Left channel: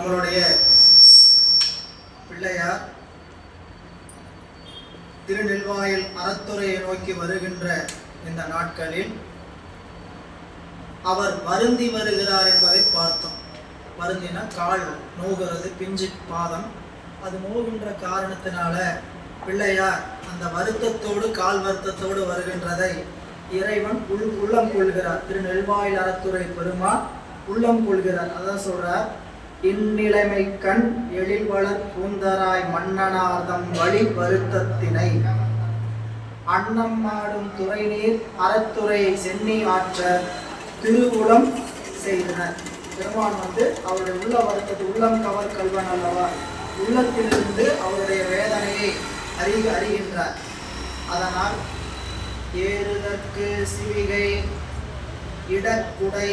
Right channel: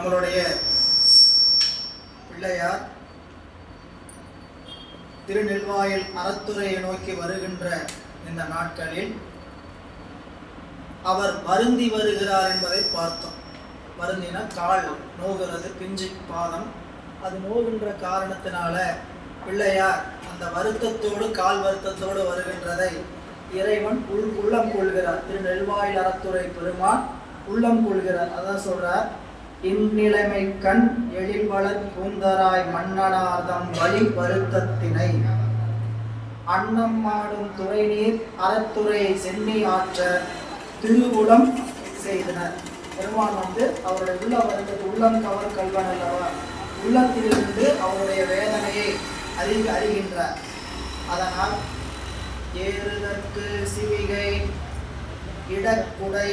நம்மளுடைய பிள்ளையார் திருநெல்வாயில் அறத்துறையை நோக்கி வருகின்ற இந்த நாட்களில் அவர் வருந்தி வருகிறார் என்பதை பார்த்தோம். வருந்தினா கால் நோகிறது, பிஞ்சு பாதம், அது நோகின்ற காரணத்தினால பிள்ளையார் அந்த வருத்தத்தோடு கால் வருத்தத்தோடு வருகின்றதை இறைவன் உள்ளம் கொள்கிறார். திருநெல்வாயில் அறத்துறை பெருமான் உள்ளம் கொள்கிறார். அதான் சொல்றார், இந்நிலைமை கண் எழில் வளர் பூந்தராய் மன்னனார்தம் வழி வருத்தத்தினை அன்னம் ஆடும் துறை நீர் அறத்துறை சென்னி ஆற்ற திருவுளம் செய்தனர். பெருமான் அவருடைய உள்ள வருத்தத்தை உள்ளம் கவர் கல்வன் அல்லவா, உள்ளத்திலிருந்து அவருடைய வேதனையை அறிகின்றார். அதனால் ஏறுதற்கு சிவிகை இடக்குடை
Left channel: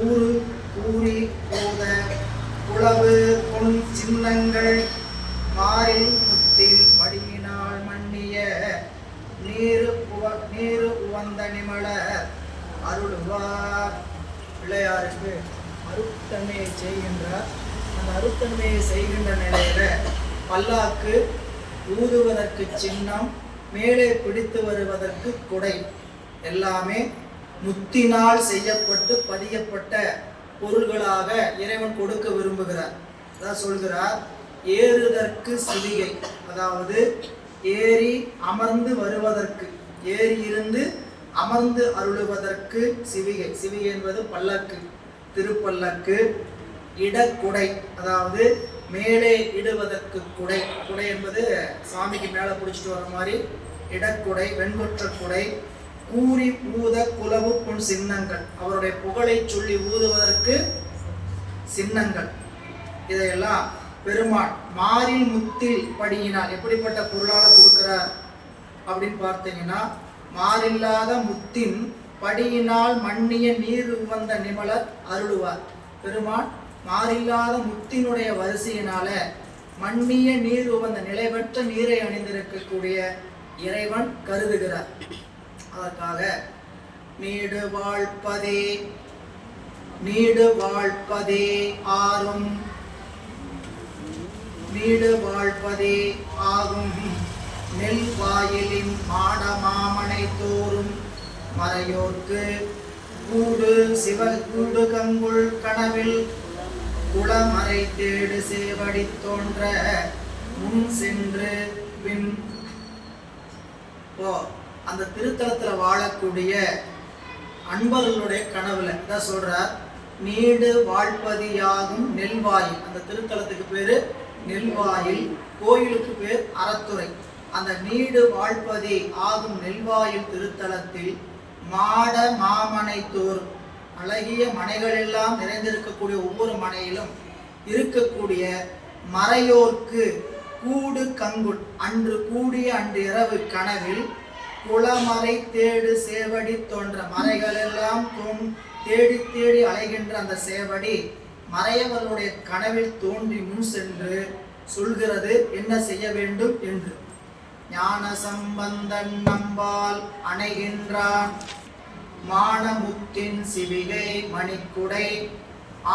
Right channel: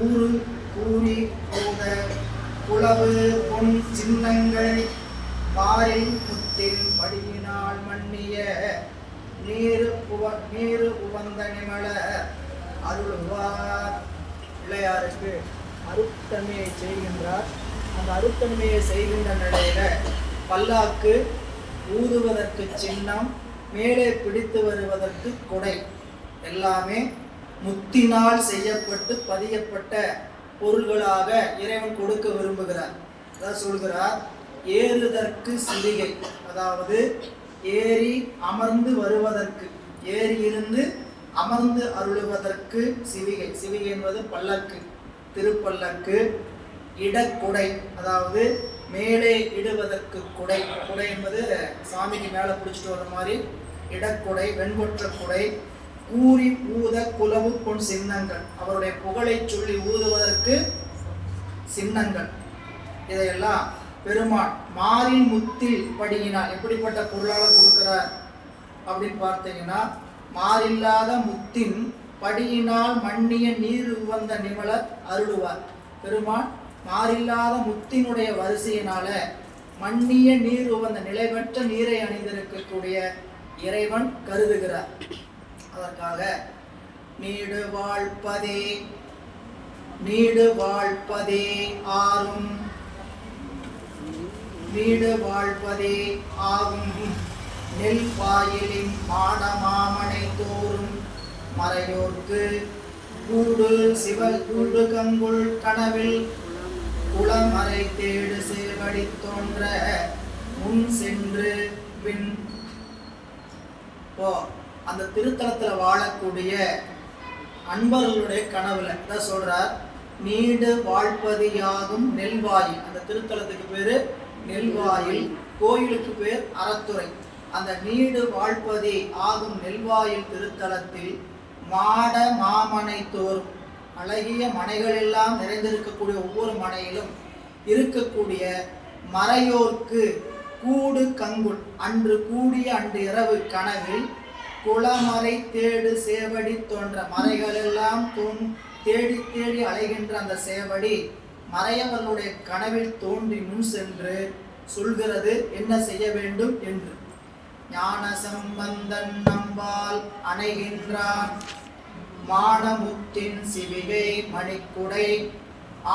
ஊறு கூறி போத புலவு பொன் சின்னங்கள் மாறில் முத்தின் படியினால் மன்னிய நீரு உவந்த நிமல அருள்வார். பிள்ளையாருக்கு அருட்தன்மையை செய்கின்றார். அந்த அருட்தன்மையை செய்கின்ற நிலையில பல்லாக்கு ஊதுவதற்கு சின்னம், மேலே பிடித்து வருவதற்கு கொடை, எல்லாமே முத்தினால் செய்யப்பட்டு பதியப்பட்ட பொருள்களாக இறைவன் கொடுக்க விரும்புகிறார். அதான் சொல்கிறார், ஏறுதற்கு சிவிகை, அதாவது ஏறி அமர்ந்து வருவதற்கு, ஏறி இருந்து அமர்ந்து அருளுவதற்கு சிவிகை. சிவிகை என்பது பல்லக்கு, திருப்பல்லக்கு. இடக்குடை, அதாவது மேலே இடுவதற்கு குடை. குடை என்பது சாமிக்கு மேலே பிடிச்சிட்டு வர மாதிரி இடக்குடை, வெண்கொற்ற குடை. கூறி ஊத குலவு பொன் சின்னங்கள், அவருடைய புகழை சொல்லி ஊதுவதற்கு சின்னங்கள். இதையெல்லாம் பெருமான் மாறில் முத்தில் படியினால் எப்படிப்பட்ட பொருளால கொடுக்கிறார் அப்படின்னு பார்த்தீங்கன்னா, மாறில்லாத முத்தின் படியினால் மன்னிய நீர் உவந்த நிமலர் அருளுவார். பெருமான் மாறில்லாத முத்தினுடைய வரிசையினால மன்னிய நீர் உவந்த நிலைபெற்ற நீரை அணிந்திருக்கக்கூடிய இறைவன் கருதுகிறார். அதற்காக நீடு வாழ்ப்பதே ஆறும் நீடு வாழ்ப்பதே ஆகும் நெல் வாயிலின் மாட மாமனை தோறும் மறையோர்க்கு கூடு சிவகூடு கங்குள் கனவில் குளமறை தேடு சேவடி தோன்ற முன் சென்று பின் அந்த திருத்தலத்துல வாழக்கூடிய அன்பர்களுடைய கனவுல தான் சொல்றார், நீடு வாழ்ப்பதியாகும் நெல்வாயில். அந்த திருத்தலத்துக்கு பேரு நெல்வாயில், கோயிலுக்கு பேர் அறத்துறை. அந்த நீடு வாழ்ப்பதி ஆகும் நெல்வாயில் திருத்தலத்தில் மாட மாமனை தோறும், அழகிய மனைகள் எல்லாம் நிறைந்திருக்கக்கூடிய ஒவ்வொரு மனையிலும் இருக்கக்கூடிய மறையோர்க்கு கூடு கங்குள், அன்று கூடிய அன்று இரவு கனவில் குளமறை தேடு சேவடி தோன்ற, மறைகள் எல்லாம் தேடி தேடி அலைகின்ற அந்த சேவடி மறையவர்களுடைய கனவில் தோன்றி முன் சென்று சொல்கிறது என்ன செய்ய வேண்டும் என்று. ஞான சம்பந்தன் நம்பால் அணைகின்றான் மானமுத்தின் சிவிகை மணிக்குடை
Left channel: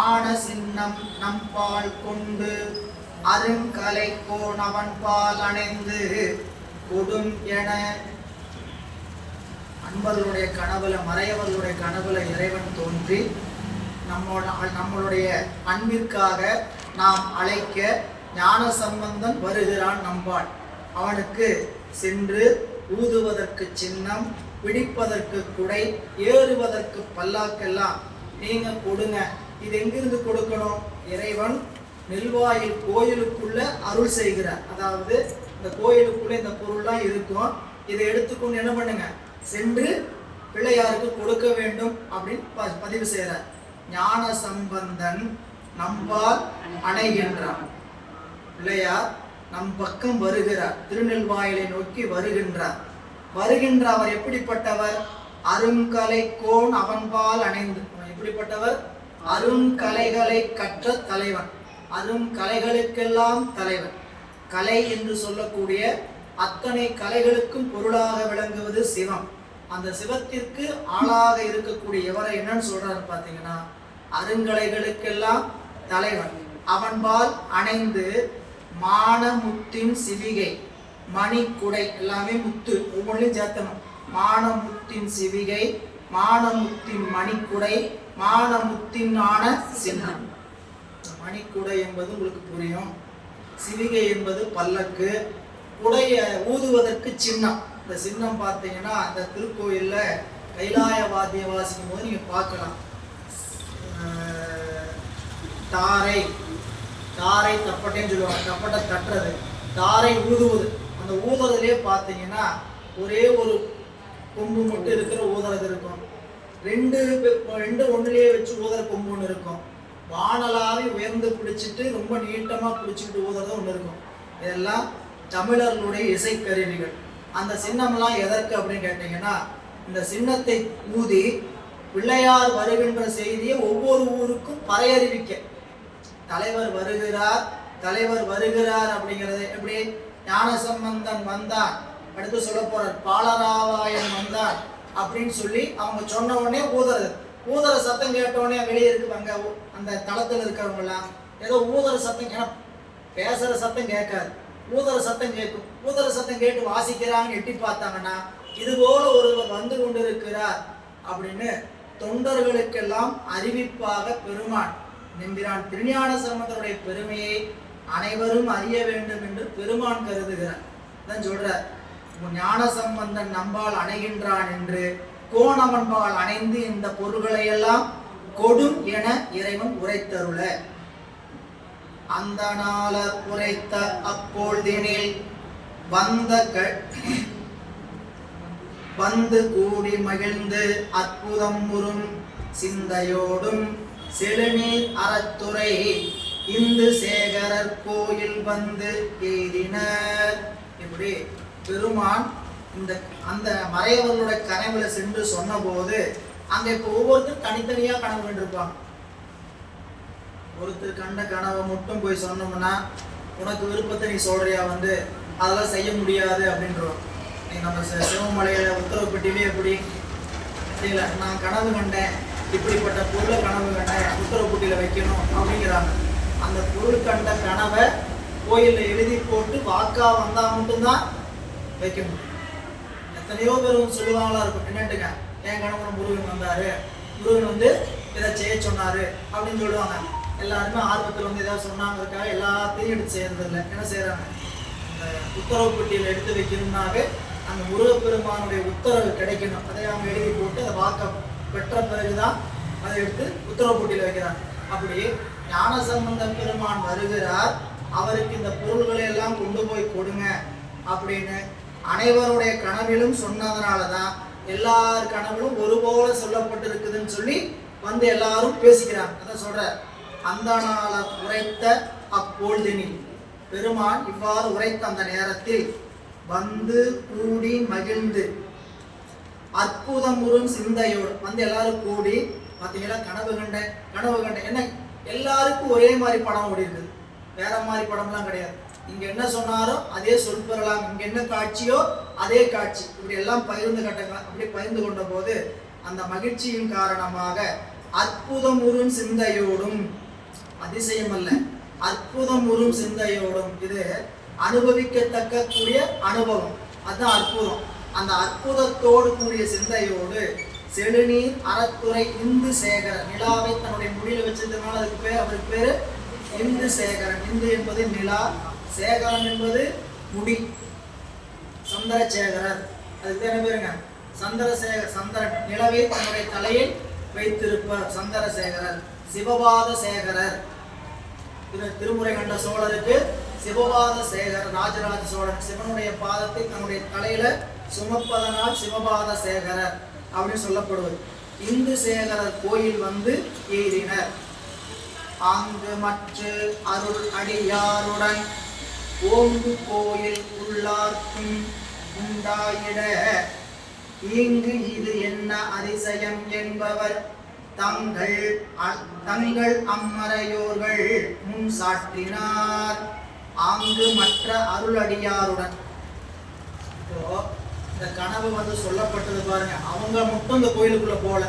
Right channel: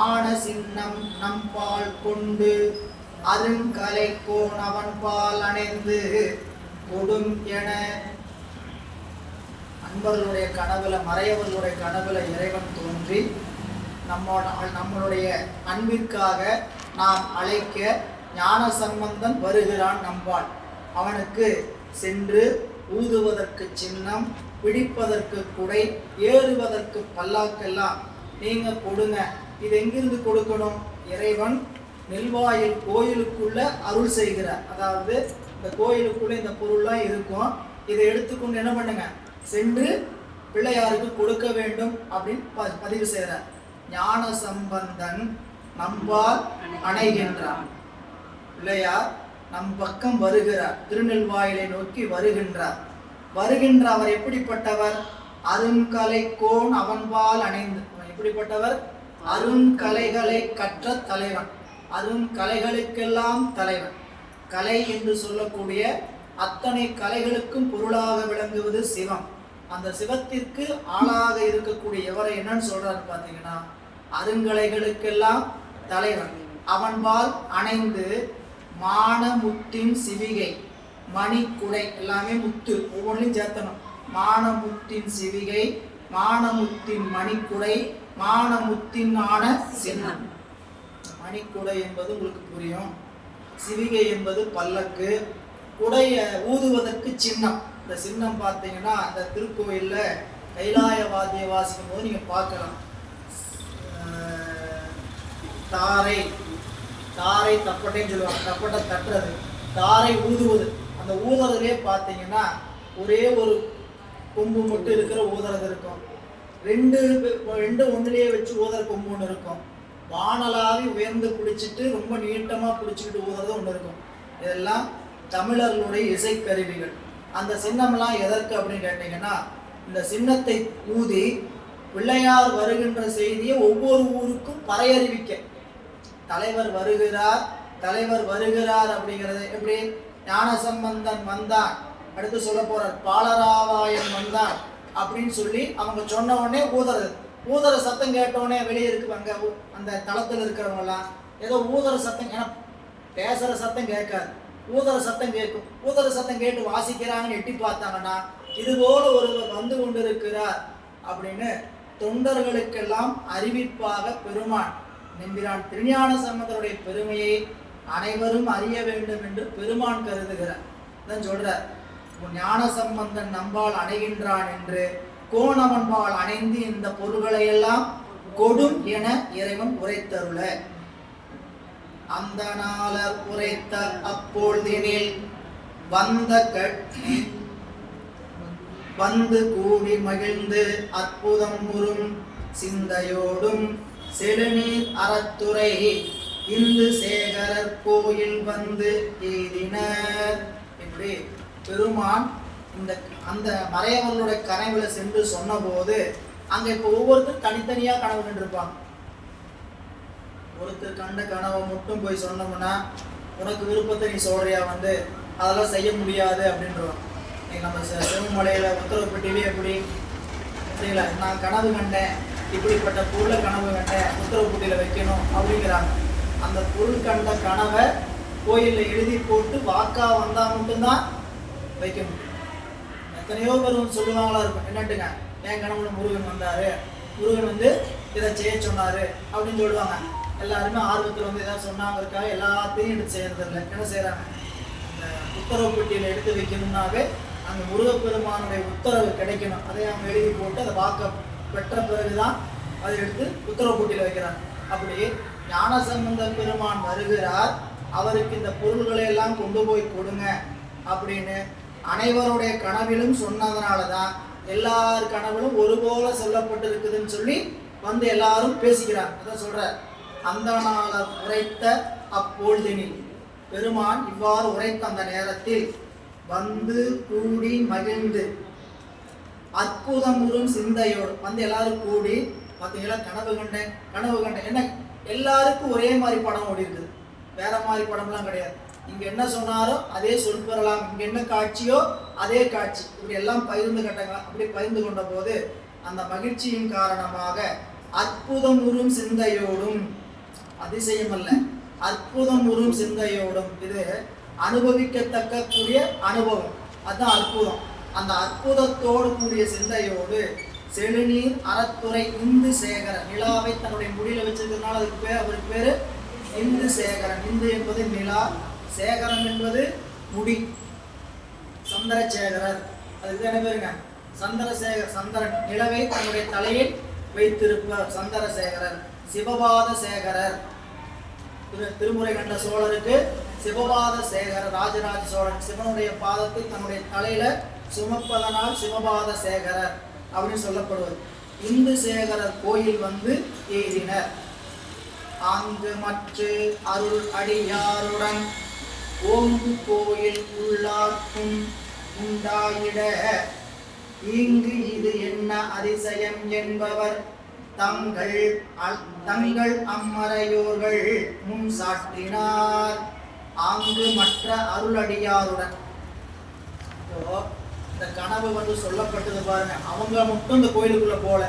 ஆன சின்னம் நம்பால் கொண்டு அருங்கலை கோன் அவன் பால் அணைந்து கொடும் என. அன்பர்களுடைய கனவுல, மறையவர்களுடைய கனவுல இறைவன் தோன்றி நம்மளுடைய அன்பிற்காக நாம் அழைக்க ஞான சம்பந்தன் வருகிறான் நம்பால். அவனுக்கு சென்று ஊதுவதற்கு சின்னம், பிடிப்பதற்கு குடை, ஏறுவதற்கு பல்லாக்கெல்லாம் நீங்க கொடுங்க. இது எங்கிருந்து கொடுக்கணும்? இறைவன் நெல்வாயில் கோயிலுக்குள்ள அருள் செய்கிறார். அதாவது இந்த கோயிலுக்குள்ள இந்த பொருள்லாம் இருக்கும், இதை எடுத்துக்கொண்டு என்ன பண்ணுங்க, சென்று பிள்ளையாருக்கு கொடுக்க வேண்டும் அப்படின்னு பதிவு செய்கிறார். ஞான சம்பந்தன் நம்பால் அணைகின்றான். பிள்ளையார் நம் பக்கம் வருகிறார், திருநெல்வாயிலை நோக்கி வருகின்றார். வருகின்ற அவர் எப்படிப்பட்டவர்? அருங்கலை கோன் அவன்பால் அணைந்து. எப்படிப்பட்டவர்? அருங்கலைகளை கற்ற தலைவன், அருங்கலைகளுக்கெல்லாம் தலைவன். கலை என்று சொல்லக்கூடிய அத்தனை கலைகளுக்கும் பொருளாக விளங்குவது சிவம். அந்த சிவத்திற்கு ஆளாக இருக்கக்கூடிய எவரை என்னன்னு சொல்றாரு பார்த்தீங்கன்னா, அருங்கலைகளுக்கெல்லாம் தலைவன். அவன்பால் அணைந்து மானமுத்தின் சிவிகை மணிக்குடை, எல்லாமே முத்து ஒவ்வொன்றையும் சேர்த்தணும். மானமுத்தின் சிவிகை, மானமுத்தின் மணிக்குடை, மானமுத்தின் ஆன சின்னம். மணிக்குடை என்பது உங்களுக்கு புரியும். சிவிகை என்பது பல்லக்கு, குடைய ஊதுவதற்கு சின்னம். இந்த சின்னம் பார்த்தீங்கன்னா அந்த திருக்கோயில்ல கைலாய வாத்திய வாசிக்கும் போது நீங்க பார்க்கலாம். தாரை, தாரை தப்பட்டைன்னு சொல்லுவாங்க, தப்பட்டை தட்டுறது, தாரை ஊதுவது. அந்த ஊதுறதுலேயே பார்த்தீங்கன்னா ஒரே ஒரு கொம்பு மட்டும் இருக்கிற ஊதுறது இருக்கும், ரெண்டு ஒன்றுலேயே வச்சு ஊதுற கொம்பு ஒன்று இருக்கும், வானலாவி உயர்ந்து பிடிச்சிட்டு ரொம்ப நீட்டமாக பிடிச்சிக்கிட்டு ஊதுறது ஒன்று இருக்கும். இதெல்லாம் தமிழர்களுடைய இசைக்கருவிகள். அந்த சின்னம்லாம் எதற்கு அப்படின்னு கேட்டீங்கன்னா, இந்த சின்னத்தை ஊதி பிள்ளையார் வருகின்ற செய்தியை ஒவ்வொரு ஊருக்கும் பறையறிவிக்க. தலைவர் வருகிறார், தலைவர் வருகிறார் அப்படிங்கிறது எப்படி? ஞானசம்பந்தன் வந்தான், அடுத்து சொல்ல போறார் பாலராவாயன் வந்தான் அப்படின்னு சொல்லி அவங்க சொன்ன உடனே ஊதுறது. ஊதுற சத்தம் கேட்டவுடனே வெளியே இருக்குவாங்க அந்த தளத்தில் இருக்கிறவங்கலாம் ஏதோ ஊதுற சத்தம், ஏன்னா பேசுற சத்தம் கேட்காது, ஊதுற சத்தம் கேட்கும். ஊதுற சத்தம் கேட்டு வாசிக்கிறாங்கன்னு எட்டி பார்த்தாங்கன்னா இது போல ஒருவர் வந்து கொண்டிருக்கிறார் அப்படின்னு தொண்டர்களுக்கெல்லாம் அறிவிப்பாக பெருமான் நம்பிரான் திருஞான சம்பந்தருடைய பெருமையை அனைவரும் அறிய வேண்டும் என்று பெருமான் கருதுகிறார். தான் சொல்றார், ஞான சம்பந்தன் நம்பால் அணைகின்றான் என்று கோணவன்பால் அணைந்து இந்த பொருள்களை எல்லாம் கொடும் என இறைவன் உரைத்தருள. அந்த நாளர் உரைத்த அப்பொழுதினில் வந்து கூடி மகிழ்ந்து அற்புதம் உறும் சிந்தையோடும் செழுநீர் அறத்துறை இந்து சேகரர் கோயில் வந்து எய்தினர். இப்படி பெருமான் அந்த மறையவர்களுடைய கனவுல சென்று சொன்ன போது அங்க இப்ப ஒவ்வொருத்தரும் தனித்தனியா கனவு கண்டிருப்பாங்க. ஒருத்தர் கண்ட கனவை மட்டும் போய் சொன்னோம்னா உனக்கு விருப்பத்தை நீ சொல்றியா, வந்து அதெல்லாம் செய்ய முடியாது அப்படின்றோம். நம்ம சிவமலையில உத்தரவுப்பட்டியிலே எப்படி தெரியல, நான் கனவு கண்டேன், இப்படிப்பட்ட பொருளை கனவு கண்டேன், உத்தரவுப்பட்டியில வைக்கணும் அப்படிங்கிறாங்க. அந்த பொருள் கண்ட கனவை கோயில்ல எழுதி போட்டு வாக்கா வந்தா மட்டும்தான் வைக்க முடியும். எத்தனையோ பேர் சொல்லுவாங்களா இருக்கும், என்னட்டுங்க என் கனவுல முருகன் வந்தாரு, முருகன் வந்து இதை செய்ய சொன்னாரு அப்படின்னு சொல்லுவாங்க. எல்லாருமே ஆர்வத்தில் வந்து ஏதாவது சொன்னாங்கிறதுக்காக எல்லாத்தையும் எடுத்து செய்யறதில்லை. என்ன செய்யறாங்க, இந்த உத்தரவு பெட்டியில எடுத்து வைக்கணும்னாவே அந்த முருகப்பெருமானுடைய உத்தரவு கிடைக்கணும், அதை அவங்க எழுதி போட்டு அதை வாக்க பெற்ற பிறகுதான் அதை எடுத்து உத்தரவு பெட்டியில வைக்கிறாங்க. அப்படி ஞானசம்பந்த பெருமான் வருகிறார், அவருக்கு இந்த பொருள்களை எல்லாம் கொண்டு போய் கொடுங்க அப்படின்னு அனைவருடைய கனவிலும் சொன்னதுனாலதான் எல்லார் கனவிலும் ஒரு போல சொல்லப்பட்டிருக்குதுன்னு சொல்லி வந்து எல்லாரும் பேசிக்கிறாங்க. அதான் சொல்ற, அந்த நாள உரைத்த அப்பொழுதினில், பெருமான் இவ்வாறு உரைத்த அந்த நேரத்தில் வந்து கூடி மகிழ்ந்து அற்புதமுறும் சிந்தையோடு வந்து எல்லாரும் கூடி பார்த்தீங்களா, கனவு கண்டேன் என்ன, எல்லாருக்கும் ஒரே மாதிரி படம் ஓடி இருக்குது, வேற மாதிரி படம்லாம் கிடையாது. இங்க என்ன சொன்னாரோ அதே சொல் பெறலாம், இங்க என்ன காட்சியோ அதே காட்சி, இப்படி எல்லாம் பகிர்ந்து கட்டாங்க. அப்படி பகிர்ந்து கொண்ட போது அந்த மகிழ்ச்சியின் காரணமாக அற்புதமுறும் சிந்தையோடும், அதிசயம் அல்ல, அற்புதமுறும் சிந்தையோடும், இது அனுபவிக்கத்தக்க கூடிய அனுபவம், அதுதான் அற்புதம். அந்த அற்புதத்தோடு கூடிய சிந்தையோடு செழுநீர் அறத்துறை இந்து சேகரன், நிலாவை தன்னுடைய முடியில வச்சிருந்ததுனால அதுக்கு பேர், அவருக்கு பேரு இந்து சேகரன். இந்து என்பது நிலா, சேகரன் என்பது முடி, சந்திரசேகரர், அதுக்கு என்ன பேருங்க, சந்திரசேகர். சந்திரன் நிலவை தன்னுடைய தலையில் வைத்திருப்பவர் சந்திரசேகரர். சிவபாத சேகரர், திருமுறை கண்ட சோழருக்கு சிவபாத சேகர், ராஜராஜ சோழன் சிவனுடைய பாதத்தை தன்னுடைய தலையில சுமப்பதனால் சிவபாத சேகரர் அப்படின்னு சொல்லப்படுவது. இந்து சேகரர் கோயில் வந்து எய்தினர். அங்கு மற்ற அருள் அடியாருடன் ஓங்கு கோயில் உள்ளார்க்கும் உண்டாயிட இங்கு இது என்ன அதிசயம் என்பவர் தங்கள் அம்மறையோர்கள் முன் சாற்றினார். அங்கு மற்ற அருளடியாருடன், இந்த கனவு வந்து சொல்லப்பட்டது பாருங்க, அவங்க மட்டும் இந்த கோயிலுக்குள்ள போல,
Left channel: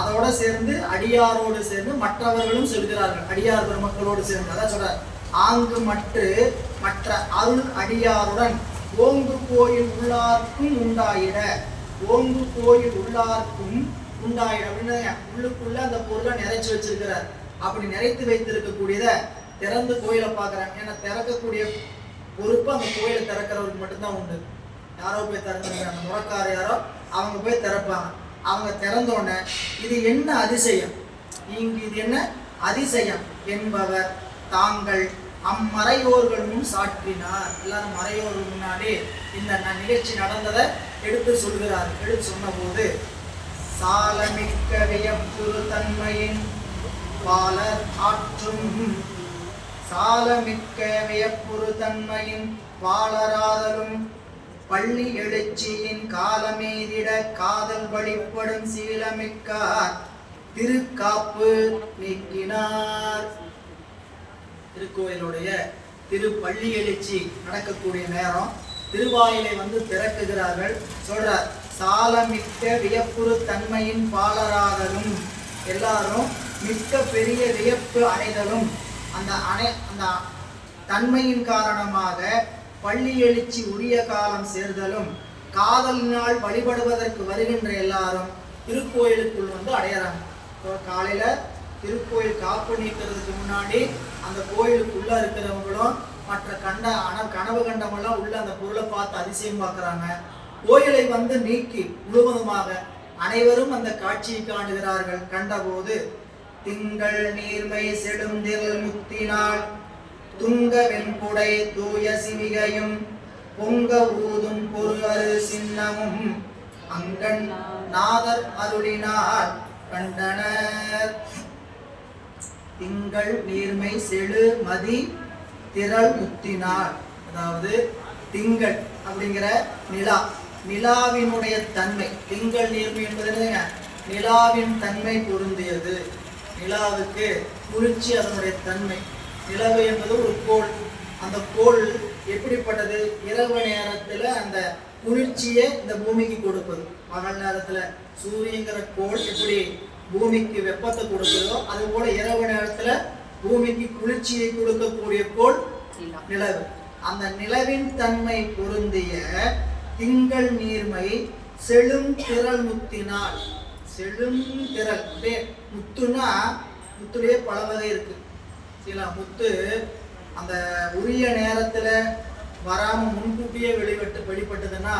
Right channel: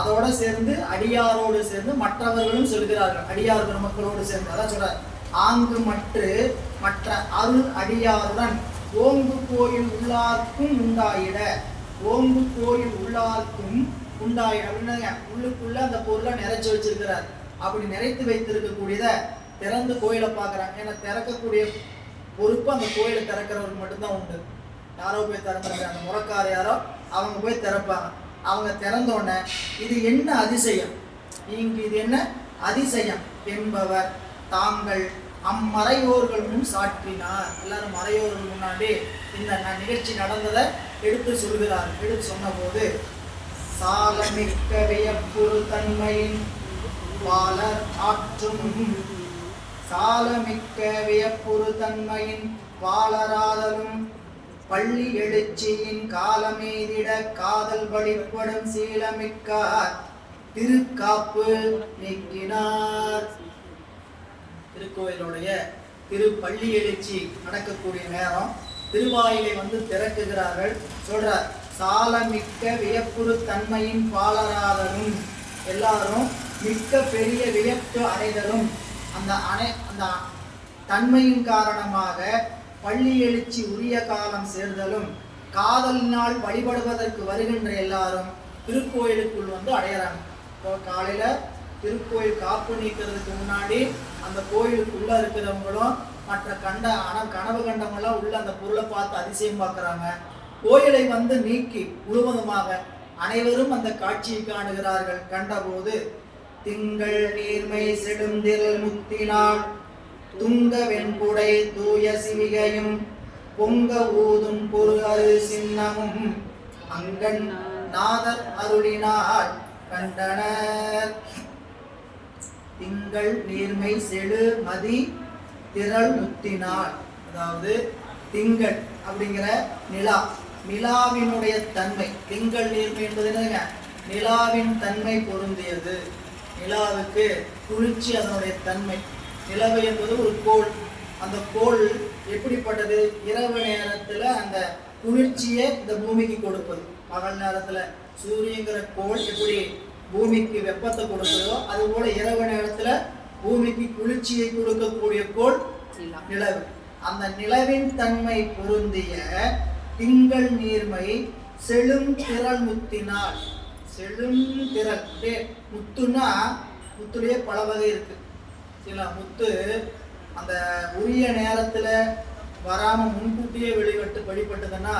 அதோட சேர்ந்து அடியாரோடு சேர்ந்து மற்றவர்களும் செல்கிறார்கள். அடியார் பெருமக்களோடு சேர்ந்து அதான் சொல்றார், ஆங்கு மற்ற அருள் அடியாருடன் ஓங்கு கோயில் உள்ளார்க்கும் உண்டாயிட. ஓங்கு கோயில் உள்ளார்க்கும் உண்டாயிட அப்படின்னு உள்ளுக்குள்ள அந்த பொருளை நிறைச்சு வச்சிருக்கிறார். அப்படி நிறைத்து வைத்திருக்கக்கூடியத திறந்து கோயிலை பார்க்குறாங்க. ஏன்னா திறக்கக்கூடிய பொறுப்பு அந்த கோயிலை திறக்கிறவருக்கு மட்டும்தான் உண்டு. யாரோ போய் திறந்துருக்காங்க, அந்த முறக்கார யாரோ அவங்க போய் திறப்பாங்க. அவங்க திறந்தோடனே இது என்ன அதிசயம், இது என்ன அதிசயம் என்பவர் தாங்கள் அம்மறையோர்கள் முன் சாற்றினார். எல்லாரும் மறையோர்கள் முன்னாடி இந்த நிகழ்ச்சி நடந்ததை எடுத்து சொல்கிறார். எடுத்து சொன்ன போது சாலமிக்க வியப்புறு தன்மையின் வாளர் ஆற்றும், சாலமிக்க வியப்புறு தன்மையின் வாளராதலும் பள்ளி எழுச்சியின் காலமேதிட காதல் வழிபடும் சீலமிக்கார் திருக்காப்பு நீக்கினார். திருக்கோயிலுடைய திருப்பள்ளி எழுச்சி நடக்கக்கூடிய நேரம் திருவாயிலை திறக்குகிறார்கள். சொல்றார், சாலமிக்க வியப்புறு தன்மையின் பாலராதலும், எல்லாரும் மிக்க பெரிய வியப்பு அடைதலும், அந்த தன்மையின் காரணமாக பள்ளி எழுச்சி உரிய காலம் சேர்தலும், காதலினால் வழிபடுவதற்கு வருகின்ற எல்லாரும் திருக்கோயிலுக்குள் அடையறாங்க. காலையில திருக்கோயில் காப்பு நீக்கிறதுக்கு முன்னாடி அந்த கோயிலுக்குள்ள இருக்கிறவங்களும் மற்ற கனவு கண்டவங்களும் உள்ள அந்த பொருளை பார்த்து அதிசயம் பார்க்குறாங்க. கோயிலை நீக்கி முழுவதுமாக அனைவரும் அந்த காட்சியை காணுகிறார்கள். கண்டபோது திங்கள் நீர்மை செடுந்திரல் முத்தினால் துங்க வெண்குடை தூய சிவிகையும் பொங்க ஊதும் பொருள் சின்னமும் அங்கன் நாதர் அருளினார் கண்டனர். திங்கள் நீர்மை செழு மதி திரள் முத்தினார், அதாவது திங்கள் அப்படிங்கிற நிலாவினுடைய தன்மை. திங்கள் நீர்மை என்பது என்னங்க, நிலாவின் தன்மை பொருந்தியது. நிலாவுக்கு குளிர்ச்சி அதனுடைய தன்மை. நிலவு என்பது ஒரு கோள். அந்த கோள் எப்படிப்பட்டது, இரவு நேரத்துல அந்த குளிர்ச்சியை இந்த பூமிக்கு கொடுப்பது. பகல் நேரத்துல சூரியங்கிற கோள் எப்படி பூமிக்கு வெப்பத்தை கொடுக்குதோ அது போல இரவு நேரத்துல பூமிக்கு குளிர்ச்சியை கொடுக்கக்கூடிய கோள் நிலவு. அந்த நிலவின் தன்மை பொருந்திய திங்கள் நீர்மை செழும் திரள் முத்தினால். செழும் திரள் முத்துனா முத்துலயே பல வகை இருக்கு. முத்து அந்த உரிய நேரத்துல வராம முன்கூட்டியே வெளிப்பட்டதுன்னா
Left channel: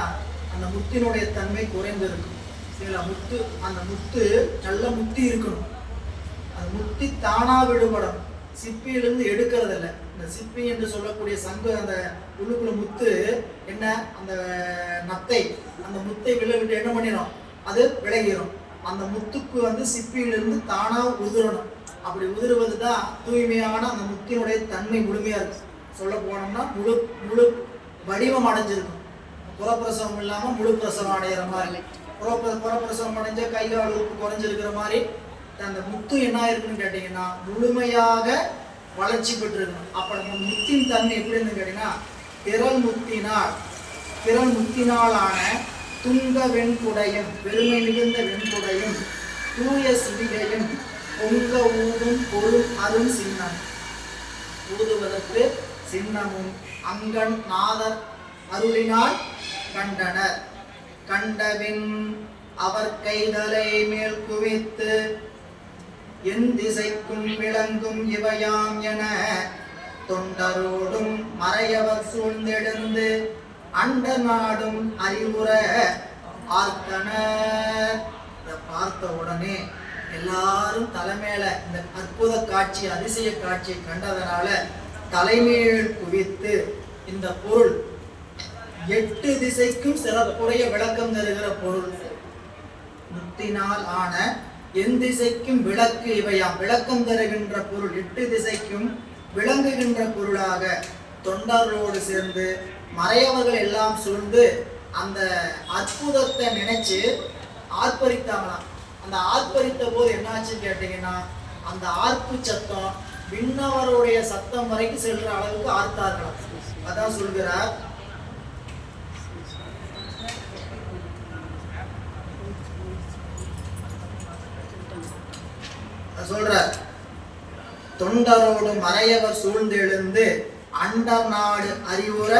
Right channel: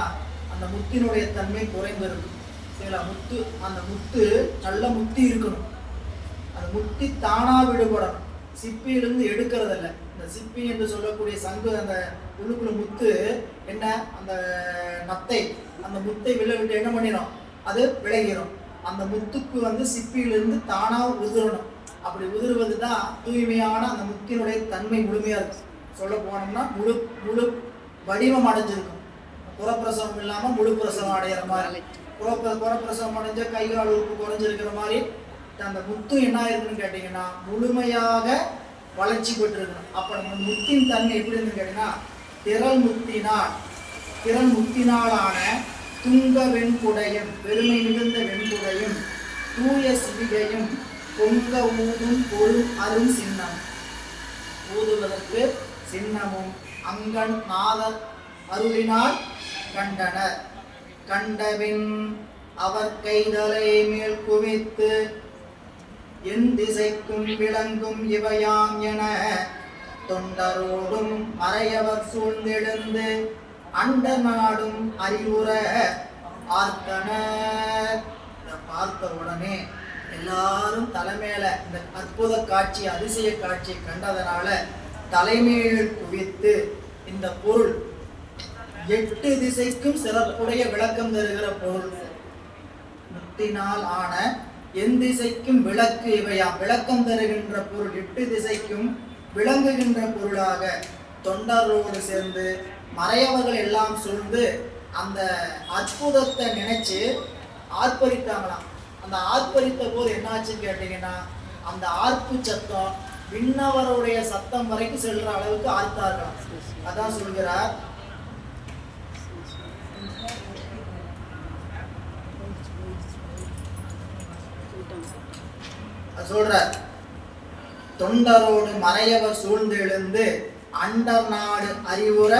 அந்த முத்தினுடைய தன்மை குறைந்திருக்கும். முத்து அந்த முத்து நல்ல முத்தி இருக்கணும். அந்த முத்தி தானா விடுபடும், சிப்பியிலிருந்து எடுக்கிறதில்ல. இந்த சிப்பி என்று சொல்லக்கூடிய சங்கு அந்த உள்ளுக்குள்ள முத்து என்ன, அந்த நத்தை அந்த முத்தை விட்டு என்ன பண்ணிடும், அது விலகிடும். அந்த முத்துக்கு சிப்பியிலிருந்து தானா உதிரணும். அப்படி உதிர்வது தான் தூய்மையான அந்த முத்தினுடைய தன்மை முழுமையா இருக்கும். சொல்ல போனோம்னா முழு வடிவம் அடைஞ்சிருக்கும். புறப்பிரசவம் இல்லாம முழு பிரசவம் அடைகிற மாதிரி, புறப்பிரசவம் அடைஞ்ச கைகால் உறுப்பு குறைஞ்சிருக்கிற மாதிரி அந்த முத்து என்ன இருக்குன்னு கேட்டீங்கன்னா முழுமையாக வளர்ச்சி பெற்றிருக்கணும். அப்ப நம்ம முத்தின் தன்மை எப்படி இருந்து கேட்டீங்கன்னா திறன் முத்தினாலான துங்க வெண்குடையும் பெருமை மிகுந்த வெண்குடையும் தூய சிவிகையும் பொங்க ஊதும் பொருள் அரும் சின்னம், ஊதுவதற்கு சின்னமும் அங்கன் நாதர் அருளினால் கண்டனர். கண்டவின் அவர் கைதலை மேல் குவித்து என் திசைக்கும் விளங்கும் இவையாம் என தொண்டரோடும் மறையவர் சூழ்ந்தெழுந்து அண்ட நாடும் அறிவுற ஆர்த்தனர். இதை பார்த்த உடனே எல்லாரும் தலைமையில இந்த அற்புத காட்சி அதிசய காட்சியை கண்டதனால தலைமையில் குவித்து இந்த பொருள் 8 திசைக்கும் சிறப்புடைய விளக்கம் தருகிற பொருள். முத்தினால் ஆன என் திசைக்கும் விளக்கு இவையா, விளக்கம் தருகின்ற பொருள் 8 திசைக்கும் விளங்குகின்ற பொருளாக தொண்டரோடு சேர்ந்து மறையவர்கள் எல்லாம் சூழ்ந்து அந்த அற்புதத்தை நினைச்சு ஆர்ப்பரித்தாங்களாம். அந்த ஆர்ப்பரித்த போது என்னாச்சுன்னு கேட்டீங்கன்னா அந்த ஆர்ப்பு சத்தம் விண்ணவருடைய சத்தம் வரைக்கும் செல்ற அளவுக்கு ஆர்த்தார்களாம். அதான் சொல்கிறார், சொல்ற தொண்டரோடு மறையவர் சூழ்ந்தெழுந்து அண்டர் நாடு அறிவுற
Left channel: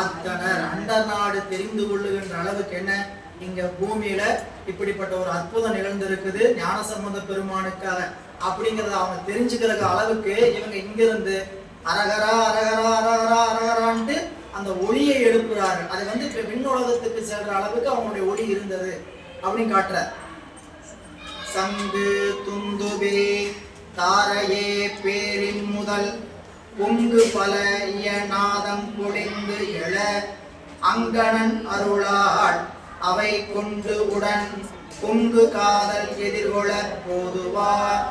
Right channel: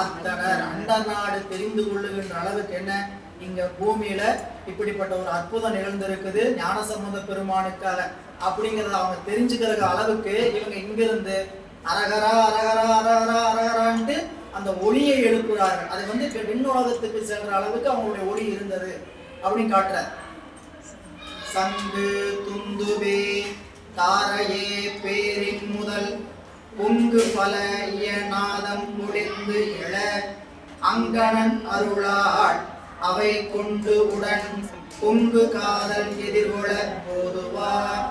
ஆத்தனர். அண்டர் நாடு தெரிந்து கொள்ளுகின்ற அளவுக்கு என்ன இங்க பூமியில இப்படிப்பட்ட ஒரு அற்புதம் நிகழ்ந்திருக்குது ஞானசம்பந்த பெருமானுக்காக அப்படிங்கறத அவங்க தெரிஞ்சுக்கிற அளவுக்கு இவங்க இங்கிருந்து அரகரா அரகரா அரகரா அரகரான்ட்டு அந்த ஒளியை எழுப்புறார்கள். அது வந்து இப்ப விண்ணுலகத்துக்கு செல்ற அளவுக்கு அவங்களுடைய ஒளி இருந்தது அப்படின்னு காட்டுற. சங்கு துந்துபே தாரையே பேரின் முதல் பொங்கு பல இயநாதம் பொழிந்து எழ அங்கணன் அருளாள் அவை கொண்டு உடன் பொங்கு காதல் எதிர்கொள்ள போதுவார்.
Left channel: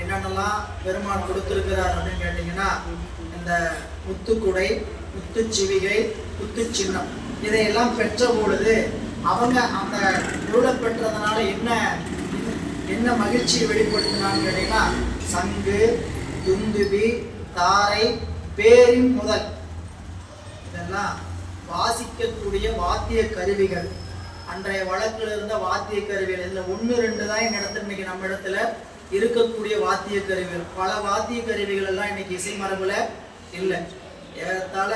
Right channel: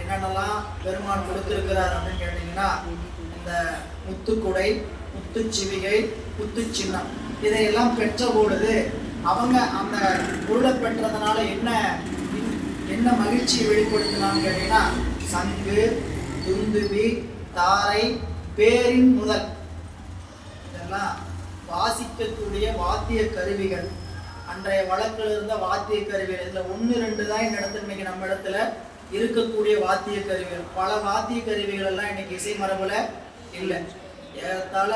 என்னென்னலாம் பெருமான் கொடுத்திருக்கிறார் அப்படின்னு கேட்டீங்கன்னா இந்த முத்துக்குடை, முத்துச்சிவிகை, முத்து சின்னம் இதையெல்லாம் பெற்ற பொழுது அவங்க அந்த பொருளை பெற்றதுனால என்ன மகிழ்ச்சியை வெளிப்படுத்தினான்னு கேட்டீங்கன்னா சங்கு துந்துபி தாரை பேரின் முதல் இதெல்லாம் வாசிக்கக்கூடிய வாத்திய கருவிகள். அன்றைய வழக்கில் இருந்த வாத்திய கருவிகள் இதுல 1-2 தான் இந்த இடத்துல இன்னைக்கு நம்ம இடத்துல இருக்கக்கூடிய வாத்திய கருவிகள். பல வாத்திய கருவிகள் எல்லாம் இன்னைக்கு இசை மரபுல இல்லை. ஏறத்தாழ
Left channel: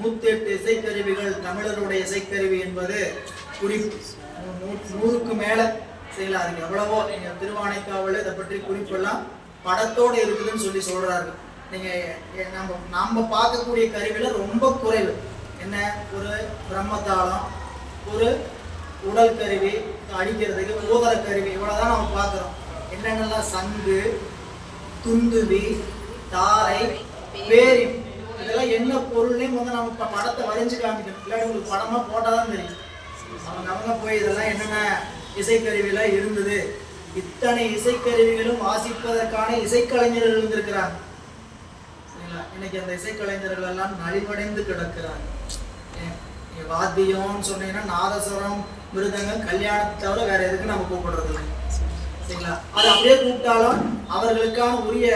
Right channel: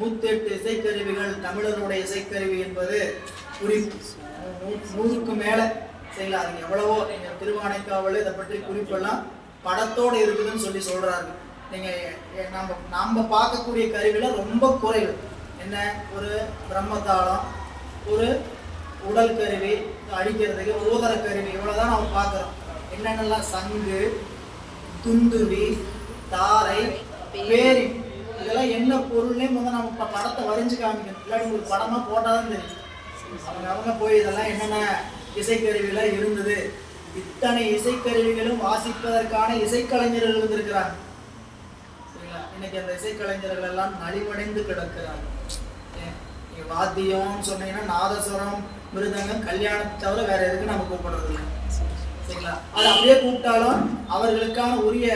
108 இசைக்கருவிகள் தமிழருடைய இசைக்கருவி என்பது குறிப்பு 100க்கு மேல செய்யலாம். எவ்வளவோ நீங்க திருவானைக்காவல இதை பற்றி குறிப்பெல்லாம் படத்தோடு இருக்குதுன்னு சொல்லி சொல்றாரு. நீங்க நாம பார்க்கக்கூடிய கருவில ரொம்ப குறைவு. என்ன ஒரு பிரம்மதாளம், ஒரு உடல் கருவி அடிக்கிறதுக்கு ஊதர கருவி, இவ்வளவுதான் நம்ம பார்க்கிறோம். என்னென்னலாம் சங்கு துந்துவி தாரை பேரி இதெல்லாம் என்ன பொருள்னே முதல்ல நம்ம படத்தை வரைஞ்சு காமிக்கணும். இல்லை உங்களுக்கு படமா போட்டாதான் தெரியும். அவங்க போய் இதெல்லாம் என்னென்ன இசைக்கருவிலாம் இருந்தது. இத்தனை இசைக்கருவிகளும் வாசிப்பதற்கான இசைக்கலைஞர்கள் இருந்திருக்கிறாங்க. சரிங்களா? இன்னைக்கு அந்த இசைக்கலைஞர்கள் எல்லாம் நலிவடைந்து கிடக்கிறாங்க. வாத்தியம்னு சொன்னீங்கன்னா நாதஸ்வரம், மிருதங்கம், கல்யாணத்தை தவிர வேற எதுக்கு நம்ம கூப்பிடுறது இல்லை. சரிங்களா? அது அப்படியே கூப்பிட்டாலும் அவர்களுக்கான உரிய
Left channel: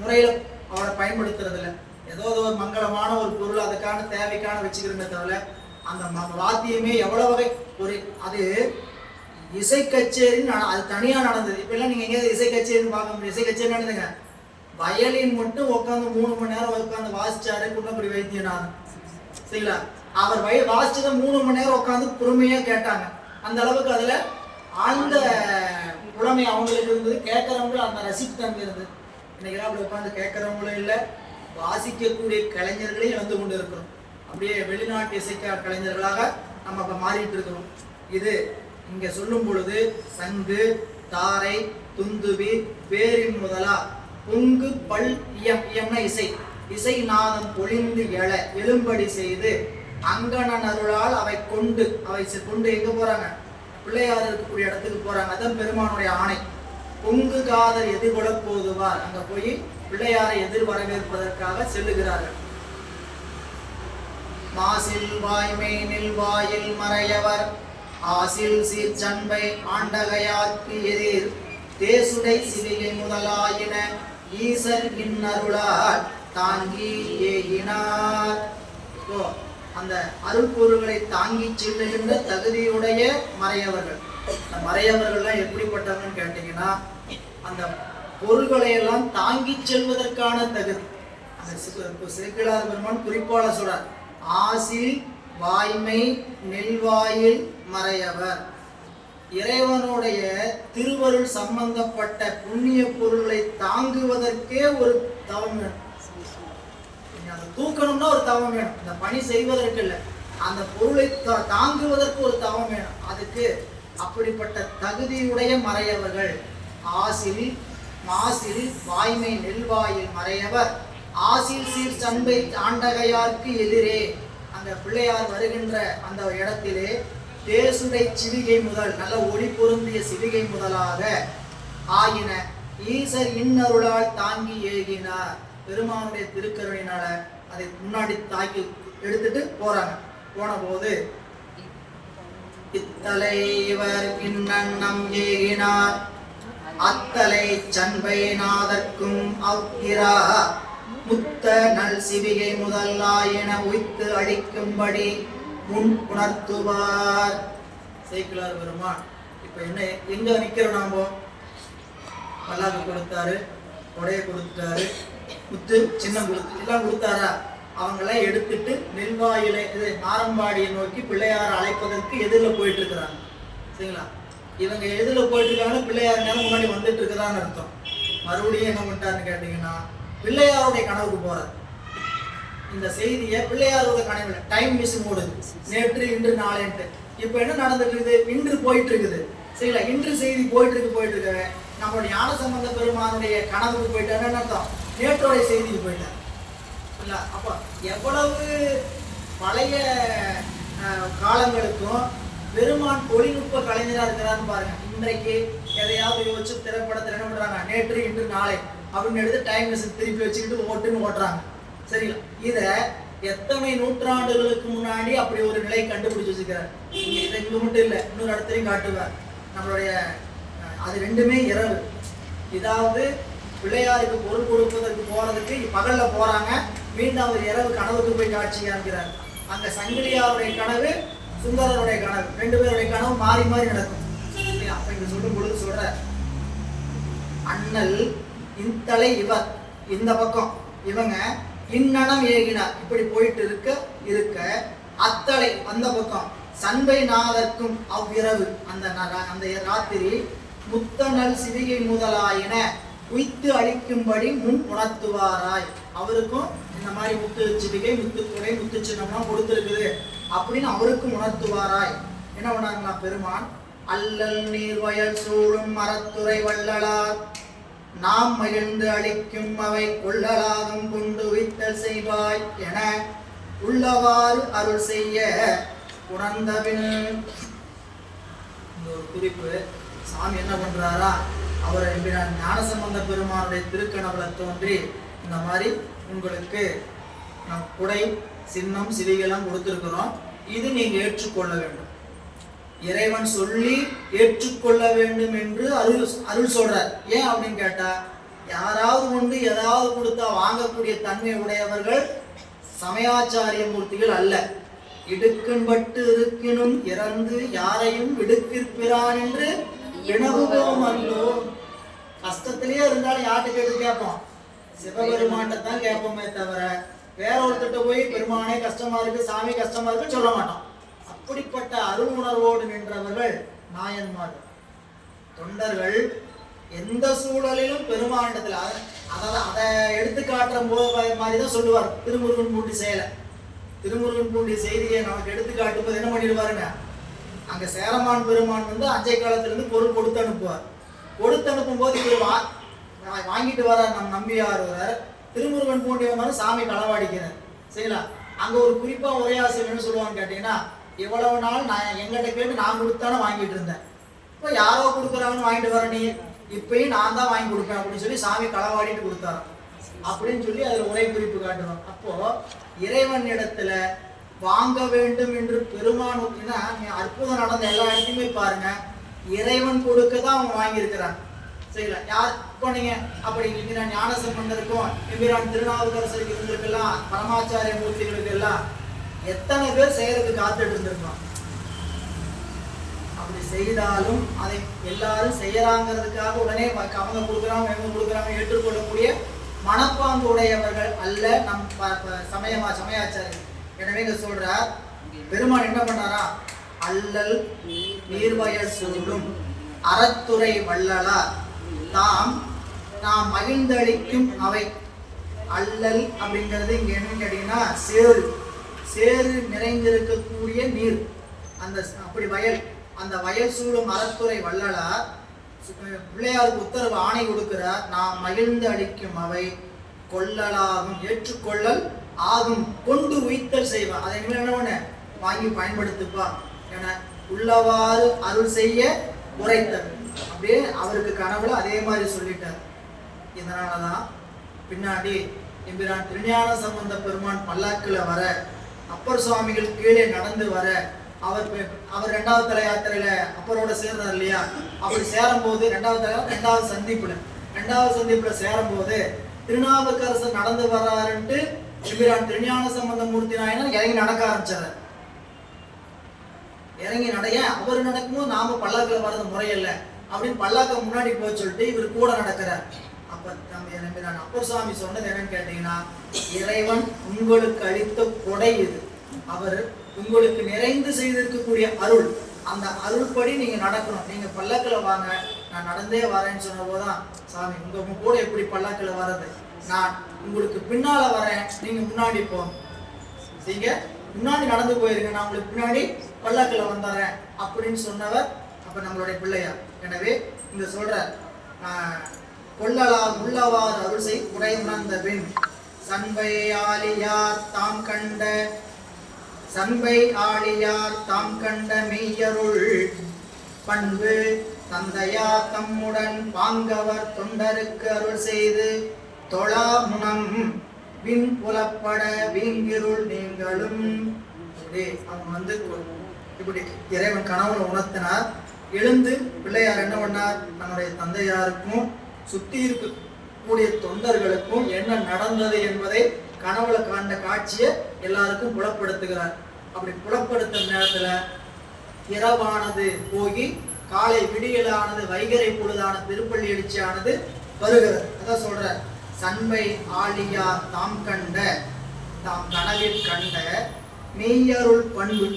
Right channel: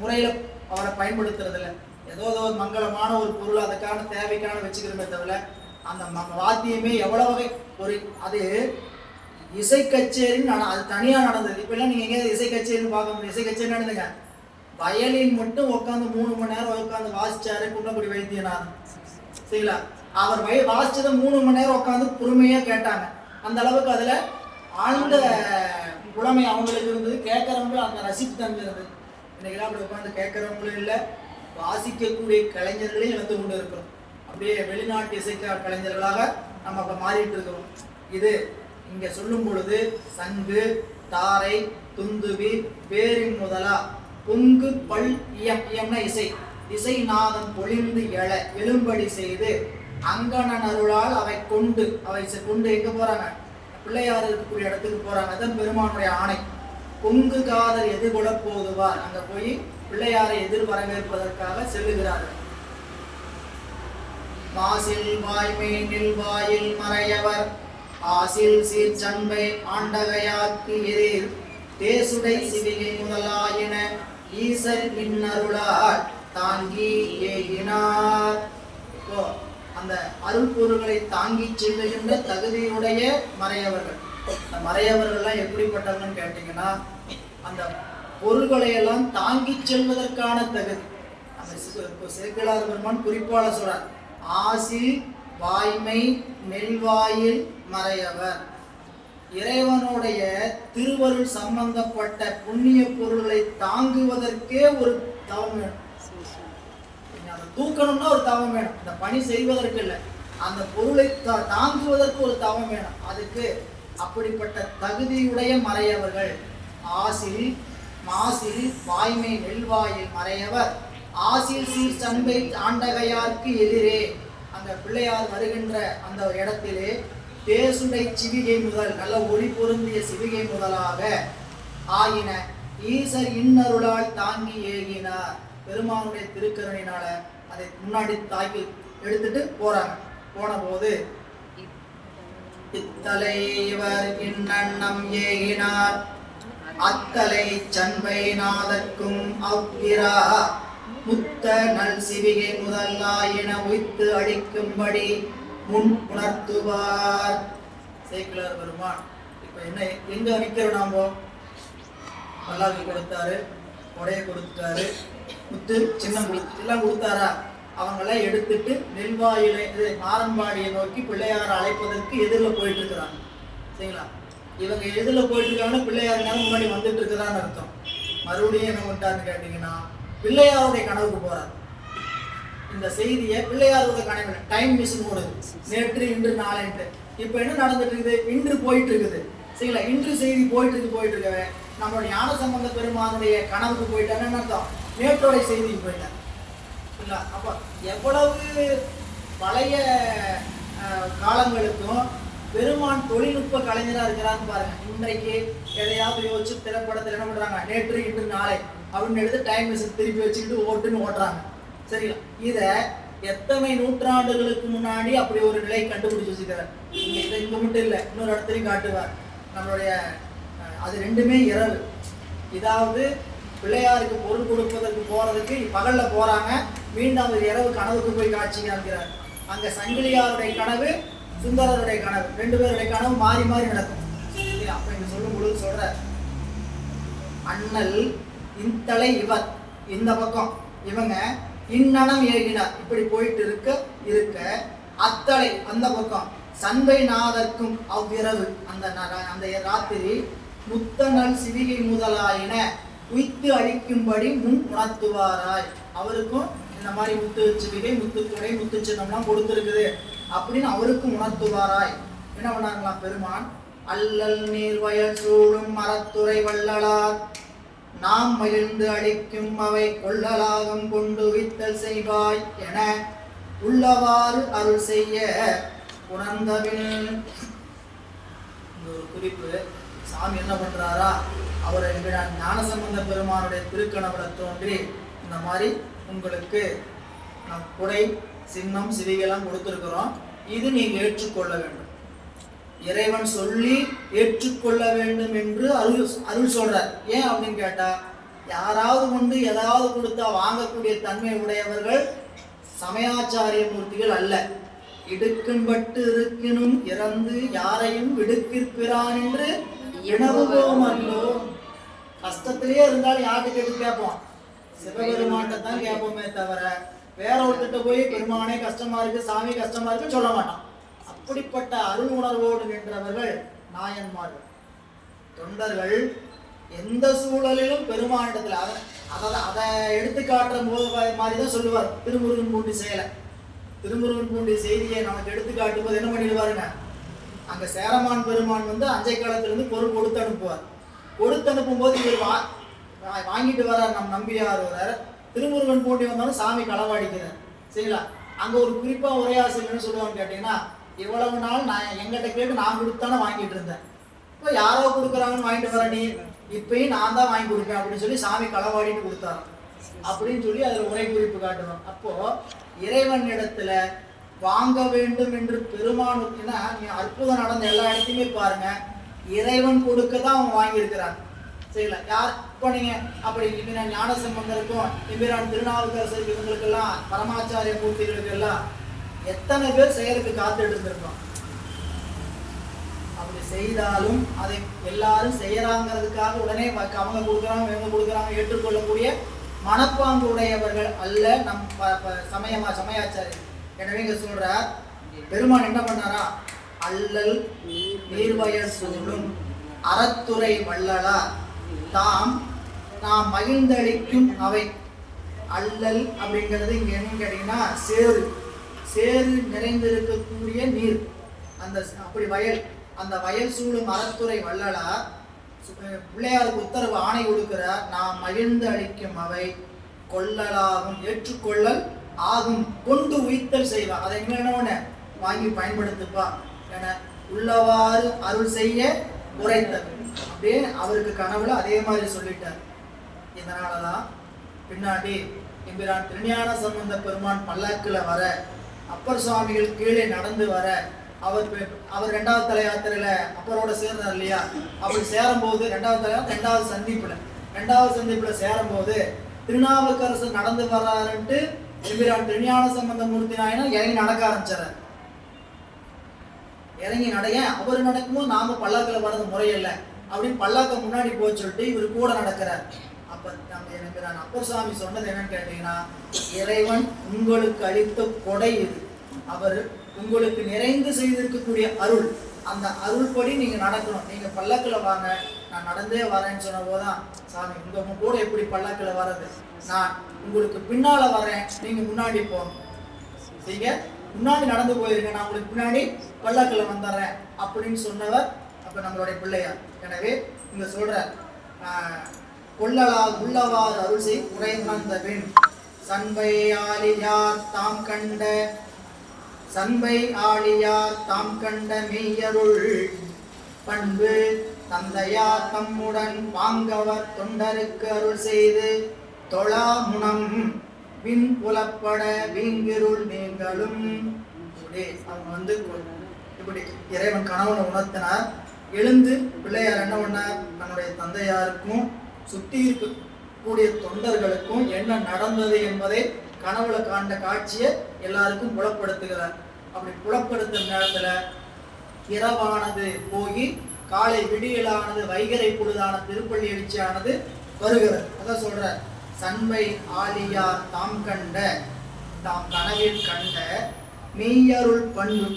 முறையில அவரை பயன்படுத்துறது இல்லை. ஏதோ ஒரு மங்களமான ஒரு பொருள் அதுக்கான தேவைக்கான வச்சுக்கிறோமே தவிர அந்த வாத்தியமே எவ்வளவு வகை ஒரு அது இசை கச்சேரின்னு அது தனியா நடந்தது. இப்ப எல்லாம் நீங்க எங்கேயாவது இசை கச்சேரின்னு பார்க்க முடியும். இசை கச்சேரி நடந்துங்க வயலின் மட்டும் உட்காந்து 3 மணி நேரம் உட்காந்து வாசிச்சாரு குன்னக்குடி வைத்தியநாதன். சரிங்களா? அவர் வாசிச்சதை 3 மணி நேரம் உட்காந்து பொறுமையா கேட்டாங்க. அந்த அளவுக்கு அதுல ஆழ்ந்த புலமை அவங்களுக்கு இருந்தது. கேட்கறவங்களும் அந்த ரசிப்பு தன்மை இருந்தது. இன்னைக்கு அப்படி உட்காந்து கேட்கறவங்களும் இல்லை, வாசிக்கக்கூடிய கலைஞர்களையும் இழந்து கொண்டு இருக்கிறோம். அப்படியே வெளிநாட்டு இசை கலைஞர்களாக நம்ம இப்ப மாறிட்டு இருக்கிறோம். இது இங்க சொல்லும் பொழுது சங்கு தாரை துந்துபி பேரின் முதலா பொங்கு பல் இயம்னா இசை இசை நாதம் பொழிந்து எழ எழும்படி செய்து அங்கணன் அருளால் அவை கொண்டு எங்க போறாங்க? பிள்ளையார் இருக்கக்கூடிய இடத்துக்கு போறாங்க. அதான் பெருமானுடைய ஆணை. பொங்கு காதல் எதிர்கொள்ள போதுவார். அங்க போய் பிள்ளையாரை எதிர் வரவேற்பதற்காக செல்லுகிறார்கள். மாசில் வாய்மை நெல்வாயில் மறையவர் ஆசில் சீர்ச்சண்பை ஆண்டகையாக்கு எதிர் தேசுடை சிவிகை முதலாயின ஈசர் இன்னருளால் தாங்கி ஏகினார். அந்த அருள் பொருள்களை தாங்கி செல்லுகின்ற தகுதியுடைய மறையவர்கள். மறையவர்கள்லாம் எப்படிப்பட்டவங்கன்னு கேட்டீங்கன்னா அந்த பொருள்களை எல்லாம் தாங்கி செல்வதற்கான தகுதி. அந்த சேக்கிழார் பெருமான் குறிப்பால சொல்றார், ஆசில் வாய்மை நெல்வாயில் மறையவர். இறைவனுடைய திருவருள் சம்பந்தப்பட்ட புண்ணிய பொருள்களை தாங்குவதற்கே ஒரு தவம் வேணும். அதை தூக்கணும்னா ஒரு தவம் வேணும். இந்த பணி செய்வதற்கு இல்லை, அந்த பொருளை தாங்குவதற்கு ஒரு தவம் வேணும். அதுக்கு அப்படிப்பட்ட தகுதியுடைய மறையவர்கள். ஆசில் மாசில் வாய்மை நெல்வாயில் மறையவர் ஆசில் சீர் சண்பை ஆண்டகையார்க்கு எதிரே. அந்த பிள்ளையார் வருகின்ற அந்த இடத்திலே தேசுடை சிவிகை முதல் நல்ல ஒளி பொருந்திய சிவிகை முதலாக ஆயின ஈசர் இன்னருளால் தாங்கி ஏகினார். பெருமானுடைய திருக்கருணையினால அதை முன்னாடி தாக்கி எடுத்துட்டு போறாங்க. போன போது இத்தலைவர் இன்னண்ணம் ஏகினார் அத்தலை சண்பை நாதற்கும் அவ்கிரா முத்த நல் சிவிகை முதலாயின உய்த்து அடிக்கும்படி முன் உணர்த்துவார். சேக்கிழார் பெருமான் இப்ப என்ன எங்க நிக்கிறோம்? நாம பல்லாக்கு கொடுத்தாரு, கொடையை கொடுத்தாரு, முத்து சின்னம் கொடுத்து எல்லாம் கொடுத்தாரா? அவங்கெல்லாம் எடுத்துட்டு நெல்வாயிலை ஆரம்பாடியை நோக்கி பிள்ளையார் அழைப்பதற்கு எதிரில் போயிட்டு இருக்கிறாங்க. சரிங்களா? இவங்க எதிரில் போயிட்டு இருக்காங்கன்னா பிள்ளையார் நேரம் முன்னாடி வந்துட்டு இருக்கிறான்னு அர்த்தம். மறுபடியும் என்ன பண்ணிட்டாருன்னு கேட்டீங்கன்னா பிள்ளையாருடைய கனவுக்கு போறாரு. இந்த செய்தியை பிள்ளையாரோட கனவு டைம் மிஷின் ஓடுது, நேற்று இன்று நாளைன்ட்டு. இப்போ என்ன நடந்துட்டு இருக்குது? இன்று போயிட்டு இருக்குது. சரிங்களா? இன்று செய்தி போயிட்டு இருக்கவே நம்மளுடைய ஞானசம்பந்த பெருமானுடைய கனவுக்கு போயிட்டான்னு அர்த்தம், நேற்றோடைய செய்திக்கு போயிட்டார். இல்லை அப்போ எவ்வளவு பழைய காலங்களுக்கும் பெருமான் தொழில்நுட்ப கலைஞராக இருக்கிறான்னு பாருங்க. இன்றைக்கு எதையாவது யோசிச்சு திரைப்படத்தில் என்ன பண்றாங்க, நேற்று இன்று நாளை அப்படின்னு எடுத்து டைம் மிஷின் திருப்பி வச்சுக்கிட்டு ஓட்டுன்னு ஓட்டுறாங்க. சரிங்களா? இதை எத்தனை நூற்றாண்டுகளுக்கு முன்னாடி அப்படி ஒரு நிலை கண்டுபிடிச்சு வச்சுக்கிறார். இதை இங்க மட்டும் இல்லை, இன்னொரு இடத்துலையும் காட்டுவார். நம்மளுடைய அது ரெண்டுமே இரவு. இதாவது பிள்ளையாருக்கு பொருள் கொடுப்பதற்கு போறதுக்கு பகல்ல போறாங்க, மீண்டும் அவர் இரவு கனவுக்கு போய் காட்சி காண்கிறார். அங்க சங்கிலியாருடைய கனவு, சுந்தரருடைய கனவு, ரெண்டு பேருடைய கனவு மாறி மாறி நடக்கும். அப்ப இங்க சொல்லும் பொழுது சொல்ற அண்ணல் இந்தலை இவர் இந்த பக்கம், இவங்க இன்னனம் ஏகினார் இப்படி போயிட்டு இருக்க அத்தலை அந்த பக்கம் சண்பை நாதற்கும் அவ்விரவு அந்த ராத்திரி முத்தனல் சிவிகை முதலாயின உய்த்து அளிக்கும்படி முன் உணர்த்துவாராய். அவருக்கும் இந்த மாதிரி முத்து சிவிகை, முத்துக்குடை, முத்து சின்னம்லாம் கொடுத்துருக்குது அப்படின்னு அவருக்கும் உணர்த்துவாராய். என்ன பண்ணாங்களா பெருமான்? அல்லல் நீர் வயல் சூழும் மரத்துறை வள்ளலார் நாம் மகிழ்ந்து அளிக்கும் அவை கொள்ளலாகும் கொண்டு வித்தல் செய்வாய் என உள்ளவாறு அருள் செய்ய உணர்ந்தபின். ஒரு குறிப்பு, சாமி என்ன பண்றாரா, அவர் ஞானசம்பந்த பெருமானுடைய திருக்கனவுல தோன்றி இந்த மாதிரி உங்களுக்கு குடை, சின்னம், சிவிகைலாம் கொடுத்துருக்கிறோம், இது நீங்க ஏற்றுக்கொள்ள வேண்டும், இறைவன் சொல்லி ஏற்றுக்கொள்ள வேண்டும் என்று அருள் சொல்றார். ஏன் அப்படின்னு கேட்டா, யாராவது ஏதாவது கொடுத்தா வாங்கக்கூடிய தன்மை உடையவர்கள் சமயாச்சாரிய மூர்த்திகள் அல்ல. இடுக்கண்பட்டு இருக்கினும் இறந்து யாரையும் விடுக்கிற்பிறான் என்று வினவுவோம் அல்லோ. கஷ்டத்திலேயே இருந்தாலும் யார்கிட்ட எடுத்து கேட்போம்? சிவபெருமான்கிட்ட தான் கேட்போமே தவிர வேற ஒருத்திட்ட போய் பெருமானே கஷ்டமா இருக்கு, சாமி கஷ்டமா இருக்கு சொல்ல மாட்டோம். அப்படிப்பட்ட அருள் உணர்வோடு நின்றவர்கள் நாயன்மார்கள். தொண்டர்கள் எந்த சூழலிலும் பெருமானிடத்துல அதை எடுத்து காட்டுற மாதிரிதான் சொல்லுவார். திருமுருகன் பூண்டி செயலை, திருமுருகன் பூண்டி செய்தியை நமக்கு எடுத்து காட்டும் போது என்ன பண்ணிடுவாருங்க, அங்க சேரமான் பெருமான் அஞ்சை காலத்திலிருந்து பொருள் கொடுத்து அனுப்புவார். கொடுத்து அனுப்பும் போது இவர் வாங்கிட்டு வரார். நம் நம்பியார் வரார், திருமுருகன் பூண்டி வந்தாலும் சாமி களவாடிக்கிறார். சரிங்களா? அங்க ஒரு குறிப்பா ஒரே ஆசிரியர் சொல்லுவான்னு கேட்டீங்கன்னா, இவ்வளவு நாள் நான் எங்கிட்ட கேட்டு நான் கொடுத்தானே வாங்கிட்டு இருந்தேன், இப்போ யாரோ கொடுக்குறாங்கன்னு வாங்கிட்டு வர நீ, இப்பயும் நான் தான் வாங்கி கொடுப்பேன் அப்படின்னு சொல்லி சாமி களவாடிட்டு கொடுத்தாரு அப்படின்னு சொல்லி அதுல உரை குறிப்பு காட்டணும். அப்போ இறைவன் இடத்துல வாங்க வேண்டும் என்று பெருமான் அற்புதம் நடந்த எல்லா இடத்தையுமே பாருங்க, இறைவன் கொடுக்க தான் அவங்க வாங்கியிருக்கிறாங்க. சரிங்களா? யார் இப்போ நீங்க அப்படி நான் ஞானசம்பந்தருக்கும் எம்பிரான் திருநாவுக்கரசருக்கு இவங்களுக்கெல்லாம் பரமாச்சாரிய மூர்த்திகளுக்கு எல்லாம் எத்தனை பேர் செயலுக்கு காத்துட்டு இருந்திருக்கோம். அப்படி செய்தாலும் அதை எல்லாரும் செய்யறாங்கிறதுக்காக உடனே அவங்க கொடுக்குறாங்க இவங்க கொடுக்குறாங்க ஏற்றுக்கொள்ளக்கூடிய மனப்பாங்கு உடையவர்கள் அல்ல நம் சமயாச்சாரி. எனவே இங்க சொல்றார் பெருமான் என்ன பண்ணாரா, அல்லல் நீர்வயல் சூழும் அறத்துறை வள்ளலா தாம் நாம் மகிழ்ந்தளிக்கும் அவை. அல்லல் அப்படிங்கிறது இங்க என்னன்னு கேட்டீங்கன்னா சேரு, சேரு நிறைந்திருக்கக்கூடிய நீர், அந்த அப்படி வயல், அந்த வயல் சூழும் அறத்துறை வள்ளலார் பிள்ளையாருக்கு உத்தரவு ஆணை கொடுக்கிறார். நாம் மகிழ்ந்து அளிக்கும் அவை கொள்ளலாகும் ஏற்றுக்கொள்ளல் ஆகும் கொண்டு உய்த்தல் செய்வார். அதை என்ன வாங்கி பயன்படுத்துப்பா என உள்ளவாறு அருள் செய்ய உரைத்தார். அப்படியே அவருக்கு கனவுல அதே மாதிரி சொல்லிட்டார். இதனாலதான் பின்னாடி எம்பிரான் திருஞான சம்பந்த பெருமான் பல்லாக்குல வர, அப்பர் சுவாமிகள் கீழே நடந்து வர, அவர் ரெண்டாவது தலை யாத்திரையில அப்பரோட சேர்ந்தார் இல்லையா, அப்படி சேரும் போது ரெண்டாவது சந்திப்புல சேரும் போது திருநாவுக்கரசர் நடந்து வர்றாருன்ட்டு எம்பிரான் திருஞான சம்பந்த மூர்த்தி நாயனர் இறங்கி நடக்க ஆரம்பிச்சார். இறங்கி நடைய அவர் நடக்கும்போது நாம பல்லாக்குல வர்றது முறையில்ல, அப்படின்னு பல்லாக்க முன்னாடி போக சொல்லிட்டு இவர் கூட நடக்கிறார். அப்ப எனக்கு நான் அப்பர் சுவாமி சொன்னது என்னன்னு கேட்டீங்கன்னா, இறைவன் உங்களுக்கு அளித்த கொடை இது, அவர் உங்களுக்கு நிறைந்து செய்திருக்கக்கூடிய அருள். அந்த அருள்படி நீங்க நடக்கணும். நீங்க பல்லக்கில் வாங்க, நான் நடந்தே வரேன்னு சொன்ன போதுதான், சாமி உங்க கூட எப்படி பல்லக்கில் வர்றது, நான் உங்களுக்கு பின்னால வரேன், நீங்க முன்னாடி போகணும், நீங்க முன்னாடி நடந்து போயிருங்க, நான் உங்களுக்கு பின்னாடி பல்லக்கில் வந்துடுறேன் அப்படின்னு சொன்னவர் அப்ப நம்மளுடைய பிள்ளையார். எனவே இங்க சொல்ற கொள்ளலால் உள்ளவாறு அருள் செய் குறை உணர்ந்த பின் சண்பை ஆலியார் தாம் கண்ட சண்பை ஆழியார் தாம் கண்ட மெய்யருள் பண்பு தந்தையார் தம்முடன் பாங்கவர் தொண்டருக்கு அருள் செய்து தொழா முனம் விண் புலப்பட வீங்கிருள் நீங்களும். அவங்க இப்படி இறைவன் கனவுல உணர்த்தினார். எழுந்து பிள்ளையார் என்ன பண்ணார், தன்னுடைய தந்தையாருக்கும் சுத்தி இருக்கக்கூடிய தொண்டர்களுக்கும் என்ன நடந்தது என்பதை கனவுல காண்ட காட்சியை எல்லாருக்கும் புலப்படுத்துகிறார். அப்படி புலப்படுத்த நேரத்துல இரவானது போகி காலை விடியலானது, வைகரை பொழுதான திருப்பள்ளி எழுச்சியானது வருகிறது. அதான் சொல்ற, சண்பை ஆழியார் தாம் கண்ட தாம் கனவில் கண்ட மெய்யருள் பண்பு,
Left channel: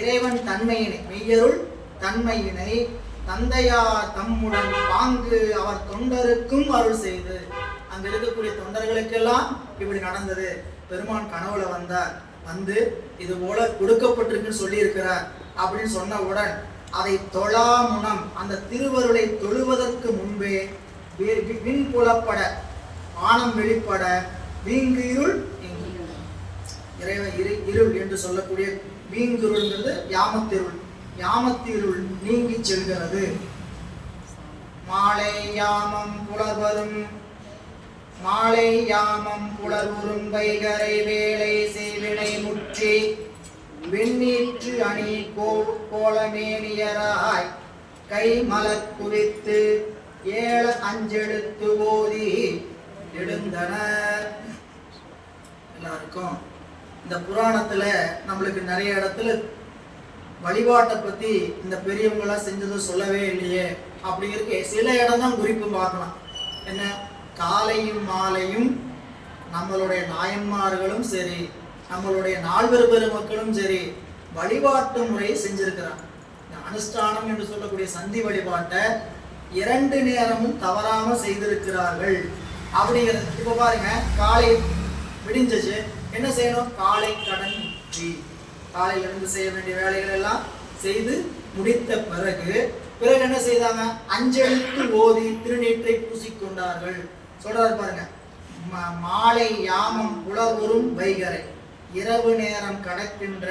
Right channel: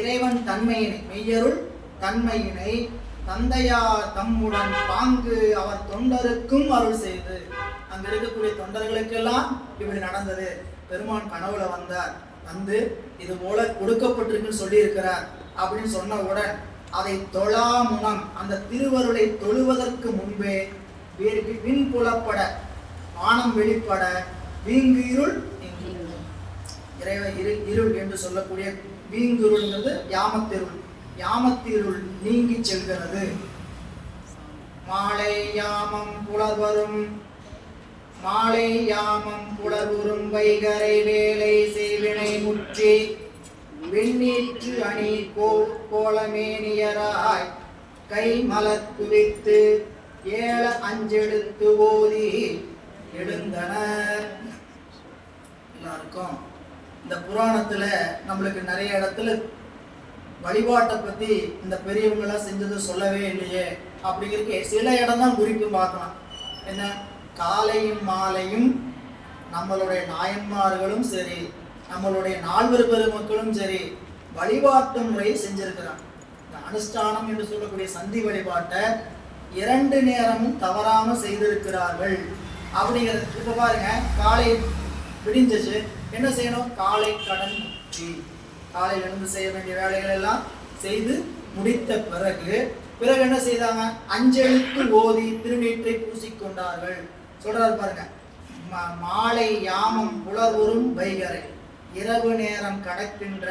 இறைவன் தன்மையினை மெய்யருள் தன்மையினை தந்தையார் தம்முடன் பாங்கு அவர் தொண்டருக்கும் அருள் செய்து. அங்க இருக்கக்கூடிய தொண்டர்களுக்கெல்லாம் இப்படி நடந்தது. பெருமான் கனவுல வந்தார், வந்து இது போல கொடுக்கப்பட்டிருக்குன்னு சொல்லி இருக்கிறார் அப்படின்னு சொன்னவுடன் அதை தொழா முனம், அந்த திருவருளை தொழுவதற்கு முன்பே விண் புலப்பட, வானம் வெளிப்பட, வீங்கு இருள், இருள் என்று சொல்லக்கூடிய வீங்குருள்ங்கிறது யாமத்திருள், யாமத்திருள் நீங்கி செல்கிறது. மாலை யாமம் புலவரும் மாலை யாமம் புலவுறும் வைகரை வேலை செய்வினை முற்றி வெண்ணீற்று அணி கோலமேனியராய் கை மலர் குவித்து ஏழ அஞ்செடுத்து ஓதி எழுந்தனர். எல்லாருக்கும் இந்த புராணத்துல நம்மளுக்கு நிறைய இடத்துல வழிபாட்டை பத்தி இந்த பெரியவங்களாம் செஞ்சது சொல்லவே இல்லையே அப்படிங்கிறதுக்கு சில இடம் தான் குறிப்பு பார்க்கலாம். என்ன, காலையும் மாலையும் நம்மளுடைய நாயன்மார்களும் சரி, நம்மளுடைய நால்வர் பெருமக்களும் சரி வழிபாட்டு முறையை செஞ்சிருக்கிறாங்க. இந்த அனுஷ்டானம் என்று சொல்லக்கூடிய சந்தி வழிபாட்டை 2 நேரமும் தவறாம செய்திருக்கிறார்கள் அப்படிங்கிறது. இப்ப பாருங்க, காலை விடிஞ்சிச்சு, என்ன செய்யணும், காலை கடன் முற்றி, காலையில இருந்து செய்ய வேண்டிய வேலைகள் எல்லாம் செய்து முடித்த பிறகு என்ன செய்தாங்க, அஞ்செழுத்து ஓதி திருநீற்றை பூசிக்கொண்டார்கள். சொல்றாரு பாருங்க, மாலை யாமம் புலவரும் வைகரை, இரவு நேரம் கடக்கின்ற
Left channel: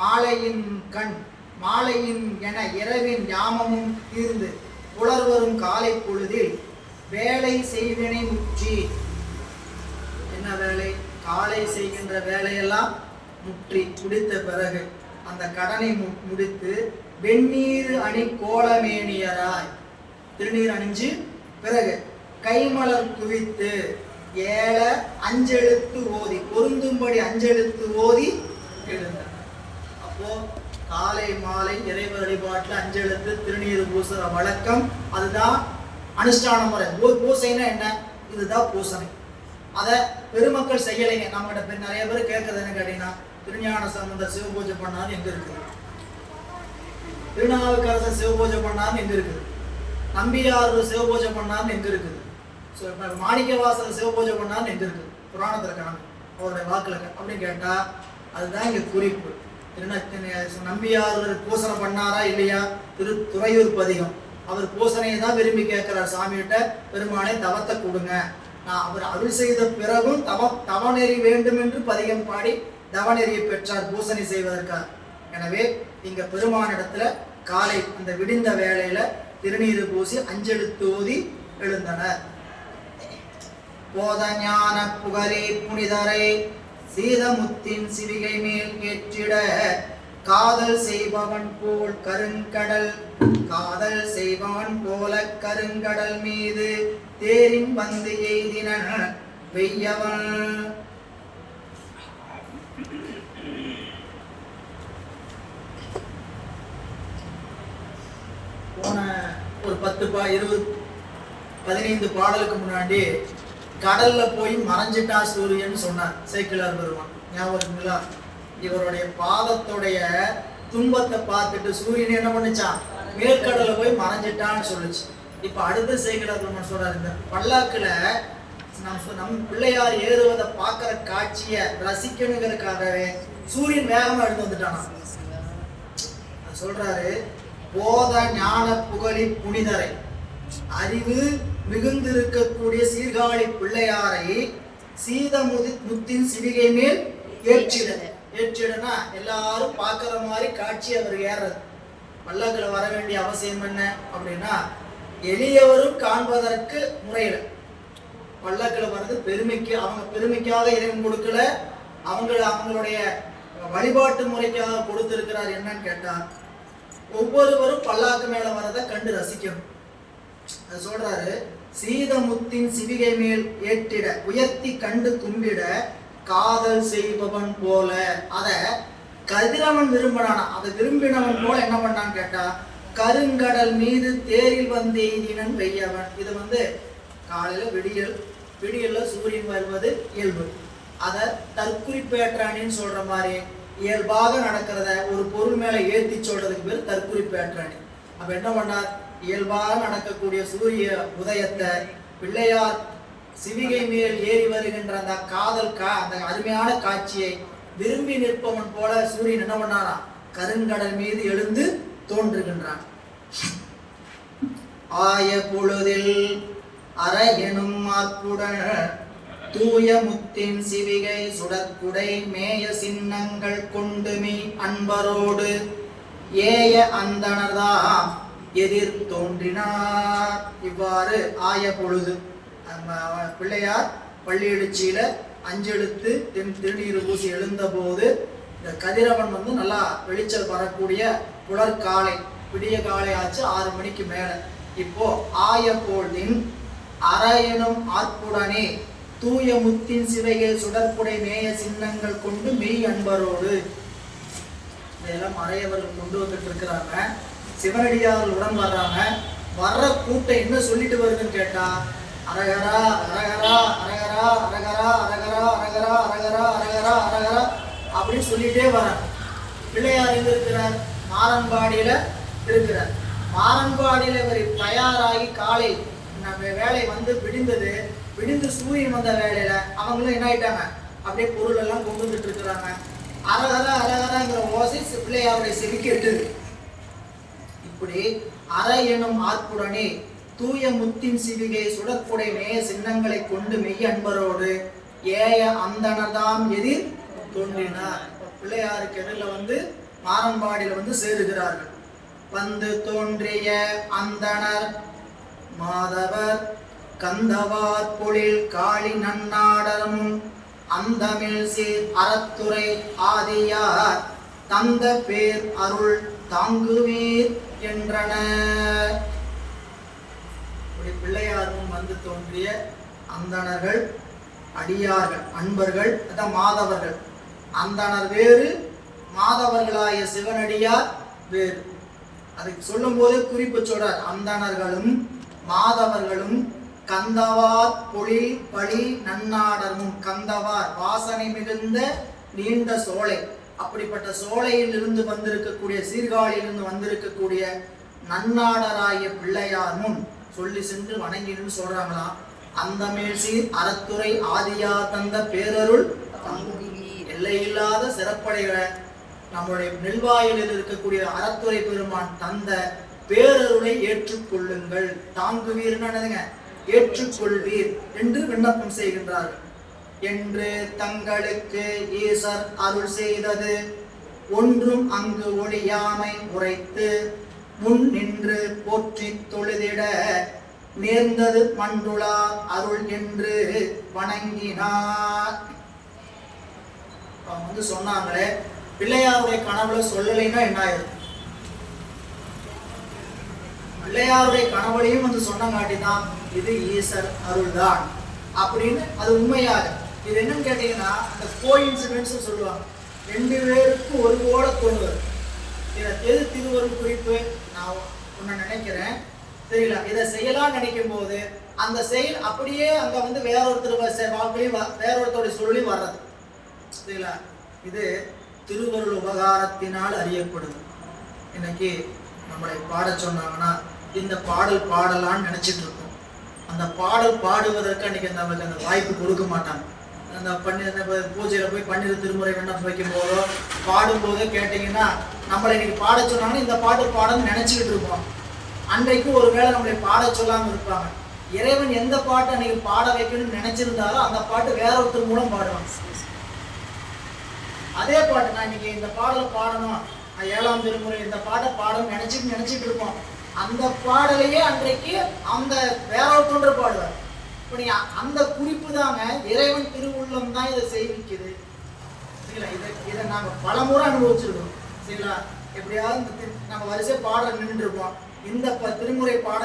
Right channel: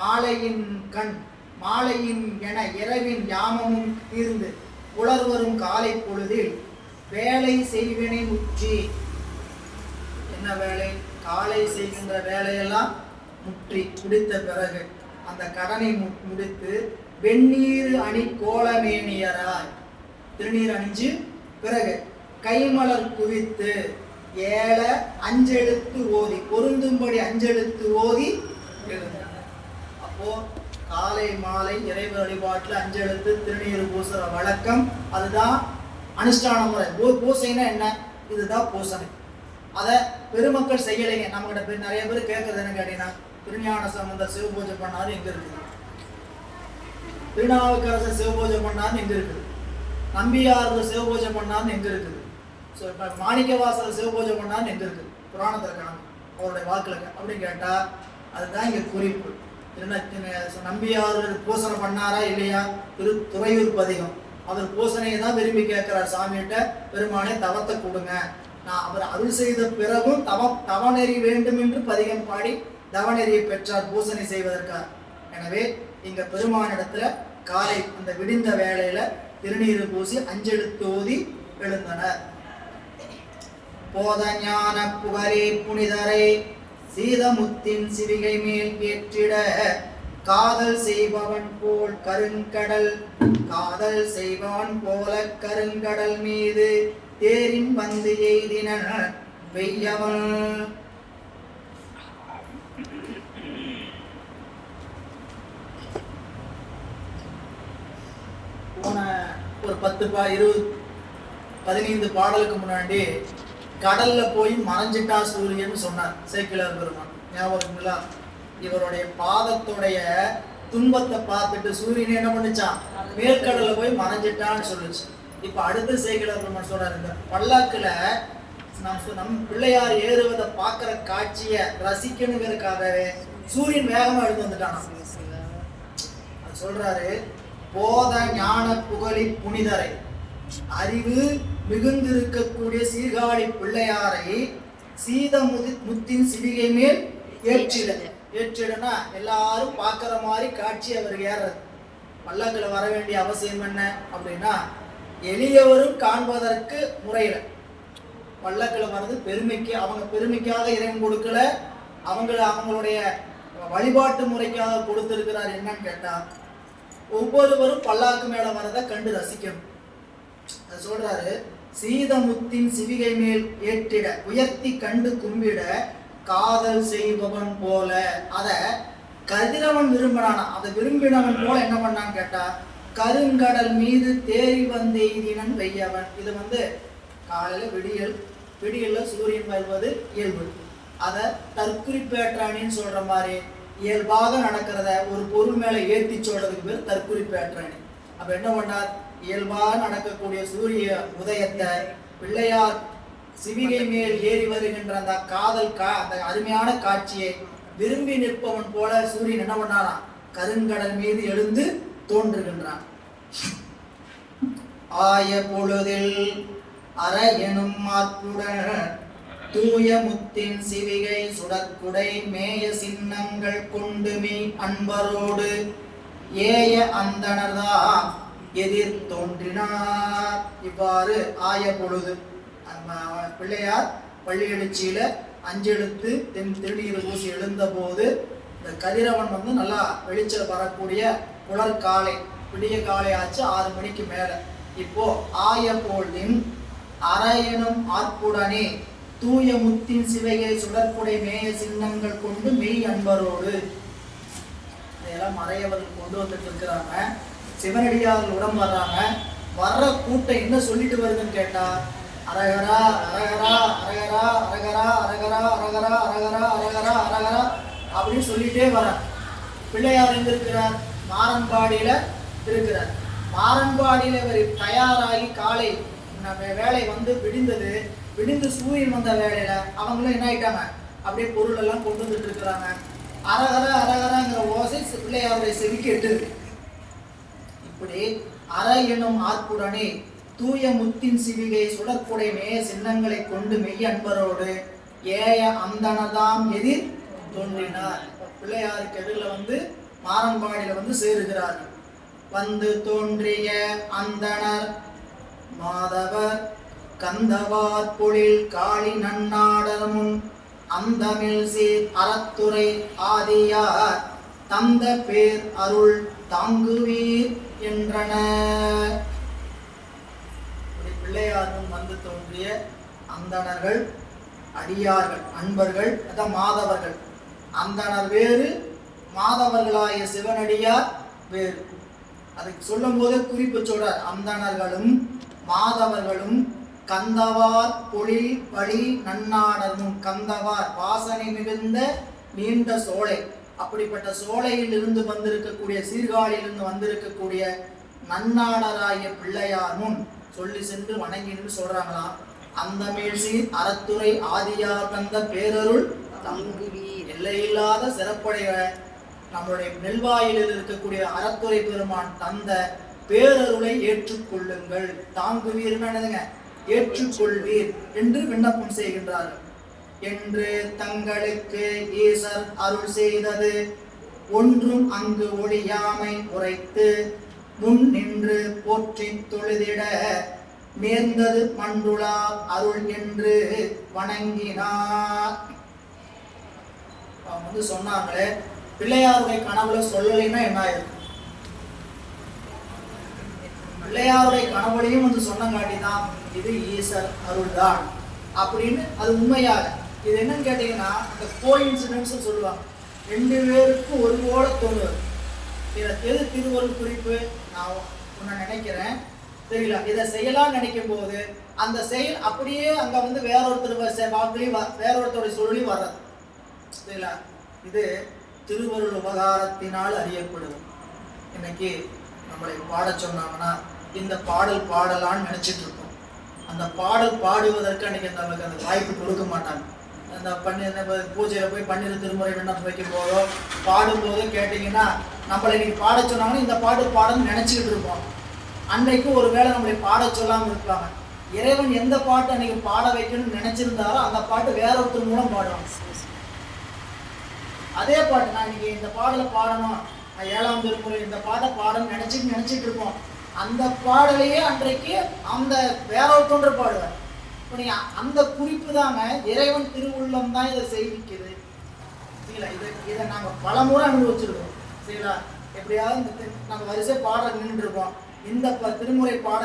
மாலையின் கண், மாலையின் என இரவின் யாமமும் தீர்ந்து புலர்வரும் காலை பொழுதில் வேலை செய்வினை முற்றி. என்ன வேலை, காலை செய்கின்ற வேலையெல்லாம் முற்றி முடித்த பிறகு அந்த கடனை முடித்து வெந்நீர் அணி கோலமேனியராய், திருநீர் அணிஞ்சு பிறகு கைமலர் குவித்து ஏழ அஞ்செழுத்து ஓதி, பொருந்தும்படி அஞ்செழுத்து ஓதி எழுந்தார். அப்போ காலை மாலை இறைவ வழிபாட்டில் அஞ்செழுத்து திருநீர் பூசுற வழக்கம், அதுதான் அனுஷ்டான முறை. பூசைன்னா என்ன, இதுதான் பூசனை. அதை பெருமக்கள் செய்யலைங்க. நம்மகிட்ட நிறைய பேர் கேட்கறது என்ன கேட்டீங்கன்னா, திருஞான சம்பந்தர் சிவபூஜை பண்ணாரு எங்க இருக்குது, திருநாவுக்கரசர் சிவபூஜை பண்ணான்னு எங்க இருக்குது, நம்பியார் சிவபூஜை பண்ணான்னு எங்க இருக்குது, மாணிக்கவாசர் சிவபூஜை பண்ணான்னு எங்க இருக்குது, புராணத்துல காணும் அவருடைய வாக்குல அப்படின்னு கேட்டா அதுதான் இங்க குறிப்பு. நம்பியார் பூசனை பண்ணாரா இல்லையா, துறையூர் பதிகம், அவர் பூசனையை தான் விரும்பி கேட்கிறார் சாமிகிட்ட, பெருமானை தவத்தை கொடுங்க, நான் அவர் அருள் செய்த பிறகும் தவநெறி வேண்டும் என்று பதிகம் பாடி தவநெறியை பெற்றார் பூசனை செய்வதற்காக. எனவே இங்க பெருமானிடத்துல காலை அந்த விடிந்த வேளையில திருநீர் பூசி அஞ்செழுத்து ஓதி எழுந்தனர். போத ஞான புகழே புனிதரை சீதமுத்தின் சிவிகை மேல் ஏற்றிட காதல் செய்பவன் போல் கருங்கடல், காதல் செய்பவன் போல கருங்கடல் மீது தேரின் வந்து எய்தின வெய்யவன். போன ஒரு 15 பாடலுக்கு முன்னாடி கடல்ல போய் மறைஞ்சிட்டா சூரியன் சொன்னார் சேக்கிழார் பெருமான். ஞாபகங்களா? இவருடைய பாதத்துடைய துன்பத்தை பார்த்துட்டு சூரியன் என்ன பண்ணுச்சான், மேற்கடல்ல போய் மறைஞ்சிட்டான்னு சொல்லுச்சு. இப்ப அடுத்த சேக்கிழார் பெருமான் சொல்றாரு, இந்த பல்லாக்குல நம் பிள்ளையார் ஏறுவதை பார்க்கிற காட்சியை ரசிக்கணுங்கிறதுக்காகவே சூரியன் வேகமா எடுத்து வந்துட்டானா. சொல்றாரு, போத ஞான புகழி புனிதரை, அறிவு மிகுந்திருக்கக்கூடிய சீர்காழி பிள்ளையாரை சீத முத்தின் சிவிகை மேல் ஏற்றிடனா எல்லாரும் பார்க்கிற மாதிரி காட்சி அவர் ஏறது. பல்லக்குல வர வேண்டிய அவசியம் என்ன அப்படின்னா, எளியவரும் காண்பதற்கு முறையில பல்லக்குல வர்றது பெருமைக்கு, அவங்க பெருமைக்காக இறைவன் கொடுக்கல, அவங்களுடைய வழிபாட்டு முறைக்காக கொடுத்திருக்கிறார். என்னன்னு கேட்டா, ஒவ்வொருவரும் பல்லாக்கு மேல வரதை கண்டு ரசிக்கணும். அது சொல்றாரு, சீதமுத்தின் சிவிகை மேல் ஏற்றிட உயர்த்தி கண்டு கும்பிட காதல் செய்பவன் போல. அத கதிரவன் விரும்பினான், அதை விரும்பினவன் போல என்ன பண்ணான்னு கேட்டா, கருங்கடல் மீது தேரில் வந்து எய்தினன் வெய்யவன். இது காலையில விடியல்ல சூரியன் வருவது இயல்பு. அதை தற்குறிப்பேற்றானின்னு சொல்ற மாதிரி இயல்பாக நடக்கிறத ஒரு பொருள் மேல ஏற்றி சொல்றதுக்கு பேர் தற்குறிப்பேற்றானி. அப்ப என்ன பண்ணார், இயல்பாக நடக்கக்கூடிய சூரிய உதயத்தை பிள்ளையார் சிவிகை மேல் ஏறி வருகின்ற அந்த அந்த அருமையான காட்சியை விரும்பி நிற்பவன் போல சூரியன் என்ன பண்ணாரா, கருங்கடல் மீது எழுந்து தோன்றுகின்றான். ஆய பொழுதில் அற எனும் மாற்றுடன் தூய முத்தின் சிவிகை சுடற்குடை மேய சின்னங்கள் கொண்டு மெய் அன்பரோடு ஏய அந்தனர்தாம் எதிர் தோன்றினார். இவ்வாறு ஆய பொழுது பிள்ளையார் பள்ளி எழுச்சியில 5 எழுத்து திருநீர் பூசி எழுந்த போது இந்த கதிரவன் நல்லா வெளிச்சல் வரக்கூடிய புலற்காலை, விடிய காலை ஆச்சு 6 மணிக்கு மேல. இப்போ ஆய பொழுதின் அரையனும் ஆற்புடனே தூய முத்தின் சிவையை சுடற்புடை மேய சின்னங்கள் கொண்டு மெய் அன்பரோடு. இதெல்லாம் மறையவர்கள் கொண்டு வந்துட்டு இருக்கிறாங்க. சிவனடியார்கள் உடன் வர்றாங்க. வர்ற கூட்டம் என்ன சொல்லிட்டு வருதுன்னு கேட்டா, அரகரா அரகரா அரகரா அரகரா அரகரா அரகரா அரகரா அரகரா அரகரா அப்படின்னு சொல்லிட்டே வராங்க. பிள்ளையார் எங்க இருக்கிறார், மாரன்பாடியில இருக்கிறார். மாரன்பாடியில இவர் தயாராகி காலை வேலை விடிந்து சூரியன் வந்த வேலையில அவங்களும் என்ன ஆயிட்டாங்க, அப்படியே பொருள் எல்லாம் கொண்டு வந்துட்டு இருக்கிறாங்க. அரகரா அரகராங்கிற ஓசை பிள்ளையாருடைய செவிக்கு எட்டுது. இப்படி அற எனும் ஆற்புடனே தூய முத்தின் சிவிகை சுடற்புடை மேய சின்னங்களை கொண்டு மெய் அன்பரோடு ஏய அந்தனர்தாம் எதிர் தோன்றினார். பிள்ளையாருக்கு எதிரில் மாரன்பாடியில சேருகிறார்கள். வந்து தோன்றிய அந்தனர் மாதவர் கந்தவார் பொழில் காளி நன்னாடமும் அந்தமில் சீர் அறத்துறை ஆதியார் தந்த பேர் அருள் தாங்குவீர் என்றனர். பிள்ளையாரும் தோன்றிய அந்தணர்கள், அடியார்கள், அன்பர்கள், மாதவர்கள். அந்தணர் வேறு, மாதவர்களாய சிவனடியார் வேறு. அதுக்கு சொல்லும் போதே குறிப்பு சொல்றார். அந்தணர்களும் மாதவர்களும் கந்தவார் பொழில் பழி நன்னாடரும். கந்தவார் வாசனை மிகுந்த நீண்ட சோலை, அப்படிப்பட்ட சோலையில் இருந்து வந்திருக்கக்கூடிய, சீர்காழியிலிருந்து வந்திருக்கக்கூடிய நன்னாடராய பிள்ளையாரும் சொல்லி சென்று வணங்கின்னு சொல்றாங்களாம். அந்த மேல்சீர் அறத்துறை ஆதியார் தந்த பேரருள் எல்லையில்லாத சிறப்படைகளை நம்முடைய நெல்வாயிலில் இருக்கக்கூடிய அறத்துறை பெருமான் தந்த பேரருளை ஏற்றுக்கொள்ளுங்கள். தாங்குவீர் ஏற்றுக்கொள்வீர் என்று விண்ணப்பம் செய்கின்றார்கள். என்று தங்களுக்கு ஈசர் அருள் செய்தது ஒன்றும் அங்கு ஒளியாமை உரைத்து முன் நின்று போற்றி தொழுதிட நேர்ந்தது மண்டுளார் அருள் என்று வணங்கினார். அவங்க சொன்னாங்களே, பிள்ளையாருடைய கனவுல சொல்லலைன்னா என்ன ஆயிரும்? பிள்ளையாருடைய கனவுலையும் சொன்னங்காட்டிதான் இது ஈசர் அருள் தான் அப்படின்னு அது உண்மையாக. இது என்னன்னு கேட்டீங்கன்னா, இந்த கோஇன்சிடென்ஸ் சொல்லுவாங்க. 2 பேருக்கும் ஒரு போல தோணுவது. எது திருவருள் குறிப்பு நான் ஒன்று நினைக்கிறேன். தெரியல. இதை செய்யலாம் நினைக்கும் போது அந்த செயல் அப்படியே அங்க வந்து வேறொருத்தர் வாக்குலையும் வேறொருத்தருடைய சொல்லி வர்றது. தெரியல. இது திருவருள் உபகாரத்தினால் அறியப்படுது. இன்னைக்கு நம்மளை பாட சொன்னாங்கன்னா இந்த பாடல் பாடலான்னு நினைச்சிட்டு இருக்கோம். அந்த பாடல் பாடுவதற்கு அன்னைக்கு நம்மளுக்கு அந்த வாய்ப்பு கொடுக்க மாட்டாங்க. அந்த பூஜையில போய் பன்னிரு திருமுறை விண்ணப்பம் வைக்கும் போதோ பாடும்போதோ கேட்டீங்கன்னா நம்மளை இன்னைக்கு பாட சொன்னாங்கன்னா இந்த பாட்டு பாடன்னு நினைச்சுக்கிட்டு இருப்போம். அன்றைக்கு ஒரு வேளை நம்மளை பாட சொல்லாம இருப்பாங்க. இறைவன் எந்த பாட்டு அன்னைக்கு பாட வைக்கணும்னு நினைச்சிருந்தாரோ அந்த பாட்டு வேற ஒருத்தர் மூலம் பாடுவாங்க. அதே பாட்டு நான் இன்னைக்கு இந்த பாடலை பாடணும், 7ஆம் திருமுறை இந்த பாட்டை பாடணும்னு நினைச்சிட்டு இருப்போம். அந்த பாடலையே அன்றைக்கு அந்த வேற ஒருத்தொன்று பாடுவார். இப்போ நீங்க அந்த குறிப்பு தாங்க இறைவன் திருவுள்ளம் தான் இதை செய்விக்குது. சரிங்களா? இதை நாங்க பல முறை அனுபவிச்சிருக்கோம். சரிங்களா? எப்படியாவது நம்ம வரிசை பாட நின்று இருப்போம். இந்த திருமுறை பாட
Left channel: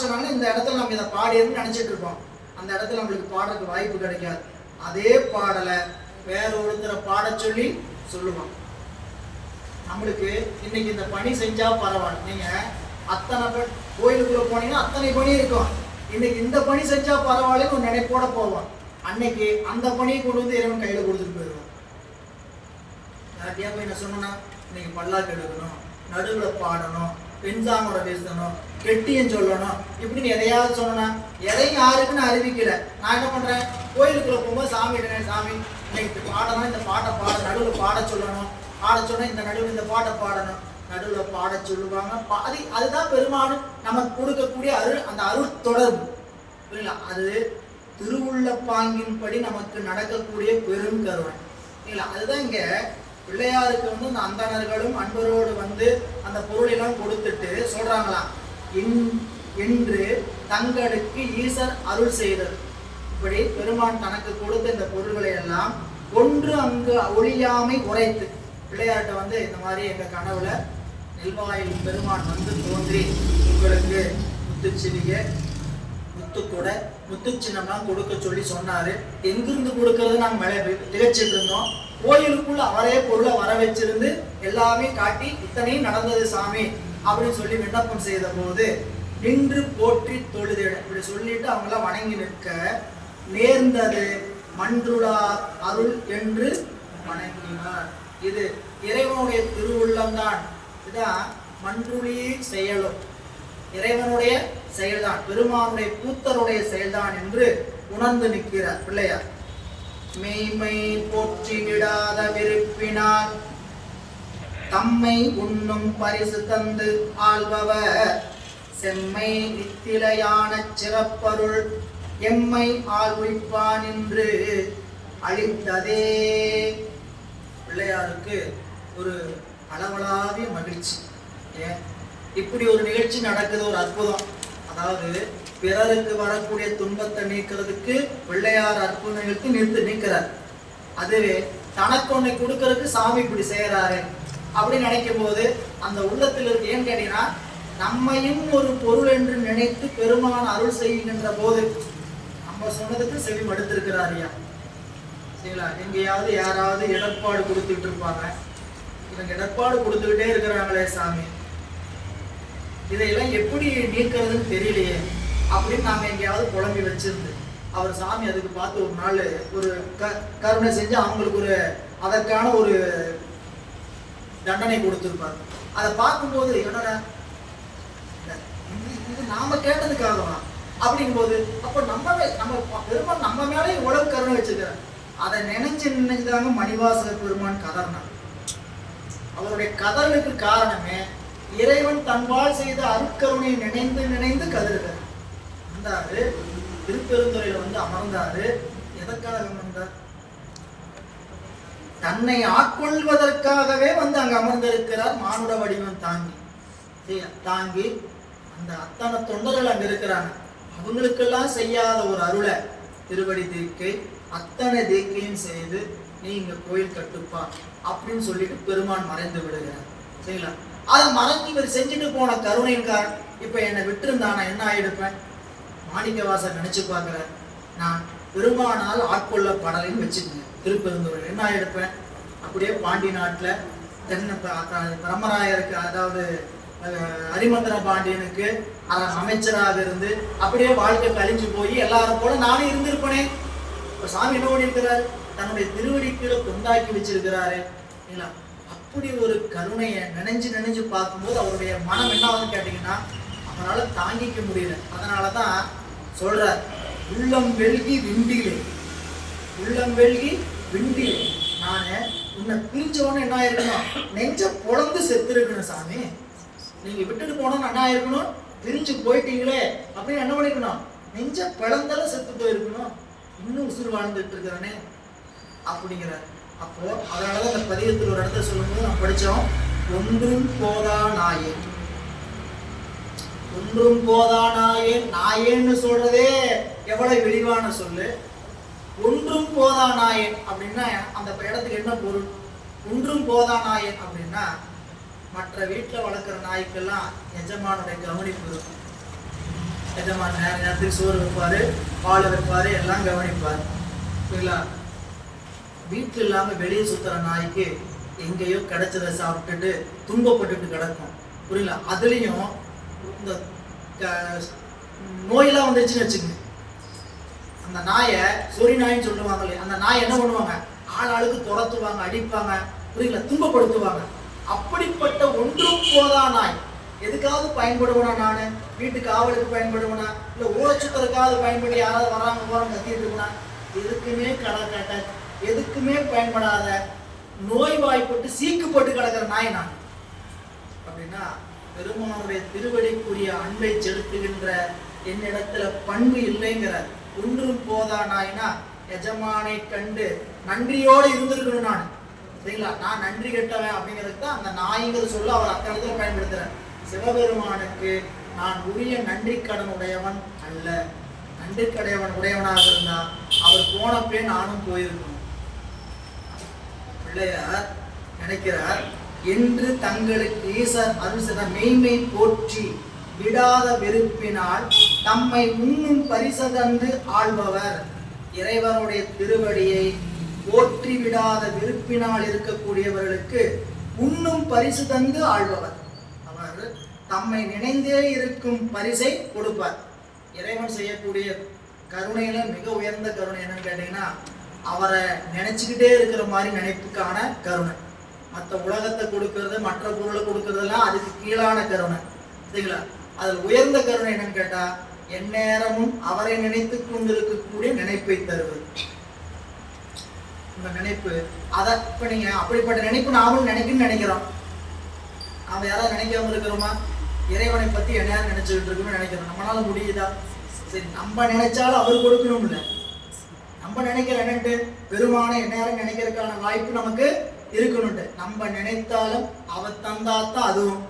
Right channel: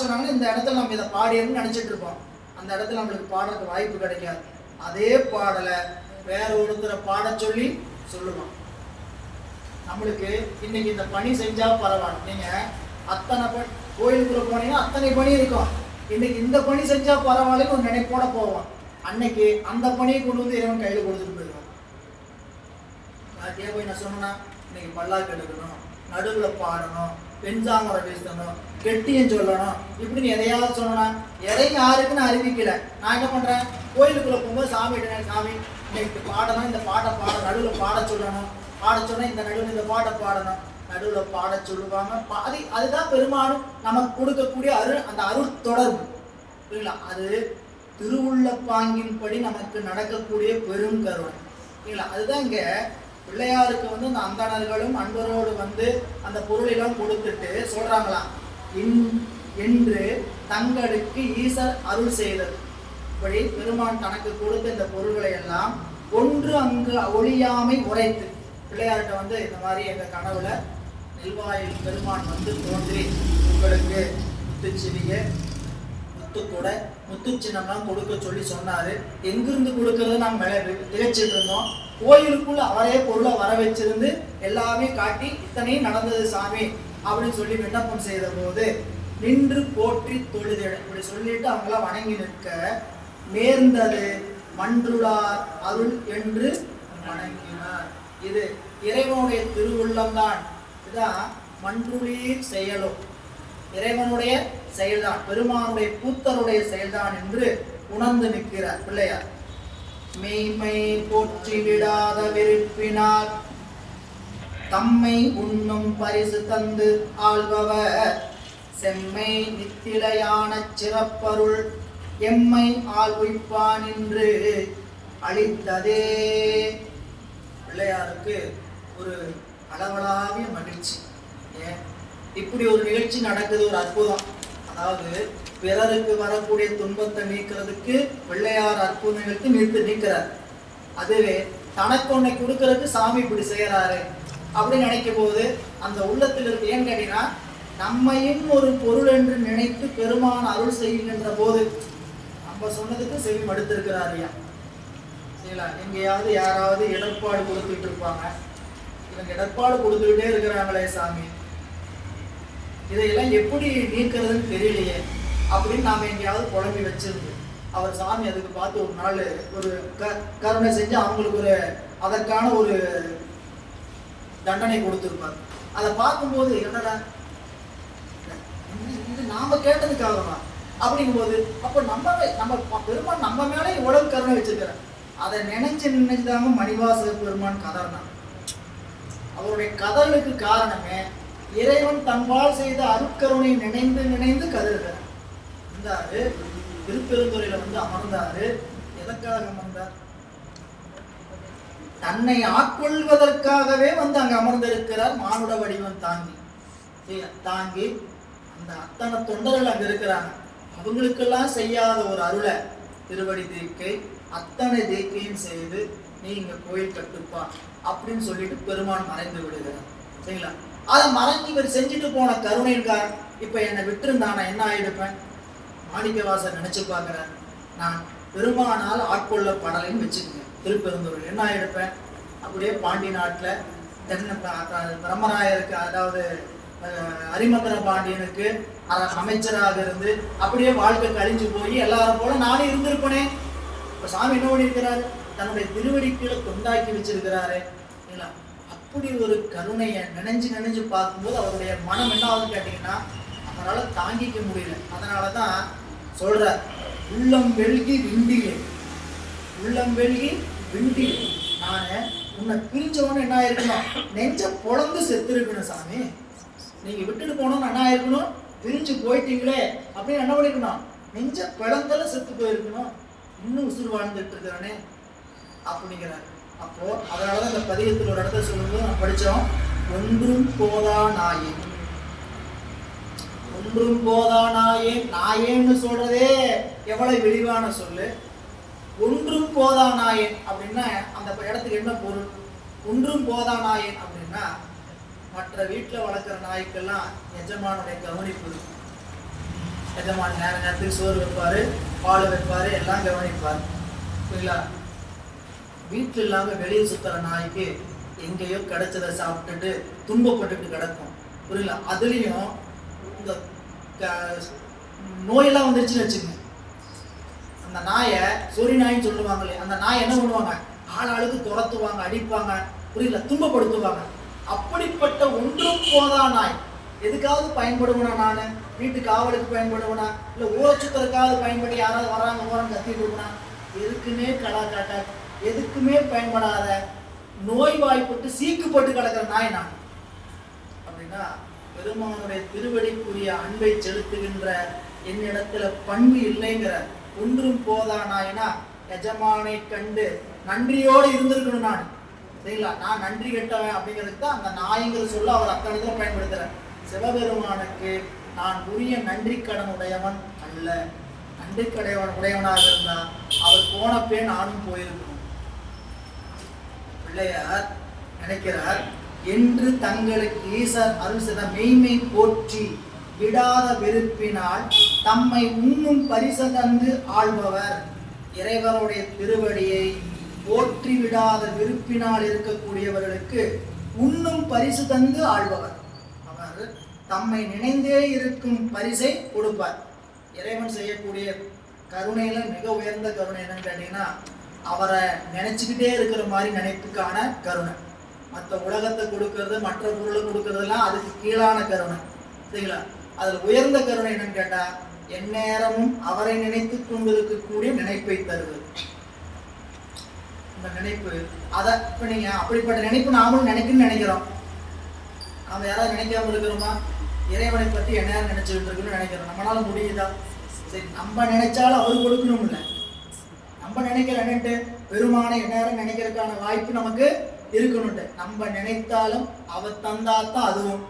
சொன்னாங்கன்னா இந்த இடத்துல நம்ம இதை பாடியன்னு நினைச்சிட்டு இருப்போம். அந்த இடத்துல நம்மளுக்கு பாடுறதுக்கு வாய்ப்பு கிடைக்காது. அதே பாடலை வேற ஒருத்தரை பாட சொல்லி சொல்லுவான். நம்மளுக்கு இன்னைக்கு இந்த பணி செஞ்சா பரவாயில்ல. நீங்க அத்தனை கோயிலுக்குள்ள போனீங்கன்னா அத்தனை பணி இருக்கும். இன்னைக்கு இந்த பணி செஞ்சா பரவாயில்ல ஒரு நினைப்போட போவான். அன்னைக்கு அந்த பணியை கொண்டு வந்து இறைவன் கையில கொடுத்துட்டு போயிடுவான். யார்கிட்டயா போய் நான் சொன்னா இன்னைக்கு பல்லாக்கு எடுக்கணும், நடுவில் பாடணும், பெண்சாமரை பேசணும், கெட்டியும் சொல்லணும், இப்படின்னு எதையாவது சொன்னா எதையும் யாருக்குன்னு அறிவிக்கல. நான் என்ன பண்றேன், கோயிலுக்குள்ள போகும்போது சாமி சாமி இன்னைக்கு பாடணும், இந்த பாட்டை பாட நடுவில் பாட சொல்லணும், பாட சொன்னா இந்த நடுவில் இந்த பாட்டை பாடணும், நடுவில் பாட சொல்லுவாங்க. அதுதான் பெருமாள் நமக்கு கொடுக்கக்கூடிய அந்த அருள் தொடர்பு. புரியல? அது திருவுள்ள பாங்கின்படி நமக்கு நடக்கக்கூடிய பெரும் கருணை. இல்லைங்களா? அதுதான் இங்க பிள்ளையாருக்கு வந்து அந்த அந்தணர்களும் அன்பரோடு வந்து அந்த பொருளெல்லாம் கொடுத்துட்டு சொல்றாங்களாம், என்று தங்களுக்கு ஈசர் அருள் செய்தது. இப்படி பெருமான் தனக்கு கொடுத்த இந்த பொருள்களை எல்லாம் ஒன்று அங்கு ஒளியாமை உரைத்து பிள்ளையார்கிட்ட வந்து இந்த மாதிரி எங்க கனவுல நெல்வாயில் பெருமான் வந்து தோன்றி உங்களுக்கு முத்துச்சிவிகை முத்துக்கூட முத்து சின்னம்லாம் கொடுக்க சொல்லி சொன்னாரு. எங்கிருந்து கொடுக்கறது நம்ம திகச்சிட்டு இருந்தோம். கோயிலுக்குள்ள அவரே பொருளை வர வச்சிருந்து எல்லாமே காட்டி இத்தனையும் நடந்தது சாமி அப்படின்னு சொல்லி விண்ணப்பம் செய்த போது நின்று போற்றி தொழுது இப்படி சொல்லிட்டு அவங்கள வணங்கி நிற்க நேர்ந்தது மன்றுளார் அருள் என்று வணங்கினார். இது இறைவனுடைய திருவுள்ளம் தான். இதுதான் மன்றுளீர் செயலும் இறைவனுடைய செயல்தான், பெருமானுடைய கூத்தருடைய செயல்தான் என்று உணர்ந்து நிற்கிறார் பிள்ளையார். மெய்மை போற்றி விடாத விருப்பினால் தம்மை உண்ணும் பரிசு தந்து ஆள்பவர் செம்மை நித்திலையான சிறப்பருள் எம்மை ஆள்விப்பான் என்று அளித்ததே. பிள்ளையாருக்கு ஒரு அளவலாவிய மகிழ்ச்சி. இப்படி ஒரு நிகழ்ச்சி நடக்குது, ஒரு அற்புதம். அதாவது பிறருக்கு வரக்கூடிய துன்பத்தை நீக்கிறதுக்கு பிள்ளையார் அற்புதம் நிகழ்த்தி நீக்கிறார். அதுவே தனக்கு ஒன்றை கொடுக்கறதுக்கு சாமி இப்படி செய்யறாரு அப்படின்னு நினைக்கும் போது அந்த உள்ளத்தில் இருக்கு. ஏன்னு கேட்டீங்கன்னா நம்மையும் ஒரு பொருள் என்று நினைத்து பெருமான் அருள் செய்கின்ற போது நம்ம சொன்னதுக்கு செவி மடுத்திருக்கிறார். ஐயா சரிங்களா? எங்கேயாவது யாராவது இடர்பாடு கொடுத்துட்டு இருப்பாங்க, இவங்க இடர்பாடு கொடுத்துக்கிட்டே இருக்கிறாங்களே சாமி, இதையெல்லாம் எப்படி நீக்கிறதுன்னு தெரியலையே அப்படின்னு நாம எங்கேயாவது குழம்பி வச்சிருந்து அவர் சாமி அதுக்கு பார்த்து ஒரு நாள் ஒரு கருணை செஞ்சு அவங்களுக்கு ஒரு அதற்கான ஒரு தண்டனை கொடுத்துருப்பார். அதை பார்க்கும்போது என்னடா இது நாம கேட்டதுக்காகவா அப்படிங்கும்போது அப்போ நம்ம பெருமான் நம்ம மேலே இவ்வளவு கருணை வச்சிருக்கிறார். அதை நினைச்சுதாங்க மணிவாசக பெருமான் கதறினார். அவருடைய கதறலுக்கு காரணமே இறைவன் தன்பால் செய்த அருட்கருணை நினைந்து நினைந்து கதறுகிறார். வந்தாரு திருப்பெருந்துறையில வந்து அமர்ந்தாரு. எதற்காக அமர்ந்தார்? தன்னை ஆட்கொள்வதற்காகவே வந்து அங்க அமர்ந்திருக்கிறார். மானுட வடிவம் தாங்கி அந்த அத்தனை தொண்டர்கள் அங்க இருக்கிறாங்க. அவங்களுக்கெல்லாம் செய்யாத ஒரு அருளை திருவடி தீக்கை அத்தனை தீக்கையும் செய்து நீ இங்க கோயில் கட்டுப்பா அப்படின்னு சொல்லிட்டு பெருமான் மறைந்து விடுகிறார். சரிங்களா? அதை மறைஞ்சு இவர் செஞ்சுட்டு போன கருணைக்கார் இப்ப என்னை விட்டுருந்தா நான் என்ன ஆயிடுப்பேன்? மாணிக்கவாசர் நினைச்சு பார்க்கிறேன், நான் பெருமானால் ஆட்கொள்ளப்படலைன்னு வச்சுக்கோங்க. திருப்பெருந்துறையில் என்ன ஆயிடுப்பேன்? அப்படியே பாண்டி நாட்டுல தென்னை பிரம்மராயருக்கு அதாவது ஹரிமந்திர பாண்டியனுக்கு அமைச்சராக இருந்து அப்படியே வாழ்க்கை கழிஞ்சு போய் எல்லாரும் போல நானும் இருந்திருப்பனே. இப்ப சாமி என்ன பண்ணியிருக்கிறாரு, தன்னுடைய திருவடிக்குள்ள கொண்டாக்கி வச்சிருக்கிறாரு இல்ல. அப்படி ஒரு கருணையை நினைஞ்சு நினைஞ்சு பார்க்கும்போது அவருடைய மனம் என்ன ஆகுதுன்னு கேட்டீங்கன்னா அவரால் தாங்கிக்க முடியல. அதனாலதான் சொல்ற, உள்ளம் வெல்கி விண்டிலே, உள்ளம் வெல்கி விண்டிலே. நானு உன்னை பிரிஞ்சவொன்னு என்ன ஆயிருக்கணும், நெஞ்ச பொழந்து செத்து இருக்கணும் சாமி. நீங்க விட்டுட்டு போனோம்னு என்ன ஆயிருக்கணும், பிரிஞ்சு போயிட்டீங்களே அப்படின்னு என்ன பண்ணிக்கணும், நெஞ்ச பிளந்தாலும் செத்து போயிருக்கணும். இன்னும் உசுறு வாழ்ந்துட்டு இருக்கிறானே அப்படிங்கிறார். அப்போ அதனாலதான் அந்த பதிகத்தில் ஒரு இடத்துல சொல்லும்போது நம்ம படிச்சோம், ஒன்றும் போதா நாயேன், ஒன்றும் போதா நாயேன். நாயேன்னு சொல்றதே எவ்வளவு விரிவான சொல்லு. ஒன்றும் போதா நாயேன் அப்படின்னா அந்த இடத்துக்கு என்ன பொருள்? ஒன்றும் போதா நாயேன் அப்படின்னா மற்ற வீட்டில் வளர்க்குற நாய்க்கெல்லாம் எஜமானுடைய கவனிப்பு இருக்கும். எஜமான் நேர நேரத்துக்கு சோறு வைப்பாரு, பால் வைப்பாரு, எல்லாம் கவனிப்பார் புரியலா. வீட்டில் இல்லாமல் வெளியே சுத்துற நாய்க்கு எங்கேயோ கிடைச்சதை சாப்பிட்டுட்டு துன்பப்பட்டுட்டு கிடக்கும் புரியல. அதுலேயும் இந்த நோயெல்லாம் வந்துருச்சுன்னு வச்சுங்க, அந்த நாயை சொறி நாயின்னு சொல்லுவாங்களே, அந்த நாய் என்ன பண்ணுவாங்க, ஆளாளுக்கு துரத்துவாங்க, அடிப்பாங்க புரியல, துன்பப்படுத்துவாங்க. அப்படிப்பட்ட ஒன்றும் போதா நாய் எதுக்காவது பயன்படுவனா, நான் வீட்டு காவலுக்கு பயன்படுவனா, இல்லை ஊரச்சுத்தருக்காவது பயன்படி யாராவது வராங்க போறாங்க கத்திட்டு இருக்கா, எதுக்குமே கடை காட்ட எதுக்குமே பயன்படாத நோய்வாய்ப்பட்டு சீக்குப்பட்டு கிடக்கிற நாய் நான் அப்படின்னா பெருமானுடைய திருவடிக்குரிய அன்பை செலுத்துகின்ற என்னிடத்துல பண்பு இல்லைங்கிறார். ஒன்றும் போதா நாய்னா எஜமானை கண்டு நன்றியோடு இருந்திருக்கணும் நான் சரிங்களா. நான் நன்றி கெட்டவன் அப்படிங்கிறதுக்கு தான் அந்த நாய்ங்கிற சொல்ல அவர் அக்கறையில் பயன்படுத்துறேன். சிவபெருமானுக்கு நான் உரிய நன்றி கடன் உடையவன் அல்ல. நன்றி கடையவன் உடையவனாக இருந்தா அவர் போனப்பே நானும் போயிருக்கணும். பிள்ளையார் நினைக்கிறார், என்று தங்களுக்கு ஈசர் அருள்சத மெய்மை போற்றி விடாத வெறுப்பினால் தம்மை உண்ணும் பரிசதந்து ஆள்பவர். இறைவனுடைய திருவடியை போற்றி விடாத விருப்பினால் இருக்கக்கூடியவர்களுக்கு உண்ணும் பரிசு தந்து ஆள்பவர். அவர் தம்மை நினைந்தே இருக்கும் பரிசை கொடுப்பார். இறைவன் செய்யக்கூடிய கருணையில மிக உயர்ந்த கருணை என்னன்னு கேட்டீங்கன்னா அவரை நினைச்சுக்கிட்டே இருக்கிற மாதிரி நினைப்புக்கான கருணை. மற்ற உலகத்தை கொடுக்கறது, மற்ற பொருளை கொடுக்கறதெல்லாம் அதுக்கு கீழான கருணை சரிங்களா. அதில் உயர்ந்த கருணை என்னன்னு கேட்டா எந்நேரமும் அவரை நினைத்து கொண்டிருக்கக்கூடிய நினைப்பை தருவது. இந்த நினைப்பு அதை இப்ப நீங்க அப்படிப்பட்ட நினைப்பு நாமளும் நினைக்கிறோம். நாம யாராவது நினைக்காம இருக்கிறோமா? இறைவனை பத்தி எந்நேரம் நினைச்சுக்கிட்டு இருக்குன்னு நினைக்கிறோம். நம்மளால முடியுதா? சரி, நம்ம நினைச்சாலும் அவர் கொடுக்கணும் இல்லை. நம்ம நினைக்கிற என்னட்டு பெருமானை எந்நேரம் நினைக்கிறதுக்கான வாய்ப்பு நமக்கு இருக்கணும்ட்டு. நம்ம நினைத்தாலும் அவர் தந்தாத்தான் அதுவும்.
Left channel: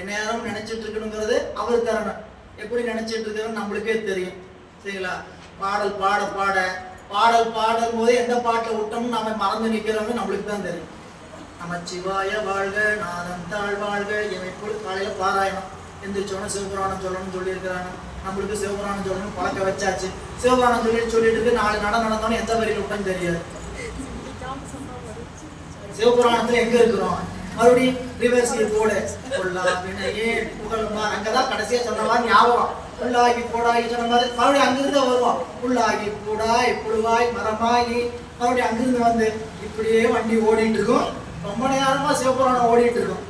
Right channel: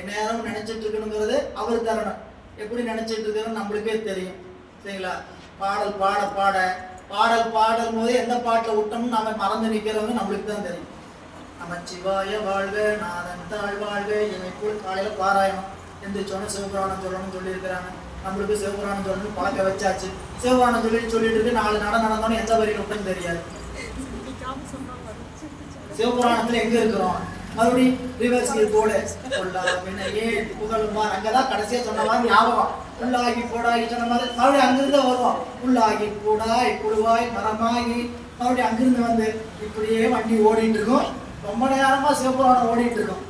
எந்நேரம் நினைச்சிட்டு இருக்கணுங்கிறது அவர் தரணும். எப்படி நினைச்சிட்டு இருக்கிறோம் நம்மளுக்கே தெரியும் சரிங்களா. பாடல் பாட பாட பாடல் பாடும் போது எந்த பாட்டை விட்டோம்னு நம்ம மறந்து நிற்கிறவங்க நம்மளுக்கு தான் தெரியும். நம்ம சிவாய வாழ்க, நாதன் தாழ் வாழ்க, எப்பொழுது காலையில பாராயணம் எந்திரிச்சோன்னா சிவபுராணம் சொல்லணும்னு சொல்லியிருக்கிறாங்க. நம்மளுக்கு சிவபுராணம் சொல்லணும்னு பார்க்க வச்சாச்சு. சிவபுராணம் சொல்லிட்டு 4 நடந்தோன்னு எந்த வரைக்கும் விட்டோன்னு தெரியாது. சிவபுராணத்துல எங்க இருக்கிறோம், மறுபடியும் ரிவர்ஸ் போட புகழ்மார் அங்கதான் கடைசியா சொன்ன மாதிரி ஞாபகம். புல்லாகி போடாகி சொன்ன மாதிரி மறுபடியும் அங்கிருந்து வருவோம். புல்லாகி பூடாய் புழுவாய் மரமாகி மறுபடியும் அங்கிருந்து வந்து இப்படியே வண்டி ஓடிட்டு இருக்கும். ரொம்ப நேரமா சிவபுராணம் ஓடிட்டு இருக்கும்.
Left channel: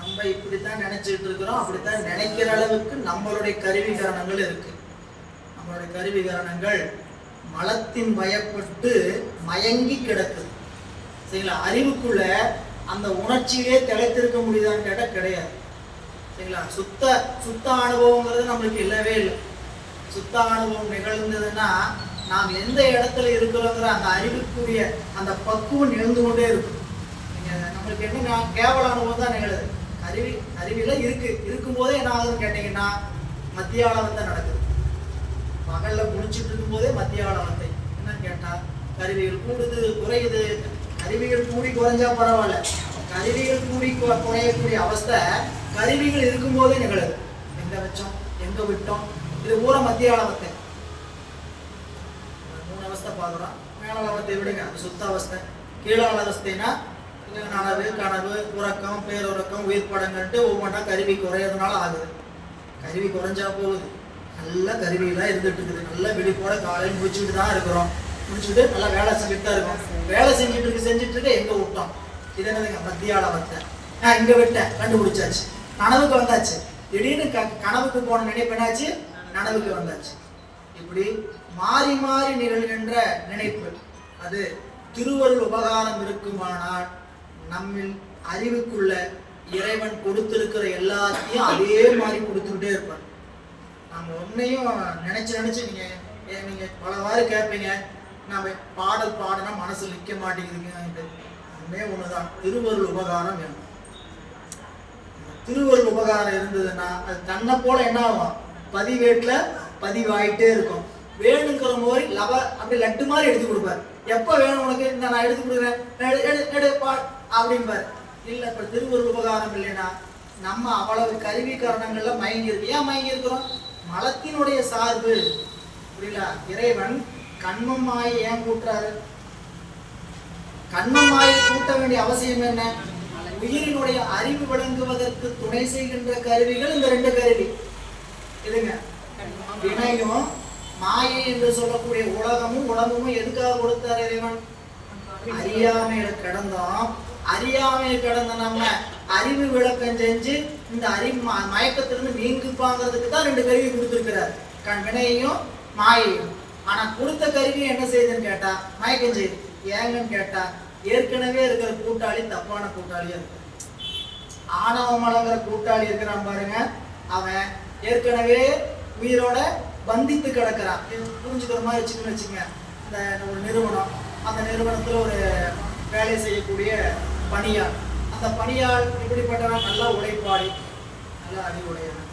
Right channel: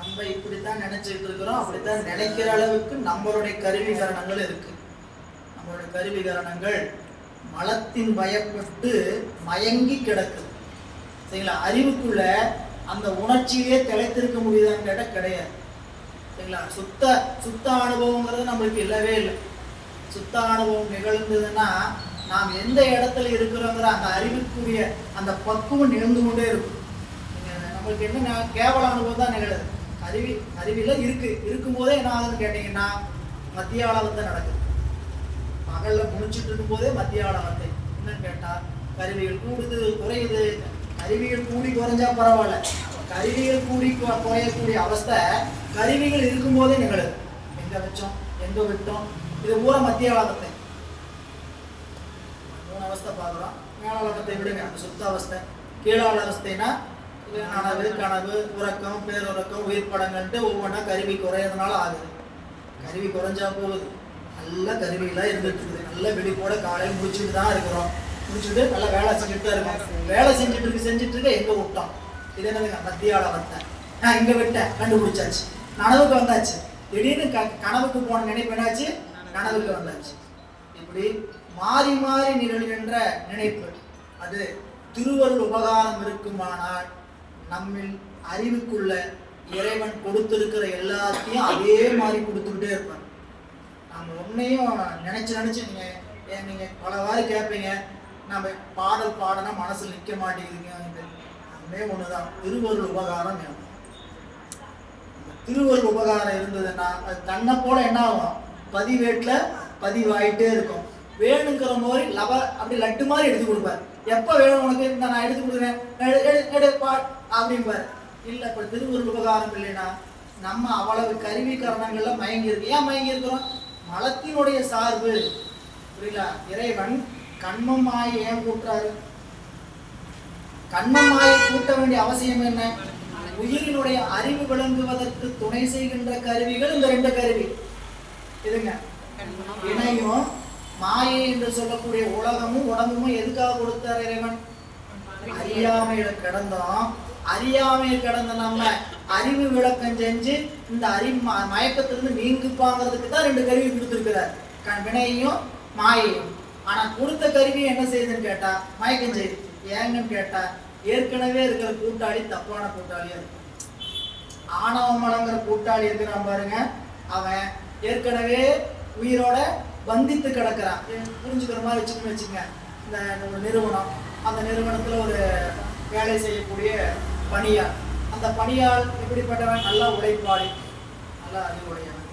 நம்ம இப்படித்தான் நினைச்சிட்டு இருக்கிறோம். அப்படித்தான் நினைக்கிற அளவுக்கு நம்மளுடைய கருவிகரணங்கள் இருக்கு. நம்மளுடைய கருவிகரணங்கள் மலத்தின் பயப்பட்டு மயங்கி கிடக்குது சரிங்களா. அறிவுக்குள்ள அந்த உணர்ச்சியே திளைத்திருக்க முடியுதான்னு கேட்டா கிடையாது சரிங்களா. சுத்த அனுபவங்கிறது நம்மளுக்கு இல்லவே இல்லை. சுத்த அனுபவம் நிகழ்ந்ததுன்னா நாம் எந்த இடத்துல இருக்கிறோங்கிற அந்த அறிவுக்குரிய அந்த பக்குவம் நிகழ்ந்து கொண்டே இருக்கும். நம்மளுக்கு என்ன கேவல அனுபவம் தான் நிகழுது. அறிவில இருக்கும்போதே என்ன ஆகுதுன்னு கேட்டீங்கன்னா மத்திய ஆளவத்தை நடக்குது. பகல்ல முடிச்சுட்டு இருக்கும் போதே மத்திய ஆளவத்தை என்னன்னு கேட்டா கருவிகள் கூடுது குறையுது. கருவிகள் கூடி குறைஞ்சா பரவாயில்ல, கருவிகள் கூடி குறையக்கூடிய அவஸ்தை கருவிகள் இருக்கும் போதே நிகழுது. எங்க வச்சோம் எங்க விட்டோம், இது ஊர மத்திய ஆளவத்தை. 3 அவஸ்தை பார்க்கலாம். மேலாளவத்தை விடுங்க, அது சுத்த அவஸ்தை. கீழாள அவஸ்தைனா நனவு, கனவு, உறக்கம், பேருறக்கம், உயிர் படங்கள்ட்டு ஒவ்வொன்றா கருவி குறையிறதுனால ஆகுது. கருவி குறைஞ்சா போகுது, நல்ல கருவியெல்லாம் இருந்துட்டு இருக்குது. நல்ல விழிப்போட காலையில் முடிச்சுட்டு தான் இருக்கிறோம். முடிச்சுட்டு நல்லா வேலை செஞ்சுட்டு தான் இருக்கோம். வேலை செஞ்சுட்டு இருக்க எங்க விட்டோம்? இது என்னதுங்க? மத்தியால வந்தேன், இங்க விட்டேன், கண்டுபிடிச்சாச்சு, நனவுக்கு வந்தாச்சு. திடீர்னு கனவுக்கு போன நினைப்பு என்னாச்சு? நனவுக்கு வந்தாச்சு. இப்படி மாறி மாறி நிகழ்கின்ற நினைப்பு. அது திருவருள் உபகாரம் இருக்குமானால் நம்மில் அறிவுக்குள்ள இறைவன் கொடுத்திருக்கிற எல்லாத்தையும் அதே மாதிரி கொடுத்துக்கிட்டே இருப்பார். நம்ம ஒன்னையும் நினைச்சு நீங்க பலவாறு கேட்பீங்க, நம்ம பாடல் பாடினா மனசு நிற்க மாட்டேங்குதுங்க. ஒன்னே ஒண்ணுதான், திருவருள் உபகாரம் வேணும். திருவருள் உபகாரம் இருந்ததுன்னா அது தன்னை போல என்ன ஆகும்? பதிவேட்டுல பதிவாயிட்டே இருக்கும். வேணுங்கிற மாதிரி அப்படி லட்டு மாதிரி எடுத்து கொடுப்பார். எப்ப வேணும் உனக்கு? நான் எடுத்து கொடுக்குறேன் அப்படின்பாரு. இல்ல இப்ப திருவருள் உபகாரம் இல்லைன்னா நம்ம அவ்வளவு கருவி காரணங்கள்ல மயங்கி இருக்கு. ஏன் மயங்கி இருக்கிறோம்? மலத்தினுடைய சார்பு. புரியல? இறைவன் கண்மமாயை ஏன் கூட்டுறாரு? கண்மமாயை கூட்ட வேண்டிய அவசியம் என்ன? உயிரினுடைய அறிவு விளங்குவதற்கு துணை செய்கின்ற கருவிகள் இந்த ரெண்டு கருவி. இதுங்க வினையும் மாயை என்று சொல்லக்கூடிய உலகமும் உடம்பும் எதுக்காக கொடுத்தார் இறைவன்? அறியாமையில கிடந்தோம். அறியாமையை கிடந்த நம்ம அறிவு விளக்கம் செஞ்சு இந்த அறிவு மயக்கத்திலிருந்து நீங்குப்பாங்கிறதுக்கு தான் ரெண்டு கருவி கொடுத்துருக்கிறார், வினையையும் மாயையும். ஆனா கொடுத்த கருவி என்ன செய்யுதுன்னு கேட்டா மயக்கம் செய்யுது. ஏங்கன்னு கேட்டா ஏற்கனவே இருக்கிற கூட்டாளி தப்பான கூட்டாளியா இருக்கும். ஆணவமலங்கிற கூட்டாளி இருக்கிறான் பாருங்க, அவன் ஏற்கனவே உயிரோட பந்தித்து கிடக்கிறான். புரிஞ்சுக்கிற மாதிரி வச்சுங்க. இந்த ஒரு நிறுவனம், அந்த நிறுவனத்துல ஒரு வேலை செய்யக்கூடிய பணியாள். அந்த பணியாள் இப்படிப்பட்டவன் நல்ல உழைப்பாளி, நல்ல அறிவுடையவன்.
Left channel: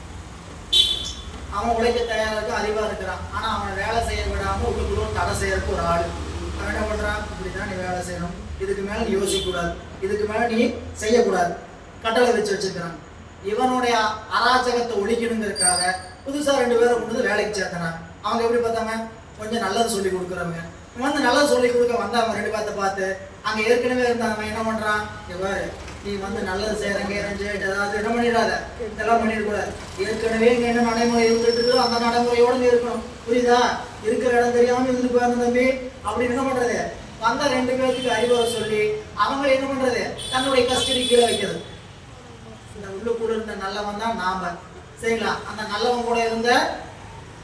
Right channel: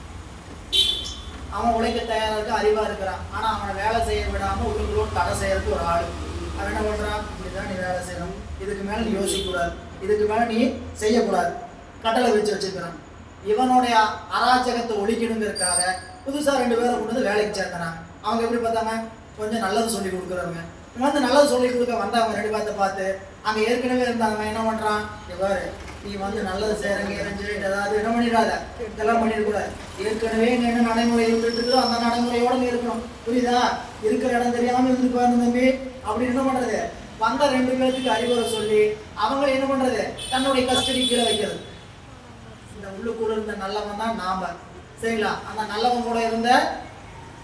அவன் உழைக்க தயாரா இருக்க, அறிவா இருக்கிறான். ஆனா அவனை வேலை செய்ய விடாம உள்ளுக்குள்ள தடை செய்யறதுக்கு ஒரு ஆளு. அவன் என்ன பண்றான்? இப்படிதான் நீ வேலை செய்யணும், இதுக்கு மேல நீ யோசிக்க கூடாது, இதுக்கு மேல நீ செய்யக்கூடாது, கட்டளை வச்சுக்கிறான். இவனுடைய அராஜகத்தை ஒழிக்கணுங்கிறதுக்காக புதுசா ரெண்டு பேரை கொண்டு வந்து வேலைக்கு சேர்த்தனான். அவங்க எப்படி பார்த்தாங்க? கொஞ்சம் நல்லது சொல்லி கொடுக்குறவங்க. வந்து நல்லது சொல்லி கொடுக்க வந்தவங்க ரெண்டு பேர்த்த பார்த்து அங்க ஏற்கனவே இருந்தவன் என்ன பண்றான்? இவர் நீ வந்து நல்லது செய்யறங்க ஏதாவது என்ன பண்ணிடாத, இதெல்லாம் பண்ணிடக்கூடாது. ஏற்கனவே நீ என்ன நடைமுறை இருந்துட்டு இருக்கோ அந்த நடைமுறையோட நீ இருக்கணும். புரியுதா? இருக்கிற இடம் தெரியாம இருந்துட்டு போயிருந்த தம்பி அப்படின்னு என்ன பண்றது? வந்த ரெண்டு பேருக்கு அறிவுரை சொல்லி அவங்க என்ன பண்றது? தன்னுடைய கஸ்டடி கீழே வைக்கிறது. இந்த உள்ளுக்குள்ள இருந்த நல்லவன் தான் நாம, சரிங்களா? அந்த நல்லவன் கூட இருந்த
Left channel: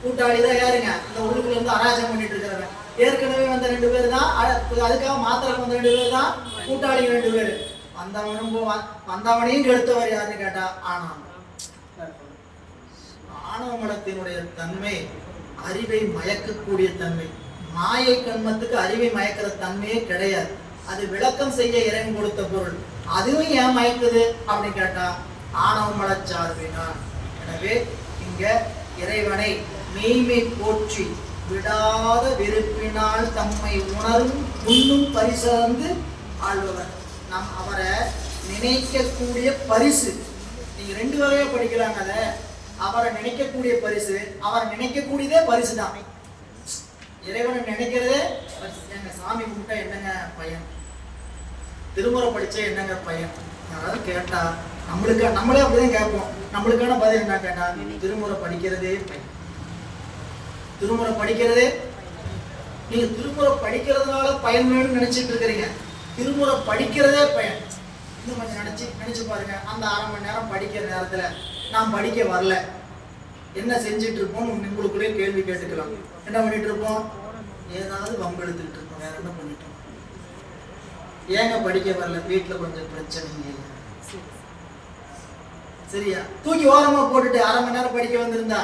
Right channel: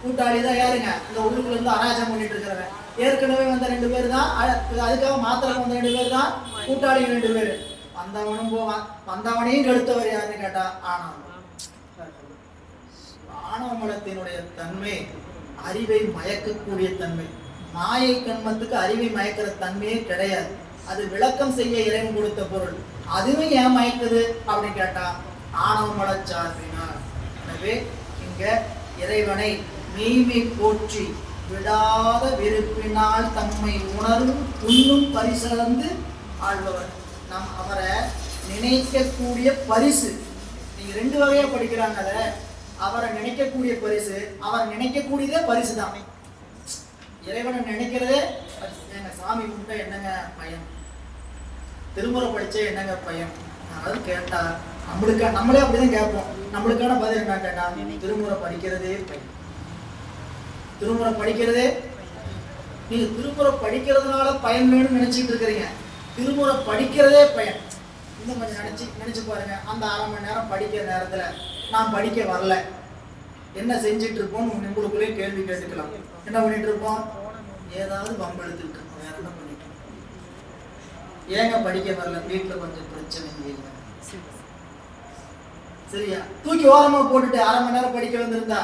கூட்டாளி தான் யாருங்க? அந்த உள்ளுக்குள்ள இருந்து அராஜகம் பண்ணிட்டு இருக்கிறவன். ஏற்கனவே வந்த ரெண்டு பேர் தான், அதுக்காக மாத்திரம் வந்த ரெண்டு பேர் தான் கூட்டாளிகள் ரெண்டு பேர். வந்தவனையும் கெடுத்தவர் யாருன்னு கேட்டா ஆணவம். ஆணவமலத்தினுடைய தன்மை அறிவை மயக்கக்கூடிய தன்மை. மாயை கண்மத்துக்கு அறிவை மயக்கிற தன்மையே கிடையாது. அது விளக்கம் செய்ய இறைவன் கொடுத்த பொருள். அதுவும் ஏன் மயக்குது அப்படின்னு கேட்டா ஆணவமல சார்பினார். எனவே இங்க இறைவனை மெய்மை போற்றி விடாத வெறுப்பினால் தம்மை உணரும் உண்ணும் பரிசார்ந்து ஆழ்பவர். நாம் அவரை நினைக்கக்கூடிய பரிசு. நீங்க ரெண்டு வகையா படிக்கிறாங்க. அவரை நினைக்கக்கூடிய பரிசு, அவரை நினைக்கக்கூடியதே பரிசு தான். இறைவனை நினைக்கிறதே எங்க சாமி கும்பிட்டா என்னங்க பயன், திருமுறை படிச்சா என்னங்க பயன்? யாராவது கேட்டா நம்மளே அப்படிதான் கேட்போம். நம்மளுக்கான பதில் என்ன கேட்டா திருமுறை படிக்கிறதே பயன். திருமுறை படிக்கிறதே, நீங்க திருமுறை படிக்கிறதுனால பயன் வேணும்னு நினைச்சிட்டு இருக்கிறீங்க. திருமுறை படிக்கிறதே பயன். இன்னும் கொஞ்சம் நினைச்சு பாருங்க. அந்த 1/2 மணி நேரம் படிக்கிற நேரத்துல நான் படிக்க வரல, என்ன செஞ்சுட்டு இருப்போம்? உங்களுக்குள்ளே கேள்வி கேட்டுக்கலாம். என்ன பண்ணிட்டு இருப்போம்? ஏதாவது வம்பு எடுத்துக்கிட்டு இருப்போம். வேற என்ன பண்ணிட்டு இருப்போம்? ஏங்க படிக்க வரல? வீட்டுல கொஞ்சம் பிரச்சனை இல்லை, சரியா? தூக்கி ஓரமா போட்டுட்டு 1/2 மணி நேரம் படிக்க வந்திருந்தா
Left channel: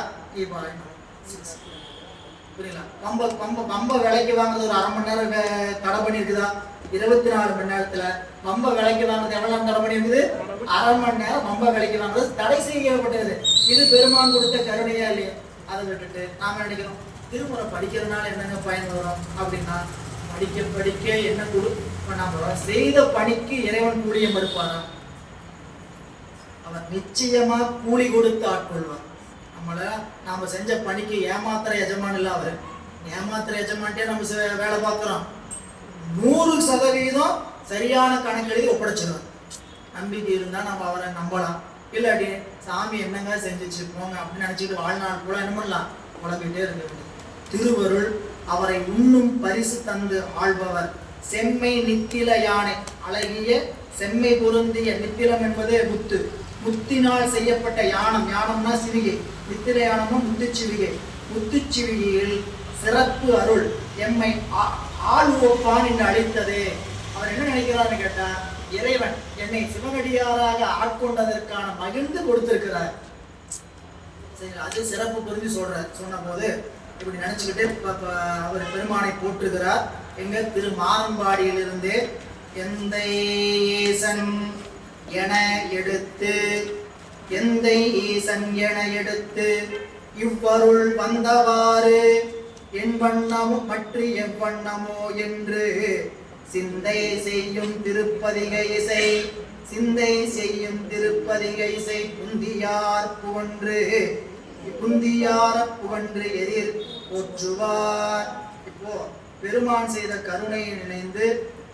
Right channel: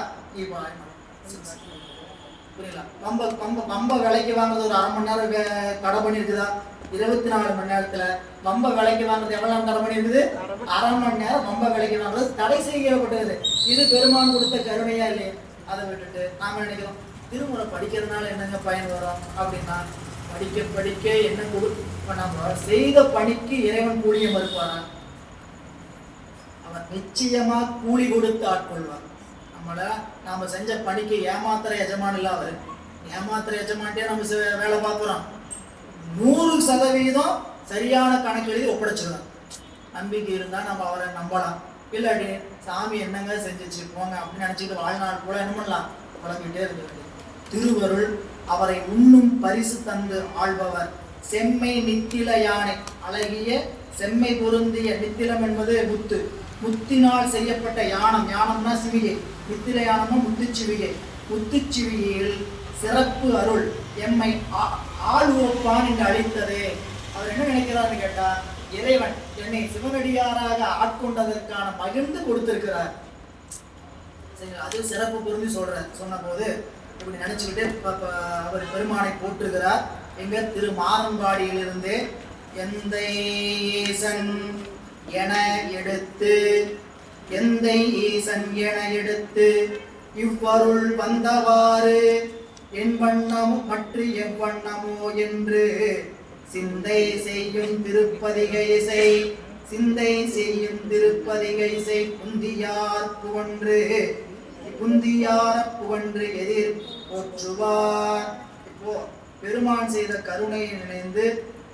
புரியல? பம்ப விலைக்கு வாங்குறது ஒரு 1/2 மணி நேரம் தடை பண்ணிருக்குதா? 24 மணி நேரத்துல பம்ப விலைக்கு வாங்குறது எவ்வளவு தடை பண்ணிருக்குது? 1/2 மணி நேரம் பம்ப விலைக்கு வாங்குறது தடை செய்யப்பட்டது. இது பெருமான் கொடுத்த கருணையா இல்லையா? அதை விட்டுட்டு நாம நினைக்கிறோம் திருமுறை படிக்கிறதுனால என்னங்க பயன் வரும் அப்படின்னா, படிக்க என்ன நம்ம செய்த பணிக்கு இறைவன் கூலிய மறுப்பாரா? அவர் நிச்சயமா கூலி கொடுத்து ஆட்கொள்வார். நாம செஞ்ச பணிக்கு ஏமாத்திர எஜமான் இல்ல அவர். ஏமாத்திர எஜமான்ட்டே நம்ம வேலை பார்க்கிறோம். 100% சரியான கணக்கு எழுதி ஒப்படைச்சிடலாம். நம்பிக்கை இருந்தா நம்ம அவரை நம்பலாம், இல்லாட்டி சாமி என்னங்க செஞ்சிச்சு போங்க அப்படின்னு நினைச்சிட்டு வாழ்நாள் கூட என்ன பண்ணலாம், குழம்பிட்டே இருக்க வேண்டியது. திருவருள் அவரை உண்ணும் பரிசு தந்து ஆள்பவர் செம்மை நித்தில யானை. அழகிய செம்மை பொருந்திய நித்திலம் என்பது முத்து, முத்தினால் செய்யப்பட்ட யானம். யானம்னா சிவிகை, நித்தில யானம்னா முத்துச்சிவிகை. முத்துச்சிவிகையில் சிறப்பு அருள் எம்மை ஆளுவோப்பான் என்று அழைத்ததே. அவர் என்ன நினைக்கிறார்னு கேட்டா, இறைவன் என்னை சிவனடியாராக ஆட்கொண்டதற்கான மகிழ்ந்து கொடுத்திருக்கிறார். அது சிறப்பு பொருந்தி சொன்ன போது இப்படி நினைச்சுக்கிட்டு அவர் பெருமானை போற்றுகிறார். எங்க திருமாரம்பாடியிலிருந்தே எந்தை ஈசன் என எடுத்து, எந்தை ஈசன் என எடுத்து இவ்வருள் வந்தவாறு என் வண்ணமோ மற்ற எவ்வண்ணமோ என்று சிந்தை செய்யும் திருப்பதிகை இசை, சிந்தை செய்யும் திருப்பதிகை இசை புந்தியார் புகன்று, புந்தியார புகன்று எதிர் போற்றுவார். இப்போ பெருமான் செய்த கருணையை நினைந்து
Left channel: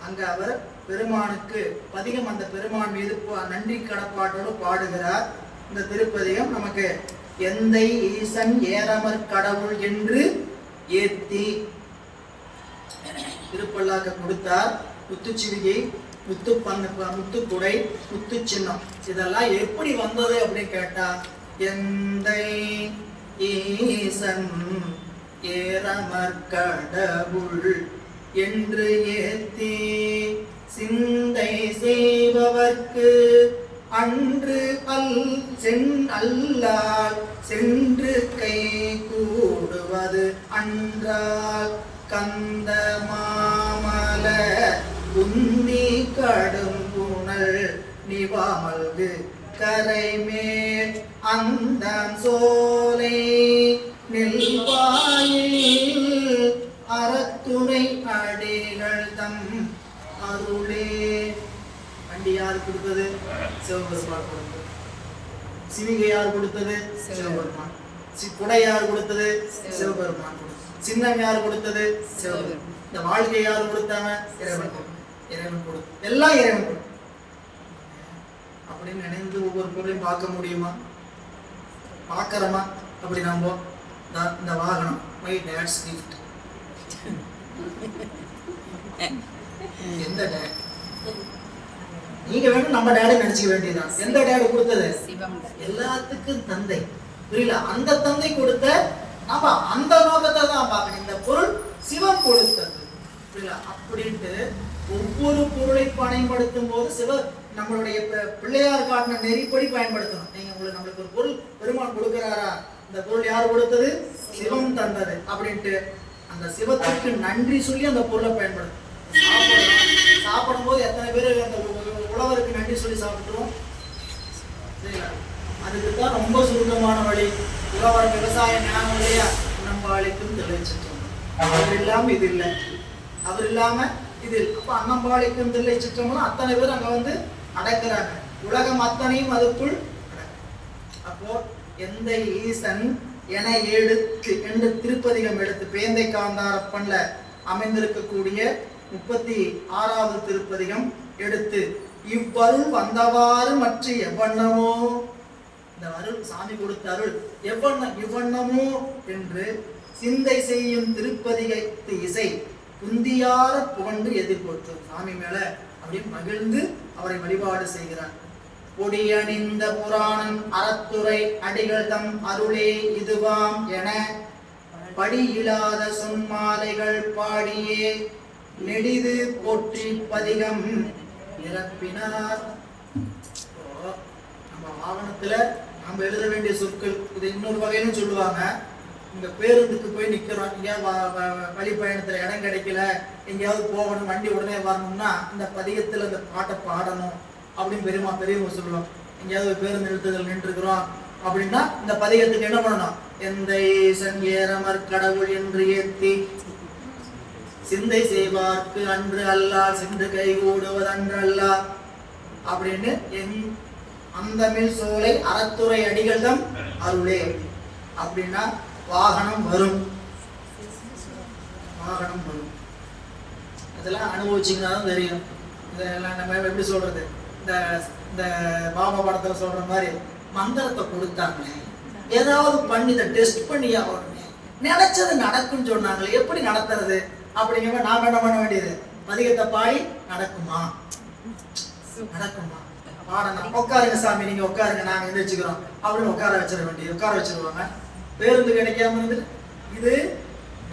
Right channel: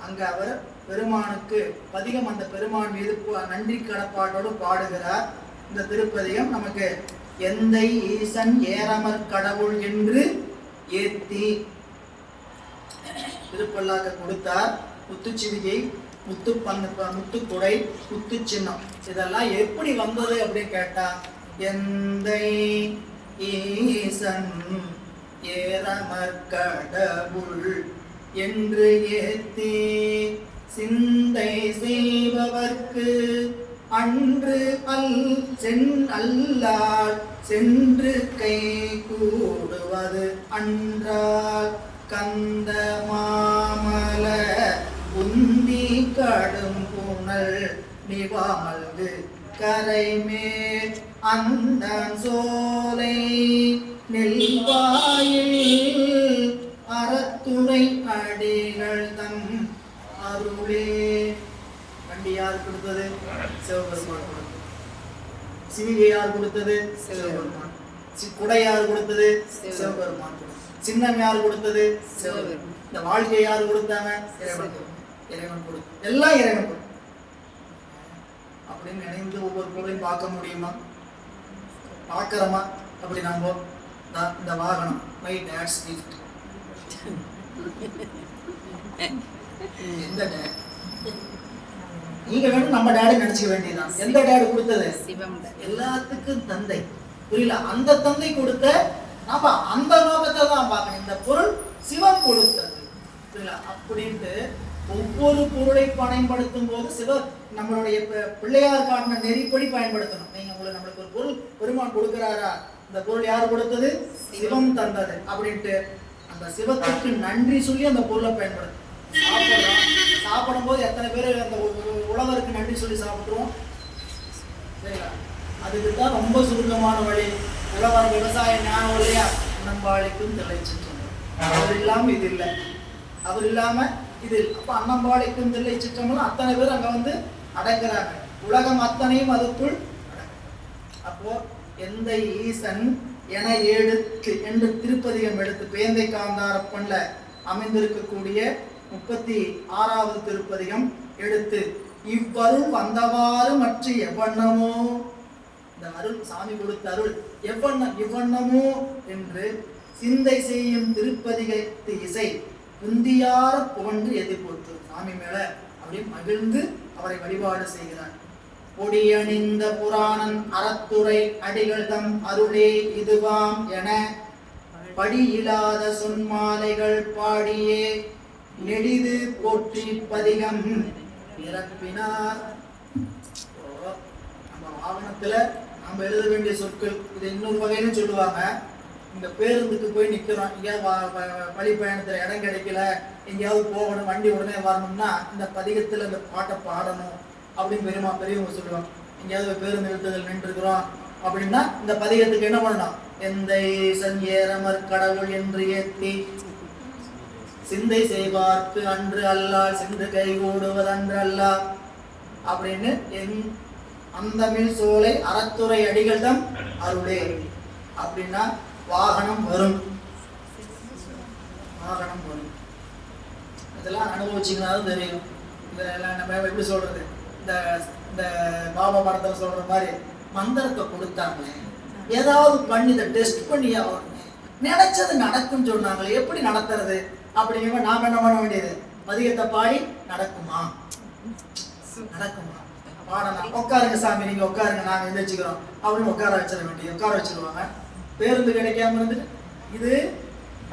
அங்க அவர் பெருமானுக்கு பதிகம், அந்த பெருமான் மீது நன்றி கடப்பாட்டோடு பாடுகிறார். இந்த திருப்பதிகம் நமக்கு எந்தை ஈசன் ஏரமர் கடவுள் என்று ஏத்தி திருப்பல்லாக்க கொடுத்தார். முத்துச்சிவிகை, முத்துக்குடை, முத்து சின்னம் இதெல்லாம் எப்படி வந்தது அப்படின்னு கேட்டா, எந்தை ஈசன் ஏரமர் கடவுள் என்று ஏத்தி சிந்தை செய்பவர்க்கு அன்று அல்லால் சென்று கை கூடுவது அன்றால் கந்த மாமல குந்தி கடும் புனல் நிவாமல்கு கரைமேல் அந்த சோலை நெல்வாயில் அறத்துறை அடிகள் தம் அருளே. வண்டி யார் கொடுத்தது? சிவபெருமான் கொடுத்தது. சிவிகை யார் கொடுத்தது? சிவபெருமான். குடை யார் கொடுத்தது? சிவபெருமான். சின்னம் யார் கொடுத்தது? சிவபெருமான். இந்த வாழ்க்கையை யார் கொடுத்தாங்க? இறைவன் கொடுத்து, எல்லாம் இறைவன் கொடுத்து அப்படின்னு நினைந்து ஒவ்வொரு பொருளையும் பார்க்க முடியுமா? பார்க்கறோமா? அப்படி நாம இந்த வாகனம் மை டாட்ஸ் கிஃப்ட். எந்த டேட்? நீங்க வேணும் நம்ம டேடி நினைச்சுக்க வேண்டியதுதான். எந்த டேடி கொடுத்தது? எல்லாத்துக்கும் தந்தை. புரியல? அந்த தந்தை கொடுத்த நாம அந்த நோக்கத்தை தான் பார்க்கணும். இந்த பொருள் சிவன் கொடுத்தது. புரியல? அப்படின்ட்டு ஒவ்வொரு பொருளை பயன்படுத்தும் போது நம்மளுடைய பிள்ளையார் காட்டின நெறிப்படி பயன்படுத்தணும். நீங்க நம்மளுக்கு ஒரு பொருள் பெருமான் கொடுக்கிறாரா, இந்த பொருள் யார் கொடுத்தது? சிவம் தந்தது அப்படின்ட்டு அந்த சிவத்துக்கு நன்றி சொல்லி அந்த பொருளை பயன்படுத்தும். சாப்பிடும் போது எத்தனை பேர் அந்த உழவருக்கு நன்றி சொல்லி சாப்பிட்டுருவோம்? சரிங்களா? அதுக்கு தான் ரொம்ப சுருக்கமான வழி. உழவர் விவசாய ஞானம் இல்லையா, அன்னம்பாளிக்கும் தில்லைச்சிற்றம்பலம். அவர் இல்லாம இது இல்லை, அவர் இல்லாம இது. அப்ப அன்னம்பாளிக்கும் தில்லைச்சிற்றம்பலம் அத்தனை பேர் அங்க வந்து அடக்குறாங்க. உலகம் அத்தனையும் அதுக்குள். அப்போ எந்த ஈசன் என எடுத்து என்று திருப்பதிகம் எடுத்து பேந்தை காந்தாரப்பன்ல அமைந்திருக்கக்கூடிய 36வது திருப்பதிகம் எடுத்து இவ்வருள் வந்தவாறு மற்ற எவ்வண்ணமோ, இந்த அருள் சாமி கொடுத்த அருள் எவ்வண்ணமோ என்று சிந்தை செய்யும் திருப்பதிகத்து இசை புந்தியார புகழ்ந்து எதிர்போற்று. சாமி மேல அப்படி மகிழ்ந்து அவரை வழிபாடு செய்கிறார். பொடியணிந்த புராணன் அறத்துறை அடிகள் தம் அருளே இதுவாம் என படியில்லாத சொன்மாலைகள் பாடியே நெடிது போற்றி பதிகம் நிரப்பினார். நம்ம வாகனத்துல நாம் எழுத வேண்டிய சொற்கள் இது இன்னொரு வகையிலும் சொல்லுவாங்க. இங்க பேருந்துக்கு போய் நிக்கிறோம், எங்கேயாவது வழி பயணத்துல இடம் கிடைக்கல, எங்கேயாவது போகணும், வண்டி உடனே வரணும்னா இந்த பதிகத்துல இந்த பாட்டை பாடணும் அப்படின்னு பெரியவங்க சொல்லுவாங்க. எங்கேயாவது பேருந்து நிறுத்துதல் நின்று இருக்கிறோம் அப்படின்னா இந்த பதிகத்துக்கு என்ன பண்ணணும்? எந்தை சங்கேரமர் கடவுள் என்று ஏத்தி சிந்தை செய்வார்க்கு அன்று அல்லா சென்று கை கூடுவது அன்று அல்லா அப்படின்னு அந்த மில் சோலை அறத்துறை அடிகள் தம் அருளே அப்படின்னா வாகனம் வரும். வாகனம் வரும். இதெல்லாம் அனுபவிச்சிங்கன்னா தான் தெரியும். இதெல்லாம் நம்ம எப்படி சொல்றது, இந்த இந்த பாபா படத்துல சொல்ற மாதிரி மந்திரத்தை கொடுத்தாங்க, ஏதாவது பண்ணி இதை டெஸ்ட் பண்ணி ஆகணுமே, நினைச்சது நடக்கும்னு சொன்னாங்களே, எப்படி நடத்துறது அப்படிங்கிற நாம என்ன பண்ண வேண்டியது, பதிகத்தை பாடி நடக்குமா நடக்குமா பாடணும். உட்காருங்க சாமி, நீங்க உட்காருங்க, நாங்க எந்திரிச்சுக்கிறோம் அப்படின்னு உட்கார வச்சிட வேண்டியது, உட்கார வச்சிருவாங்க. பேருந்து கிடைக்காம வந்துட்டு இது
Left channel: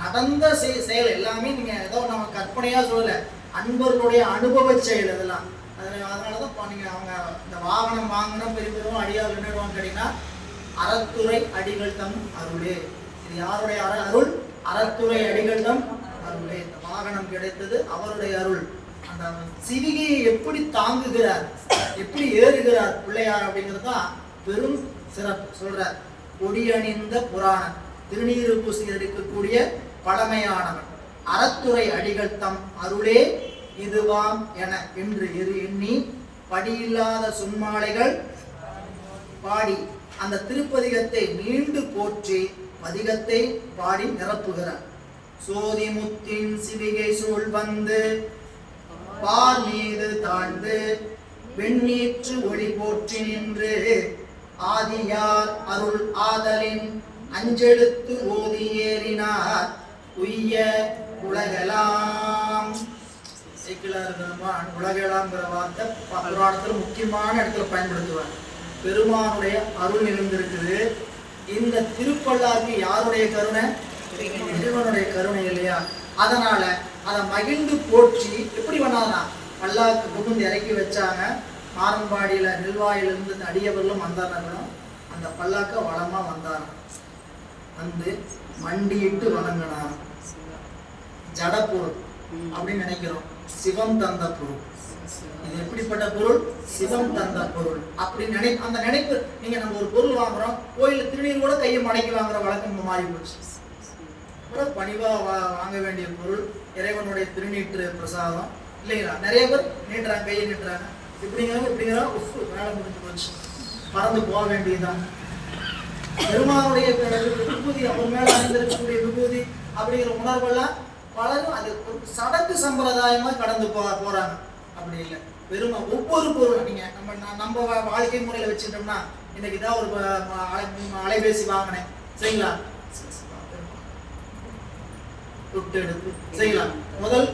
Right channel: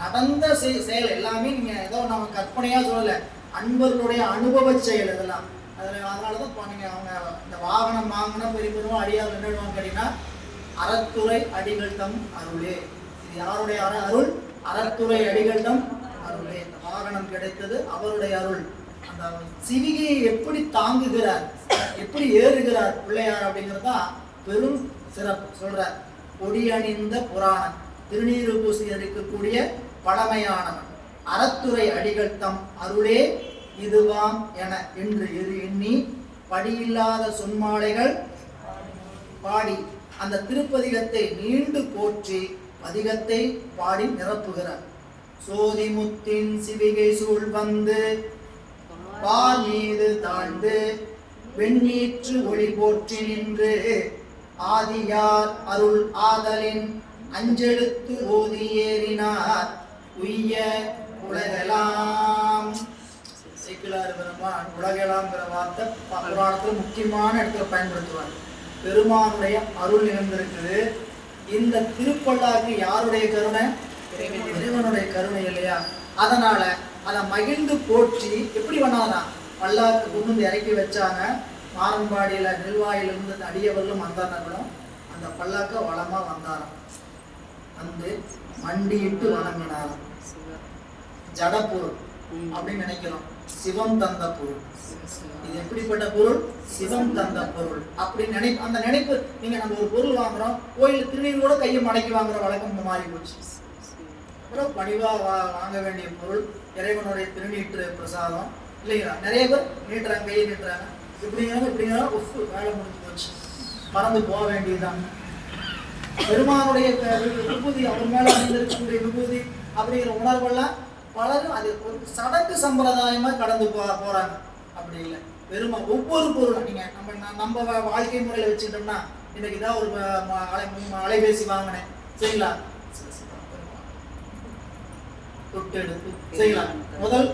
நடந்த செயல் எல்லாமே நீங்க ஏதோ நம்ம கற்பனையா சொல்லல, அன்பர்களுடைய அனுபவ செயல் இதெல்லாம். அதனாலதான் நீங்க அவங்க இந்த வாகனம் வாங்கினா பெரிய பெரும் அடியார் என்னடுவாங்க கேட்டீங்கன்னா, அறத்துறை அடிகள் தம் அருளே. இது யாருடைய அருள்? அறத்துறை அடிகள் தம் அருளே. இந்த வாகனம் கிடைத்தது அவருடைய அருள். அந்த சிவிகையை எப்படி தாங்குகிறார், எப்படி ஏறுகிறார் பிள்ளையார் அப்படிங்கிறது தான் பெரும் சிறப்பு. சொல்றார், கொடியணிந்த புராணம், திருநீறு பூசி எடுக்கக்கூடிய பழமையானவன், அறத்துறை அடிகள் தம் அருளே இதுவாம் என என்று எண்ணி படியில்லாத சொன்மாலைகள் பாடி அந்த திருப்பதிகத்தை நீண்டு போற்றி பதிகத்தை பாடி நிரப்புகிறார். சோதிமுத்தின் சிவிகை சூழ் வந்து பார் மீது தாழ்ந்து வெண்ணீற்று ஒளி போற்றி நின்று ஆதியார் அருள் ஆதலின் அஞ்செழுத்து ஓதி ஏறினார் உய்ய உலகெல்லாம். உலகெல்லாம்ங்கிற வார்த்தை புராணத்துல முக்கியமான இடத்துல பயன்படுத்துவார். பெருமானுடைய அருள் நிகழ்ந்திருக்குது. இந்த திருப்பல்லாக்கு யாருடைய கருணை? இறைவனுடைய கருணை இல்லையா? அதனால அதை மகிழ்ந்து போற்றி எப்படி பண்ணாதா, பல்லாக்கு புகுந்து இறக்கி வச்சாங்க. மாரம்பாடியில நெல்வாயிலிருந்து அடியவர்களும் வந்தார்களும் அந்த பல்லாக்க வளமா வந்தாராம். வந்து மண்டியிட்டு வணங்கினார். ஜடப்பொருள் அப்படின்னு நினைக்கிறோம், சிவம் தந்த பொருள். இது எப்படிப்பட்ட பொருள்? சிவம் தந்த பொருள். அப்படி அந்த நினைப்பு. நீங்க நம்ம ஒரு பொருள் வாங்குறோம், கோயில திருநீர் கூட கையை மடக்கி வாங்குற வழக்கம் மாறி போச்சு. கூட பணிவா வாங்க வேண்டிய பொருள் இறைவனுடைய திருநீற்று பிரசாதம் இல்லைங்களா? நிறைய பேர் நீட்டுறாங்க, கையை நீட்டுறாங்க, இப்படிங்கிறாங்க உப்பு வேலை முடிஞ்சு போச்சு, பறந்து போக வேண்டியதுதான். பெருமானுடைய விபூதி, அவர் மேல அணிந்திருக்கக்கூடிய விபூதி அப்படிங்கிற உணர்வெல்லாம் பலரும் அது ஒரு சடங்கு சம்பிரதாயமா கடந்து போறாங்க. அப்படி இல்லை. பெருமா ஒவ்வொரு பொருளும் நீங்க நம்ம வாழ்க்கை முறையில வச்சுட்டோம்னா, இன்னைக்கு தான் ஒரு அலைபேசி வாங்கினேன் சரிங்களா, கூப்பிட்டு எடுத்து செய்யலாம். முதல்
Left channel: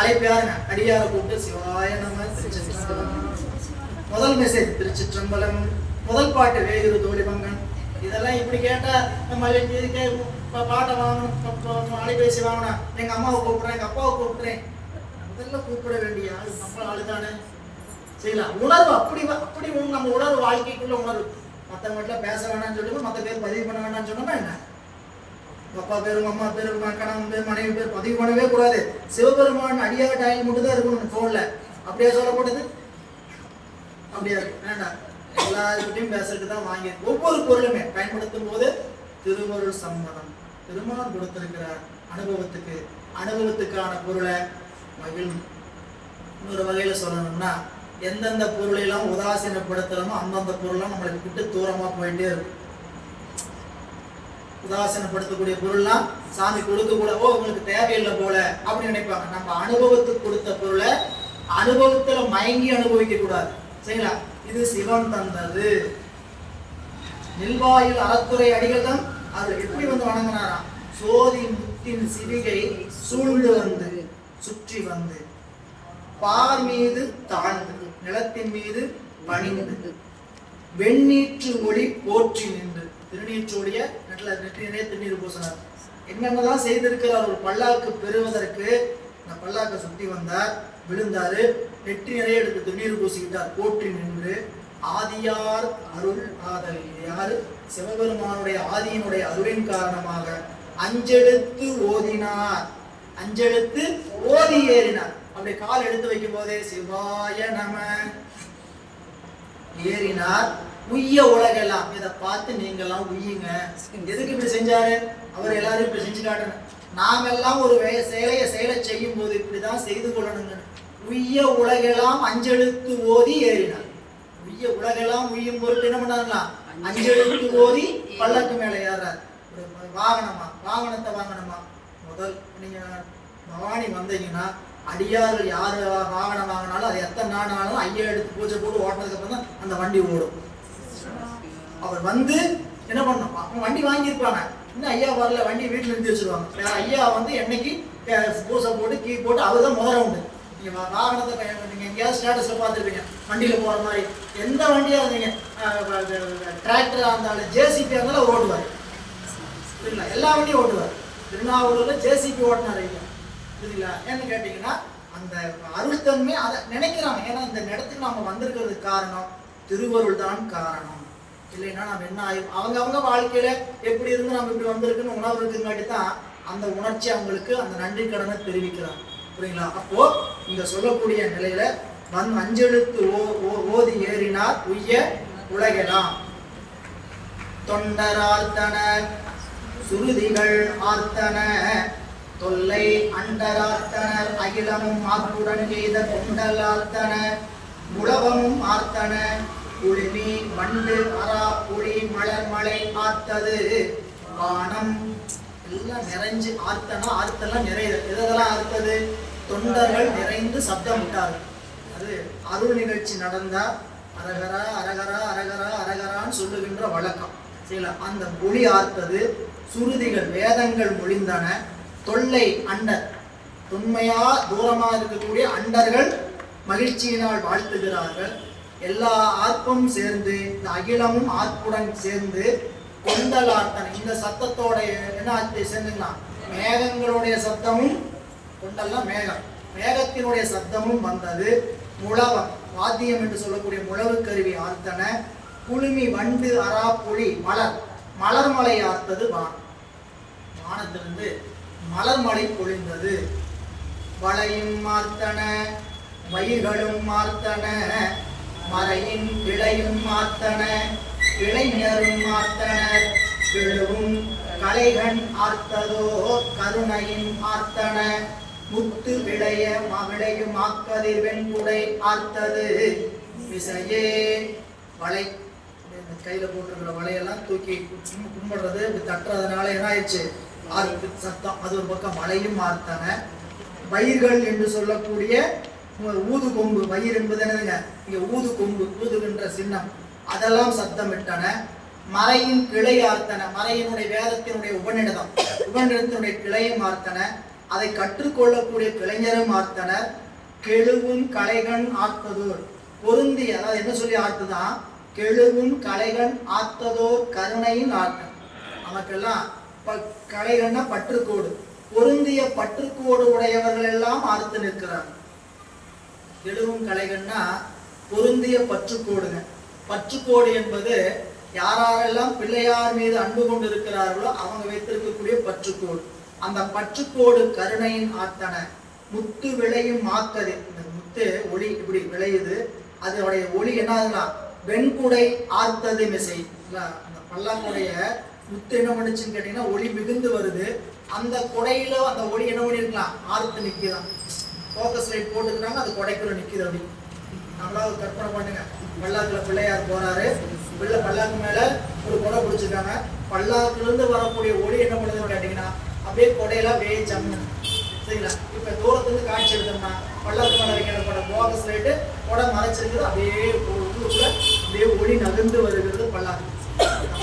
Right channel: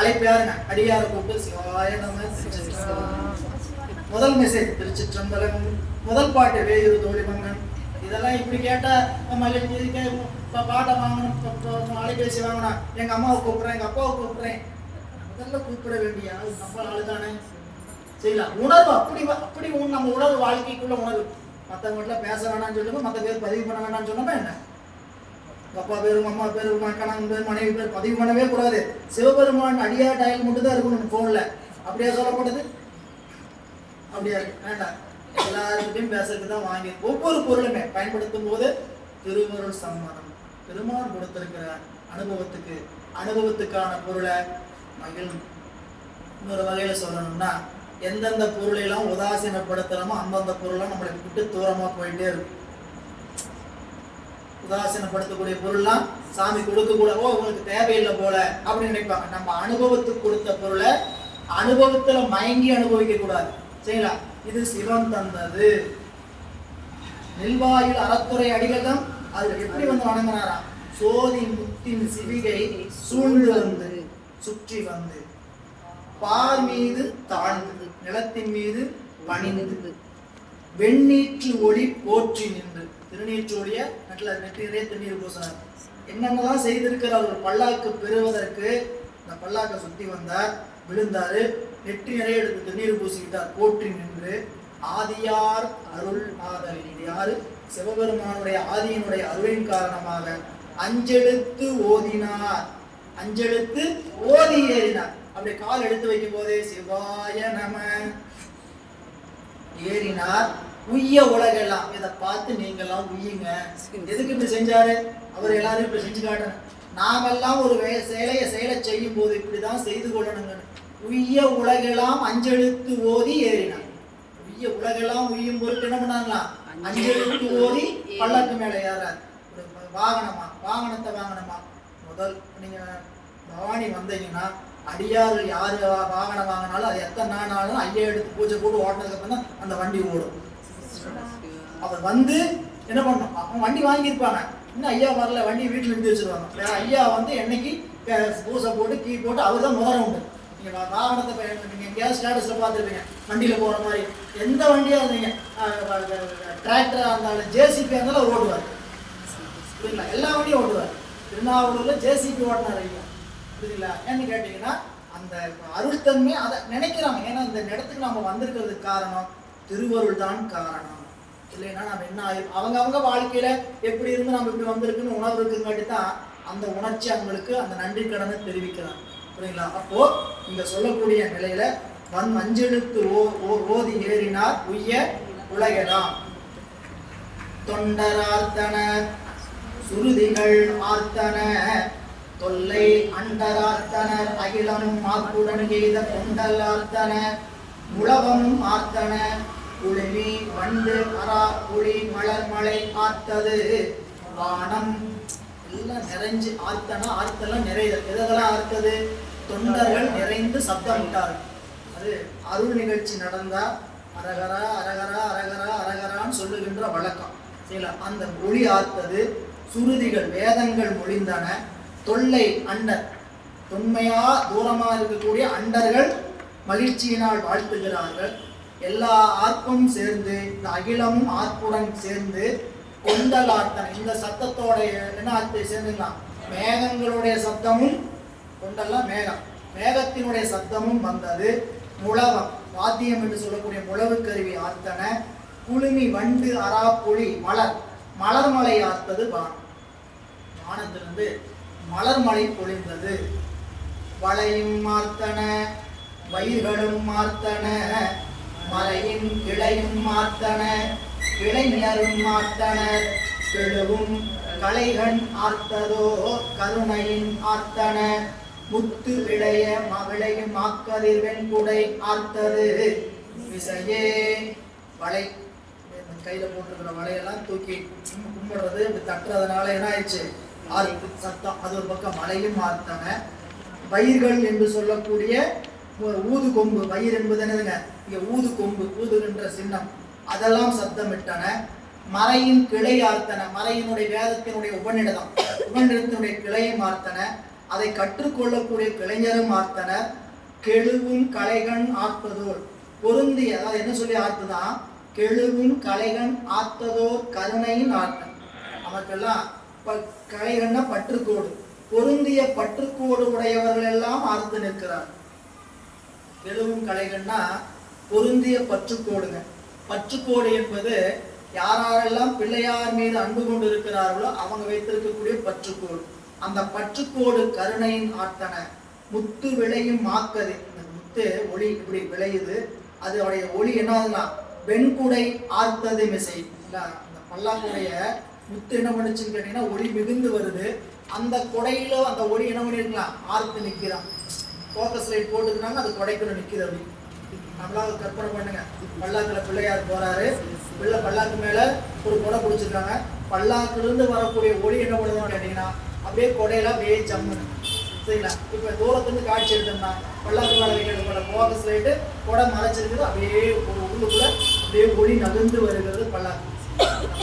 அழைப்பு யாருங்க? அடியார கூப்பிட்டு சிவாய நம முதல் மெசேஜ் திருச்சிற்றம்பலம், முதல் பாட்டு வேறு தோழிபங்கன். இதெல்லாம் இப்படி கேட்டா நம்ம பாட்டை வாங்கணும், அலைபேசி வாங்கினா எங்க அம்மாவை கூப்பிடுறேன், எங்க அப்பாவை கூப்பிடுறேன். முதல்ல கூப்பிட வேண்டிய ஆள் நம்ம ஆளுதானே செய்யலாம். உணர்வு அப்படி நம்ம உணர்வு வாழ்க்கைக்குள்ள உணர்வு. மற்றவங்கள்ட்ட பேச வேணாம்னு சொல்லுங்க, மற்ற பேர் பதிவு பண்ண வேணாம்னு சொன்னோம்னா என்ன? அப்பா பேரும் அம்மா பேரும் கணவன் பேர் மனைவி பேர் பதிவு பண்ணவே கூடாது. சிவபெருமான் அடியார் டாயில் மட்டும் தான் இருக்கணும் போன்ல. அப்படியே சொல்லப்படுது? அப்படியா வேண்டாம். எல்லாருக்கிட்டையும் பேசுறதுக்கு தான் வாங்கி ஒவ்வொரு பொருளுமே பயன்படுத்தும் போது திருவருள் சம்மதம். பெருமான் கொடுத்திருக்கிற அனுபவத்துக்கான பொருளை மகிழ். இன்னொரு வகையில சொல்லணும்னா, எந்தெந்த பொருளை எல்லாம் உதாசீனப்படுத்துறோமோ அந்தந்த பொருளை நம்மளுக்கு விட்டு தூரமா போயிட்டே இருக்கு. உதாசீனப்படுத்தக்கூடிய பொருள்லாம் சாமி கொடுக்க கூட, ஓ உங்களுக்கு தேவையில்லை போல அப்படின்னு நினைப்பாங்க. நம்ம அனுபவத்துக்கு கொடுத்த பொருளை அனுபவத்துல மயங்கி அனுபவிக்க கூடாது சரிங்களா? இது சிவன் தந்தது. நெல்வாயில் அறத்துறை அடிகள் தான் அதுல எப்படி வந்து வணங்கினாராம்? சோதி முத்தின் சிவிகை சூழ்ந்து வந்து சுற்றி வந்து பார் மீது தாழ்ந்து நிலத்தின் மீது பணிந்து வெண்ணீற்று ஒளி போற்றி நின்று. திருநீற்று ஒளிய நெற்றினே திருநீர் பூசினார். என்னென்னதான் செய்திருக்கிறார் ஒரு பல்லாக்கு பெறுவதற்கு. இந்த பல்லாக்கை சுத்தி வந்தார், விழுந்தாரு, நெற்றி நிறைய எடுத்து திருநீர் பூசிக்கிட்டார், போற்றி நின்று ஆதியார் அருள் ஆதல். இது யாரு? சிவபெருமானுடைய ஆதியினுடைய அருளின் காரணமாக அஞ்செழுத்து ஓதினார். அஞ்செழுத்து ஓதி ஏறினார். அப்படி கால் எடுத்து வைக்கும் போதே சிவாய நம ஏறினார். உய்ய உலகெல்லாம். இதை பார்த்து நீங்க எல்லாம் உய்யுங்க. எதுக்கு இப்படி செஞ்சாரு? அவர் எல்லாரும் இப்படி செஞ்சு காட்டணும். நாமெல்லாம் ஒரு செயலை செய்யும் போது இப்படிதான் செய்து கொள்ளணுங்க. உய்ய உலகெல்லாம் அஞ்செழுத்து ஓதி ஏறினார். உய்ய உலகெல்லாம் உய்யும் பொருட்டு என்ன பண்ணாங்களாம்? அஞ்செழுத்து ஓதி பல்லக்கு மேல ஏறார். வாகனத்தை வாங்கணுமா? முதல் நீங்க பவானி வந்தீங்கன்னா அடியார்கள் யார் வாகனம் வாங்கினாலும் அது எத்தனை நாளாலும் ஐயா எடுத்து பூஜை போட்டு ஓட்டினதுக்கு அப்புறம் தான் அந்த வண்டி ஓடும். அவர் வந்து என்ன பண்ணணும், அவங்க வண்டி வாங்கியிருப்பாங்க, இன்னும் ஐயா வரல, வண்டி வீட்டில் நிறுத்தி வச்சிருவாங்க. வேற ஐயா வந்து என்னைக்கு பூசை போட்டு கீ போட்டு அவர் தான் முதல்ல உண்டு. நீங்கள் வாகனத்தை நீங்கள் எங்கேயாவது ஸ்டேட்டஸில் பார்த்துருப்பீங்க, வண்டியில் போகிற மாதிரி எந்த வண்டியாக இருந்தீங்க, டிராக்டராக இருந்தாலும் ஜேசிபியாக இருந்தாலும் அவர் ஓட்டுவார். புரியுங்களா? எல்லா வண்டியும் ஓட்டுவார். திருநாவூரில் ஜேசிபி ஓட்டினார் ஐயா. புரியுங்களா? ஏன்னு கேட்டிங்கன்னா அந்த அருள்தன்மை அதை நினைக்கிறாங்க. ஏன்னா இந்த இடத்துக்கு நம்ம வந்திருக்கிறதுக்கு காரணம் திருவருள் தான் காரணம். இல்லைன்னா நம்ம என்ன ஆயிரும், அவங்க வாழ்க்கையில எப்படி இருந்து நம்ம இப்படி வந்திருக்குன்னு உணர்வு இருக்குங்காட்டி தான் அந்த உணர்ச்சி அவங்களுக்கு அந்த நன்றி கடனை தெரிவிக்கிறாங்க. புரியுங்களா? அப்போ இங்க சொல்லக்கூடிய நிலையில அஞ்செழுத்து ஓதி ஏறினார் உய்ய உலகெல்லாம் தொண்டரார்த்தன சுருதிகள் ஆர்த்தன தொல்லை அண்டரார்த்தனர் அகிலமும் ஆத்துடன் எய்த தொண்டல் ஆர்த்தன முழவமும் ஆர்த்தன குளிமி வண்டு அரா குழி மலர் மலை ஆர்த்தது வானம் எல்லாம் நிறைஞ்சு ஆர்த்தனா ஆர்த்தெல்லாம் நிறைய எதெல்லாம் ஆர்த்தது, தொண்டர்கள் நிறைந்து சப்தம் விட்டார்கள். அது அருள் நிகழ்ச்சி நடந்தா அரகரா அரகரா அரகரா அரகரான்னு சொல்லுகின்ற வழக்கம். சரிங்களா? அந்த மொழி ஆர்த்தது, சுருதிகள் வேதங்கள் மொழிந்தன, தொல்லை அண்டர் தொன்மையா தூரமா இருக்கக்கூடிய அண்டர்கள் மகிழ்ச்சியினால் வாழ்த்துகிறார்கள். எல்லா ஆர்ப்பும் சேர்ந்து இந்த அகிலமும் ஆர்ப்புடன் சேர்ந்து கொண்டல் ஆர்த்தன இந்த சத்தத்தோட என்ன ஆர்த்தை சேர்ந்துங்களா, மேகங்களுடைய சத்தமும் கொண்டெல்லாம் மேகம், மேகத்தினுடைய சத்தமும் வந்தது. முழவம் வாத்தியம் என்று சொல்லக்கூடிய முழவு கருவி ஆர்த்தன குளுமி வண்டு அரா புலி மலர் மலர்மலை ஆர்த்தது வானம், வானத்திலிருந்து மலர்மலை பொழிந்தது. வளையும் மார்த்தன வயிர்களும் மார்த்தன மலையின் கிளையும் மார்த்தன கிளைஞரும் மார்த்தனர் கிழவும் கலைகண் ஆர்த்ததோ கருணையின் ஆர்த்தன முத்து விளைய மகிழையும் ஆக்கதிர் வெண்குடை ஆர்த்தது விசையே. வளை கையில போட்டிருக்கிற வளையெல்லாம் தூக்கி கும்பிடுறது இப்படி தட்டுறதுனால என்ன ஆயிடுச்சு, ஆர்த்து சத்தம். அது ஒரு பக்கம் மலையும் ஆர்த்தன. வயிர்கள் என்று சொல்லக்கூடிய ஊது கொம்பு, வயிறு என்பது என்னதுங்க, இங்க ஊது கொம்பு ஊதுகின்ற சின்னம், அதெல்லாம் சத்தமிட்டன. மறையின் கிளை ஆர்த்தன, மறையினுடைய வேதத்தினுடைய உபநிடத்தினுடைய கிளையும் ஆர்த்தன, அதை கற்றுக்கொள்ளக்கூடிய கிளைஞரும் ஆர்த்தனர். கெழுவும் கலைகண் ஆர்த்ததோர் பொருந்தி, அதாவது என்ன சொல்லி ஆர்த்துதான், கெழுவும் கலைகண் ஆர்த்ததோர் கருணையின் ஆர்த்தம். நமக்கெல்லாம் கலைகண்ண பற்றுக்கோடு, பொருந்திய பற்றுக்கோடு உடையவர்கள் எல்லாம் ஆர்த்து நிற்கிறார். கெழுவும் கலைகண்ணா பொருந்திய பற்றுக்கோடுங்க. பற்றுக்கோடு என்பது யாரெல்லாம் பிள்ளையார் மீது அன்பு கொண்டு இருக்கிறார்களோ அவங்க வைத்திருக்கக்கூடிய பற்றுக்கோடு. அந்த பற்றுக்கோடு கருணையின் ஆர்த்தன. முத்து விளையும் மாக்கது, இந்த முத்து ஒளி இப்படி விளையுது, அதோடைய ஒளி என்னதுன்னா வெண்குடை ஆர்த்தது மிசை. அந்த பல்லாக்குடைய முத்து என்ன பண்ணுச்சுன்னு கேட்டீங்கன்னா ஒளி மிகுந்து வருது, அந்த குடையில அந்த ஒளி என்ன பண்ணிருக்கலாம், ஆர்த்து நிற்கிறான். ஃபோக்கஸ் லைட் போட்டுக்கிறாங்க, அது குடைக்குள்ள நிற்கிது. அப்படி நம்மளால கற்பனை பண்ணுங்க, பல்லாக்குல பிள்ளையார் போறாரு, பல்லாக்கு மேல ஒரு கொடை பிடிச்சிருக்காங்க, பல்லாக்குல இருந்து வரக்கூடிய ஒளி என்ன பண்ணுதுன்னு கேட்டீங்கன்னா அப்படியே கொடையெல்லாம் அப்படியே ஜம்மு. சரிங்களா? இப்ப தூரத்துலேருந்து காட்சி எடுத்தோம்னா பல்லாக்கு மேல வைக்கிற ஃபோக்கஸ் லைட்டு கொடை மறைச்சிருக்குது, அப்படியே உள்ளுக்குள்ள அப்படியே ஒளி நகர்ந்து வருகிறது பல்லாக்கு.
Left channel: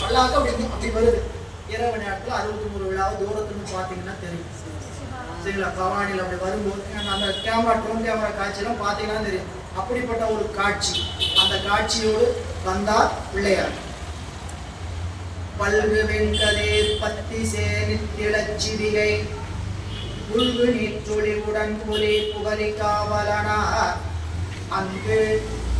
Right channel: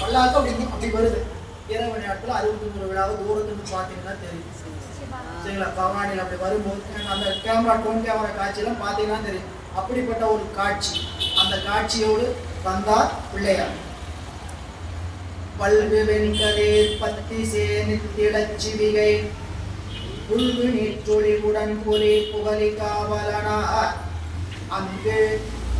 பல்லாக்கு அப்படி வருது. இரவு நேரத்தில் 63 விழாவை தூரத்துலேருந்து பார்த்தீங்கன்னா தெரியும். சரிங்களா? கவானியில் அப்படி வரும்போது அந்த கேமரா டோன் கேமரா காட்சியெல்லாம் பார்த்தீங்கன்னா தெரியும். அப்படிப்பட்ட ஒரு காட்சி, அந்த காட்சியோடு வந்தார் பிள்ளையார். பல்கு வெண்கதேர் பத்தி சேனித்திளச்சிவிகை புல்கு நீற்றொழிவுடன் புலி புகழி காவலனார் அங்கு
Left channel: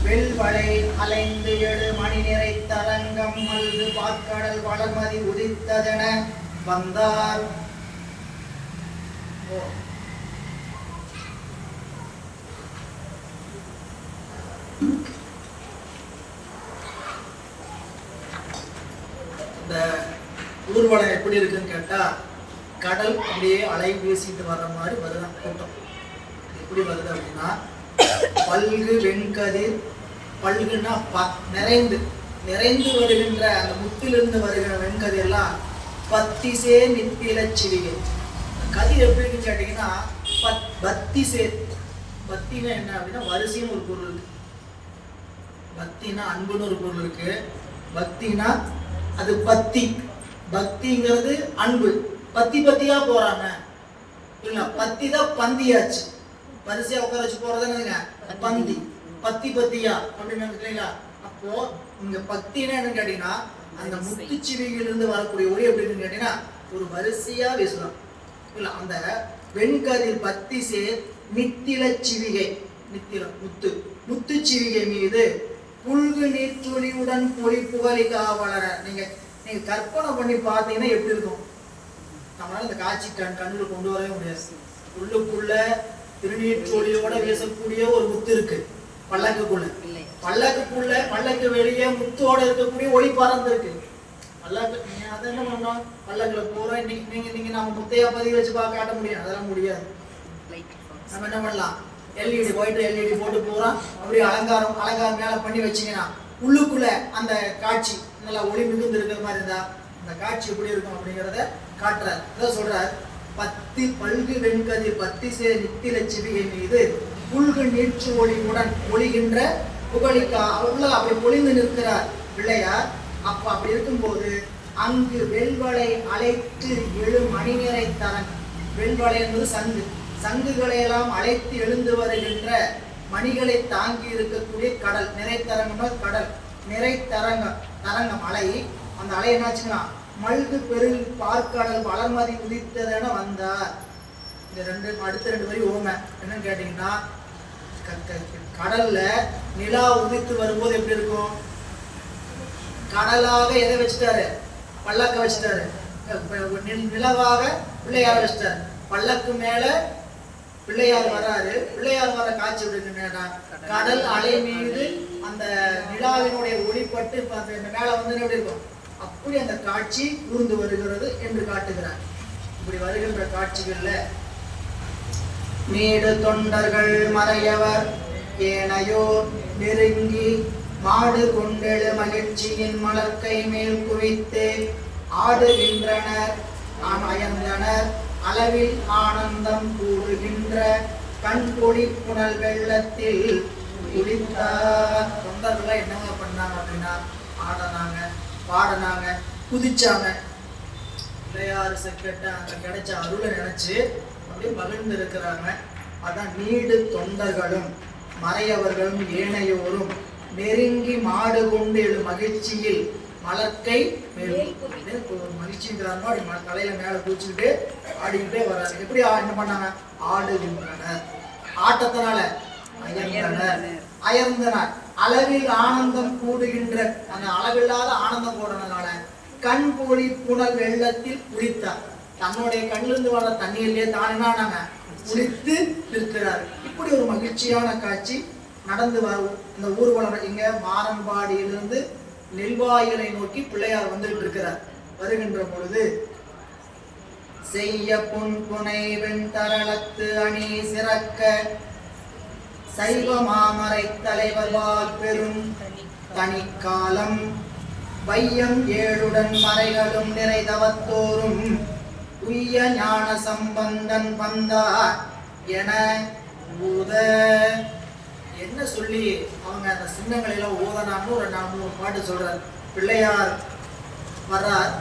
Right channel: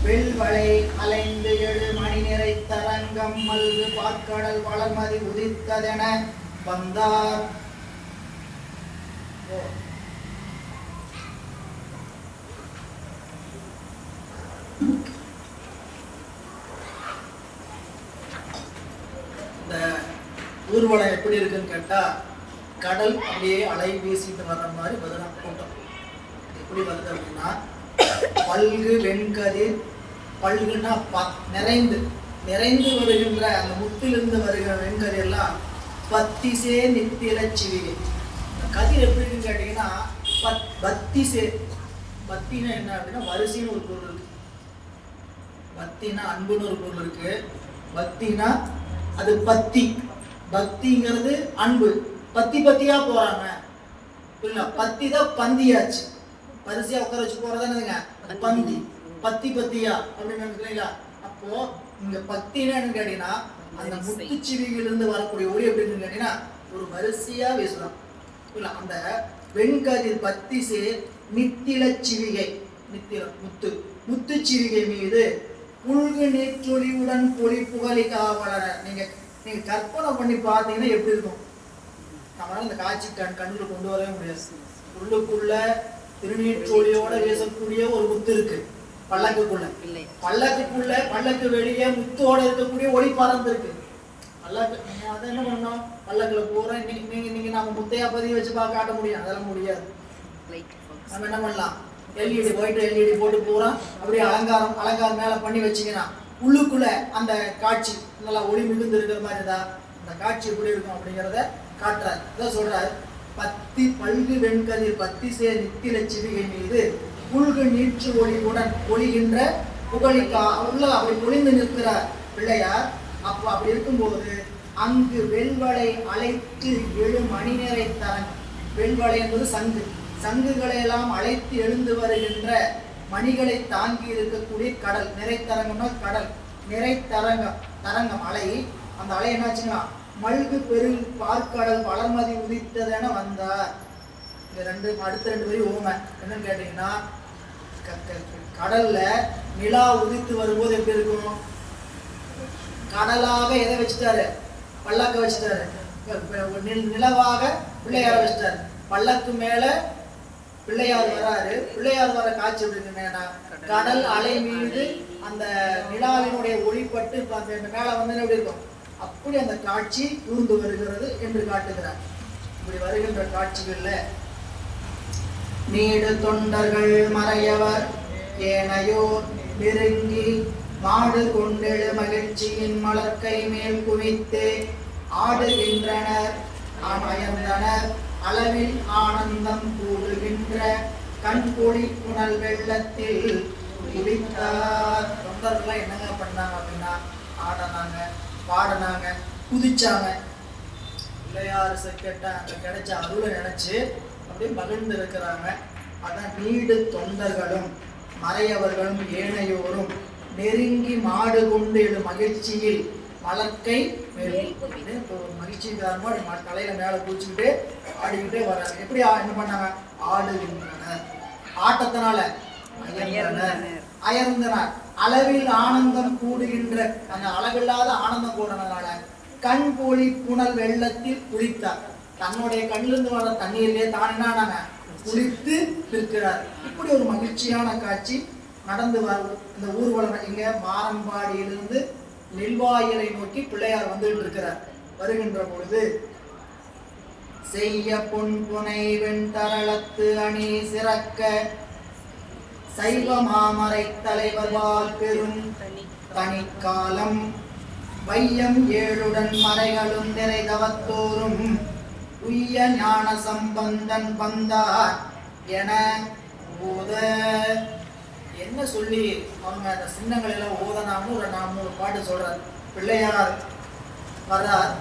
வெல்வளை அலைந்து 7 மணி நிறை தரங்கம் மல்கு பாற்கடல் வளர்மதி உதித்ததென வந்தார். இந்த ஊர்வலம் எப்படி இருக்குன்னு கேட்டா, கடல் அப்படியே அலை வீசிட்டு வர்ற மாதிரி வருதான் கூட்டம். எப்படி வருது அப்படின்னா, பல்கு வெண்கதிர், பல்குன்னா நிறைந்து நிறைந்து வருகின்ற அந்த முத்திலிருந்து வருகிற வெண்கதிர் எல்லாம் பத்திசே நித்தில சிவிகை. கதிர் எப்படி இருக்குன்னு கேட்டீங்கன்னா பத்தி சேர். பத்தினா என்ன அப்படின்னா வரிசைன்னு ஒரு பொருள் இருக்கு. பக்தினா அன்புன்னு ஒரு பொருள் இருக்கு. பக்தினா அது பத்தி, பக்திங்கிறது அன்பு. பத்தி பத்தியா போறாங்க இல்ல, பத்தி தான் பந்தியாச்சு. வரிசையா உட்கார வச்சு போறதுங்க பந்தி, பத்தி பத்தியா அப்படின்னு நினைக்கிறீங்களா? அப்போ இங்க பக்தினா என்னன்னு கேட்டீங்கன்னா அந்த முத்துச்சிவியிலிருந்து வரக்கூடிய ஒளி எப்படின்னு கேட்டீங்கன்னா ஒரு வரிசையா வீசலாம் இல்ல. அந்த வெண்கதிர் பத்தி சேர் நித்தில சிவிகை, நித்தில முத்து, முத்துச்சிவிகை மீது புல்கு நீற்றொலியுடன் பொலி புகழி காவலர. நீங்க கற்பனை பண்ணி பார்த்தீங்கன்னா எப்படி இருக்கும்? நம்மளால இந்த காட்சி கண்ணுல கொண்டு வரவே முடியாது. உள்ளுக்குள்ள திருநீற்றொலியோட வீசக்கூடிய ஒரு முத்து இருக்கு பல்லக்குக்குள்ள. பல்லக்கு வெளியே முத்தோட இருக்கக்கூடிய ஒளி பறந்து இருக்கு. பல்லக்கு நீங்க அதை என்ன பண்ணோம்? பல்லக்குல போற நீங்க நம்ம முத்தையா பதிவு வச்சு காட்ட முடியும்? அதெல்லாம் முடியாது. நம்ம என்ன பண்ணலாம்? எல்இடி ஒயிட் எல்இடி போட்டு போறோம், அப்படியே அலங்காரம் மேல பண்ணி வச்சீங்கன்னா உள்ளுக்குள்ள அந்த காட்சி நல்லா ஒளி மிகுந்து இருக்கிற மாதிரி இருந்தா அந்த காட்சி எப்படி இருக்கும் அப்படிங்கிறத காட்டுறாரு. இதான் சொல்றாரு, பத்தி பல்கு வெண்கதிர் பத்தி சேர் நித்தில சிவிகை மீது புல்கு நீற்று ஒளியுடன் பொழிகின்ற புகழிக்கா. உள்ள அப்படி பொழிந்து நிற்கிறார் பிள்ளையார். அப்போ அப்படி இருக்கும்போது அங்கு வெண்வளை அழைத்து எழு மணி நிறை தரன். வெண்வளை என்பது சங்கு. சங்குகளை எல்லாம் அழைத்து எழுந்து வருகின்ற மணிகளை தாங்கி இருக்கக்கூடிய கடல். நிறைத்தரங்கம்னா கடல். நிறைத்தரங்கம் அலை. அந்த அலை என்னாச்சுன்னா மல்கு பெருள் பார்க்கடல் வளர்மதி உதித்ததென வந்தார். இந்த அடுத்த ரெண்டு வரி ஓமை என்னன்னு கேட்டீங்கன்னா, கடல்ல நிலா உதித்து வரும்போது எப்படி இருக்கும்? கடலாக எதை வச்சுட்டாரு? பல்லக்க வச்சுட்டாரு. நிலவாக பிள்ளையார வச்சுட்டாரு. பல்லக்கு மேல பிள்ளையார் வராரு. பிள்ளையார் வர காட்சி எப்படின்னா கடல் அலை மீது அந்த நிலாவினுடைய ஒளிப்பட்டு மேல வந்து எப்படி இருக்கும்? அப்படி அந்த காட்சி ஊர்ந்து வருகிறது என்று காட்டுகிறார். இப்படி வருகின்ற காட்சிகள்ல நீடு தொண்டர்கள் மறையவர் ஏனையோர் நெருங்கி மாடு கொண்டெழு மகிழ்ச்சியின் மலர்க்கை மேல் குவித்து ஆடுகின்றனர், அயர்ந்தனர், அளவில் ஆனந்தம் கூறுகின்ற கண்கொடி புனல் வெள்ளத்தில் குளித்தார். தொண்டர்கள் என்னங்க பண்ணாங்க அப்படின்னா ஆடினாங்க, பாடினாங்க, குதிச்சாங்க. பிள்ளையார் செக்கட்ட அங்க கிடைச்ச அருளை நினைச்சு அப்படியே மகிழ்ந்து இருக்கிறாங்க. அதான் நீடு தொண்டர்களும் மறையவர்களும் ஏனையோரும் நெருங்கி மாடு கொண்டு எழு மகிழ்ச்சியில் மலர்க்கை மகிழ்ச்சியின் காரணமா தலையில மேல குதிச்சுக்கிட்டு ஆடிக்கிட்டே வர்றாங்க. எப்படி என்ன பண்ணாங்க? ஆடுகின்றனர். ஆட்டத்தினால அயர்ந்தனர், அளவில் ஆனந்தம் கூடுகின்ற அந்த அளவில்லாத ஆனந்தம் கூடுறதுனால கண் போலி புனல் வெள்ளத்தில் குளித்தார். தன்னுடைய கண்ணிலிருந்து வர தண்ணீரிலே தானே குளித்து இருக்கிறார். இப்படி ஒரு மகிழ்ச்சியான காட்சி நடந்து வரும். இந்த ஊர்வலம் இங்க மாரம்பாடியிலிருந்து நெல்வாயிலை நோக்கி பிள்ளையார் வந்துட்டு இருக்கிறார். வருகின்ற பொழுது செய்ய பொன் புனை வெண்தரளத்து அணி சிறக்க சைவ மாமரை தலைவர் வாழ் பெரும் தனிக்காலம் வையம் ஏழுடன் மறைகளும் நிறைதவத்தோறும் உய்ய ஞான சம்பந்தன் வந்தார் என ஊத. என்ன சொல்லி அவங்க அந்த சின்னங்களில ஊதனான்னு ஒரு 4-3 பாட்டு சொல்றார். பிள்ளையார் வர்றார்,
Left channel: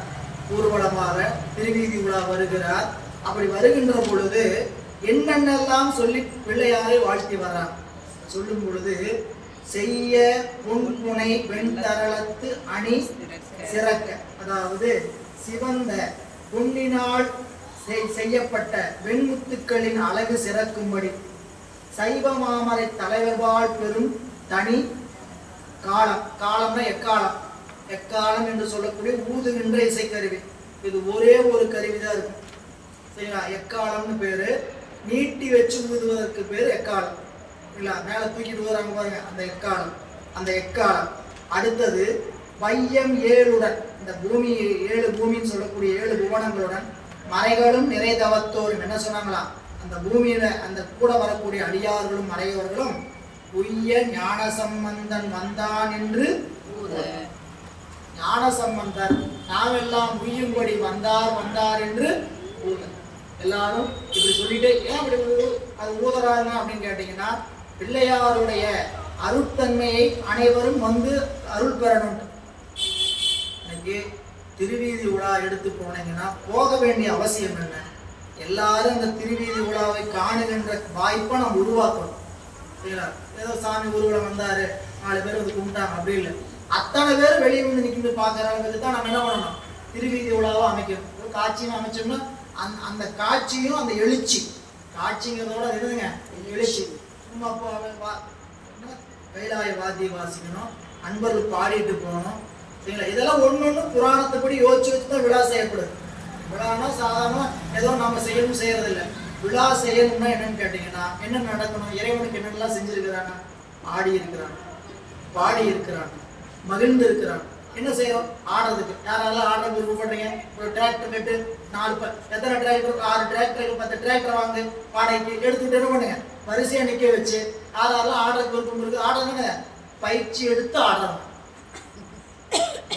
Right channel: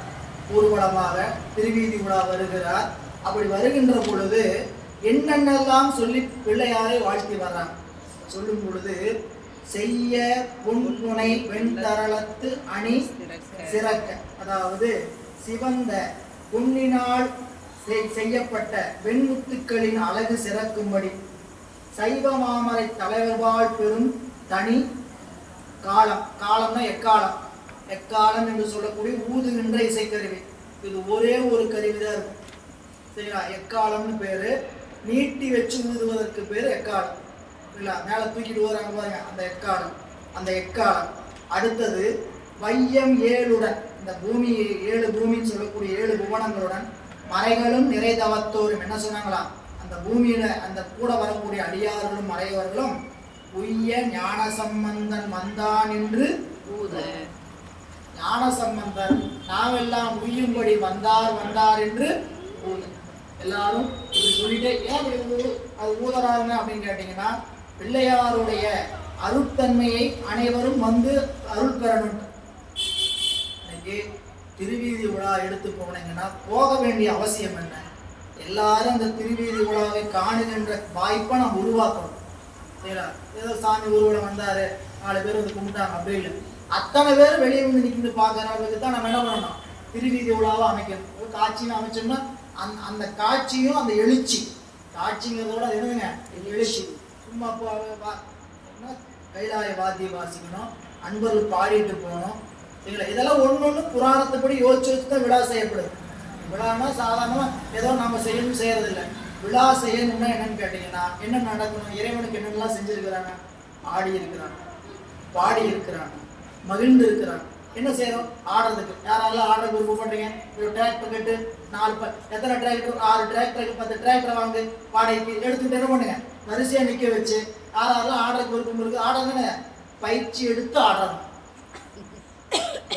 ஊர்வலமாக திருவீதி உலா வருகிறார். அப்படி வருகின்ற பொழுது என்னென்னெல்லாம் சொல்லி பிள்ளையாரை வாழ்த்தி வர்றார். சொல்லும் பொழுது செய்ய பொன்புனை வெண்தரளத்து அணி சிறக்க, அதாவது சிவந்த பொன்னினால் செய்யப்பட்ட வெண்முத்துக்களின் அழகு சிறக்கும்படி சைவ மாமரை தலைவர்வாழ் பெரும் தனி காலம். காலம்னா எக்காலம். எக்காலம் என்று சொல்லக்கூடிய ஊதுகின்ற இசைக்கருவி. இது ஒரே ஒரு கருவிதான் இருக்கும், சரிங்களா? எக்காலம்னு பேரு. நீட்டி வச்சு ஊதுவதற்கு பேரு எக்காலம். இல்ல மேல தூக்கிட்டு வராங்க பாருங்க, அந்த எக்காலம். அந்த எக்காலம். அடுத்தது வையம் ஏழுடன், இந்த பூமி 7 பூமின்னு சொல்லக்கூடிய 7 புவனங்களுடன் மறைகளும் நிறைதவத்தோரும். என்ன சொன்னாங்களா? அந்த பூமியில அந்த கூட வரக்கூடிய அடியார்களும் மறையவர்களும் உய்ய ஞான சம்பந்தன் வந்தான் என்று ஞான சம்பந்தர் நாமெல்லாம் உய்யும்படி வந்தார் என்று எல்லாரும் இப்படி சொல்லிட்டு ஏன் இப்படி அது ஊதறாங்க அப்படின்னு கேட்டீங்கன்னா, பிள்ளையாருடைய அருட்தன்மையை அனைவரும் வந்து அருள் பெறணும். இன்னைக்கு திருவீதி விழா எடுத்து போனீங்கன்னா போக வேண்டிய அவசியம் என்ன? எல்லாரும் இந்த திருவீதி விழாவை காணுகின்ற வாய்ப்பை நம்ம உருவாக்கணும். சரிங்களா? ஏதோ சாமி ஊர்வலம் வந்தாரு, 4 பேர் வந்து கும்பிட்டாங்க அப்படி இல்லை. அத்தனை பேர் வெளியே நின்று நிற்கிட்டு பார்க்கறவங்களுக்கு தான் நம்ம என்ன பண்ணணும்? திருவீதி விழாவை அமைக்கணும். ஒரு காட்சியும் அமைச்சோம்னா அந்த காட்சியும் அந்த எழுச்சி, காட்சிங்கிறதோட அது என்னதுங்க எழுச்சி. சும்மா கைலாய வாத்தியம் வாசிக்கணும், அன்பர்கள் பாடிட்டு போகணும். சரிங்களா? இதெல்லாம் ஒன்று புராணத்தைப்படி யோசிச்சு வச்சு தான் விழா செய்யப்படுது. விழானா சாதாரணமா ஏதோ நாம செய்யணும் செய்யறதில்லை. விழா செய்யணும்னா என்னன்னு கேட்டீங்கன்னா என்ன நடக்கணும்? இறைவனுக்கு என்னென்னலாம் செஞ்சிருக்கிறாங்க? ஆடி இருக்கிறாங்க, பாடி இருக்கிறாங்க, மகிழ்ந்து இருக்கிறாங்க. என்ன செய்யறோம்? ஆடுறதுக்கு. யாரெல்லாம் ஆட விருப்பப்படுறீங்க? ஒரு டிராக்டர் கட்டு 4 எத்தனை டிராக்டர்? 6 டிராக்டர் 10 டிராக்டர் வாங்க வாடகைக்கு எடுத்துக்கிட்டு என்ன பண்ணுங்க? வரிசையா நிக்க வச்சு யாரெல்லாம் ஆடுறதுக்கு விருப்பம் இருக்கு ஆடுறதுன்னு பயிற்சி எடுத்து ஆடுறாங்க.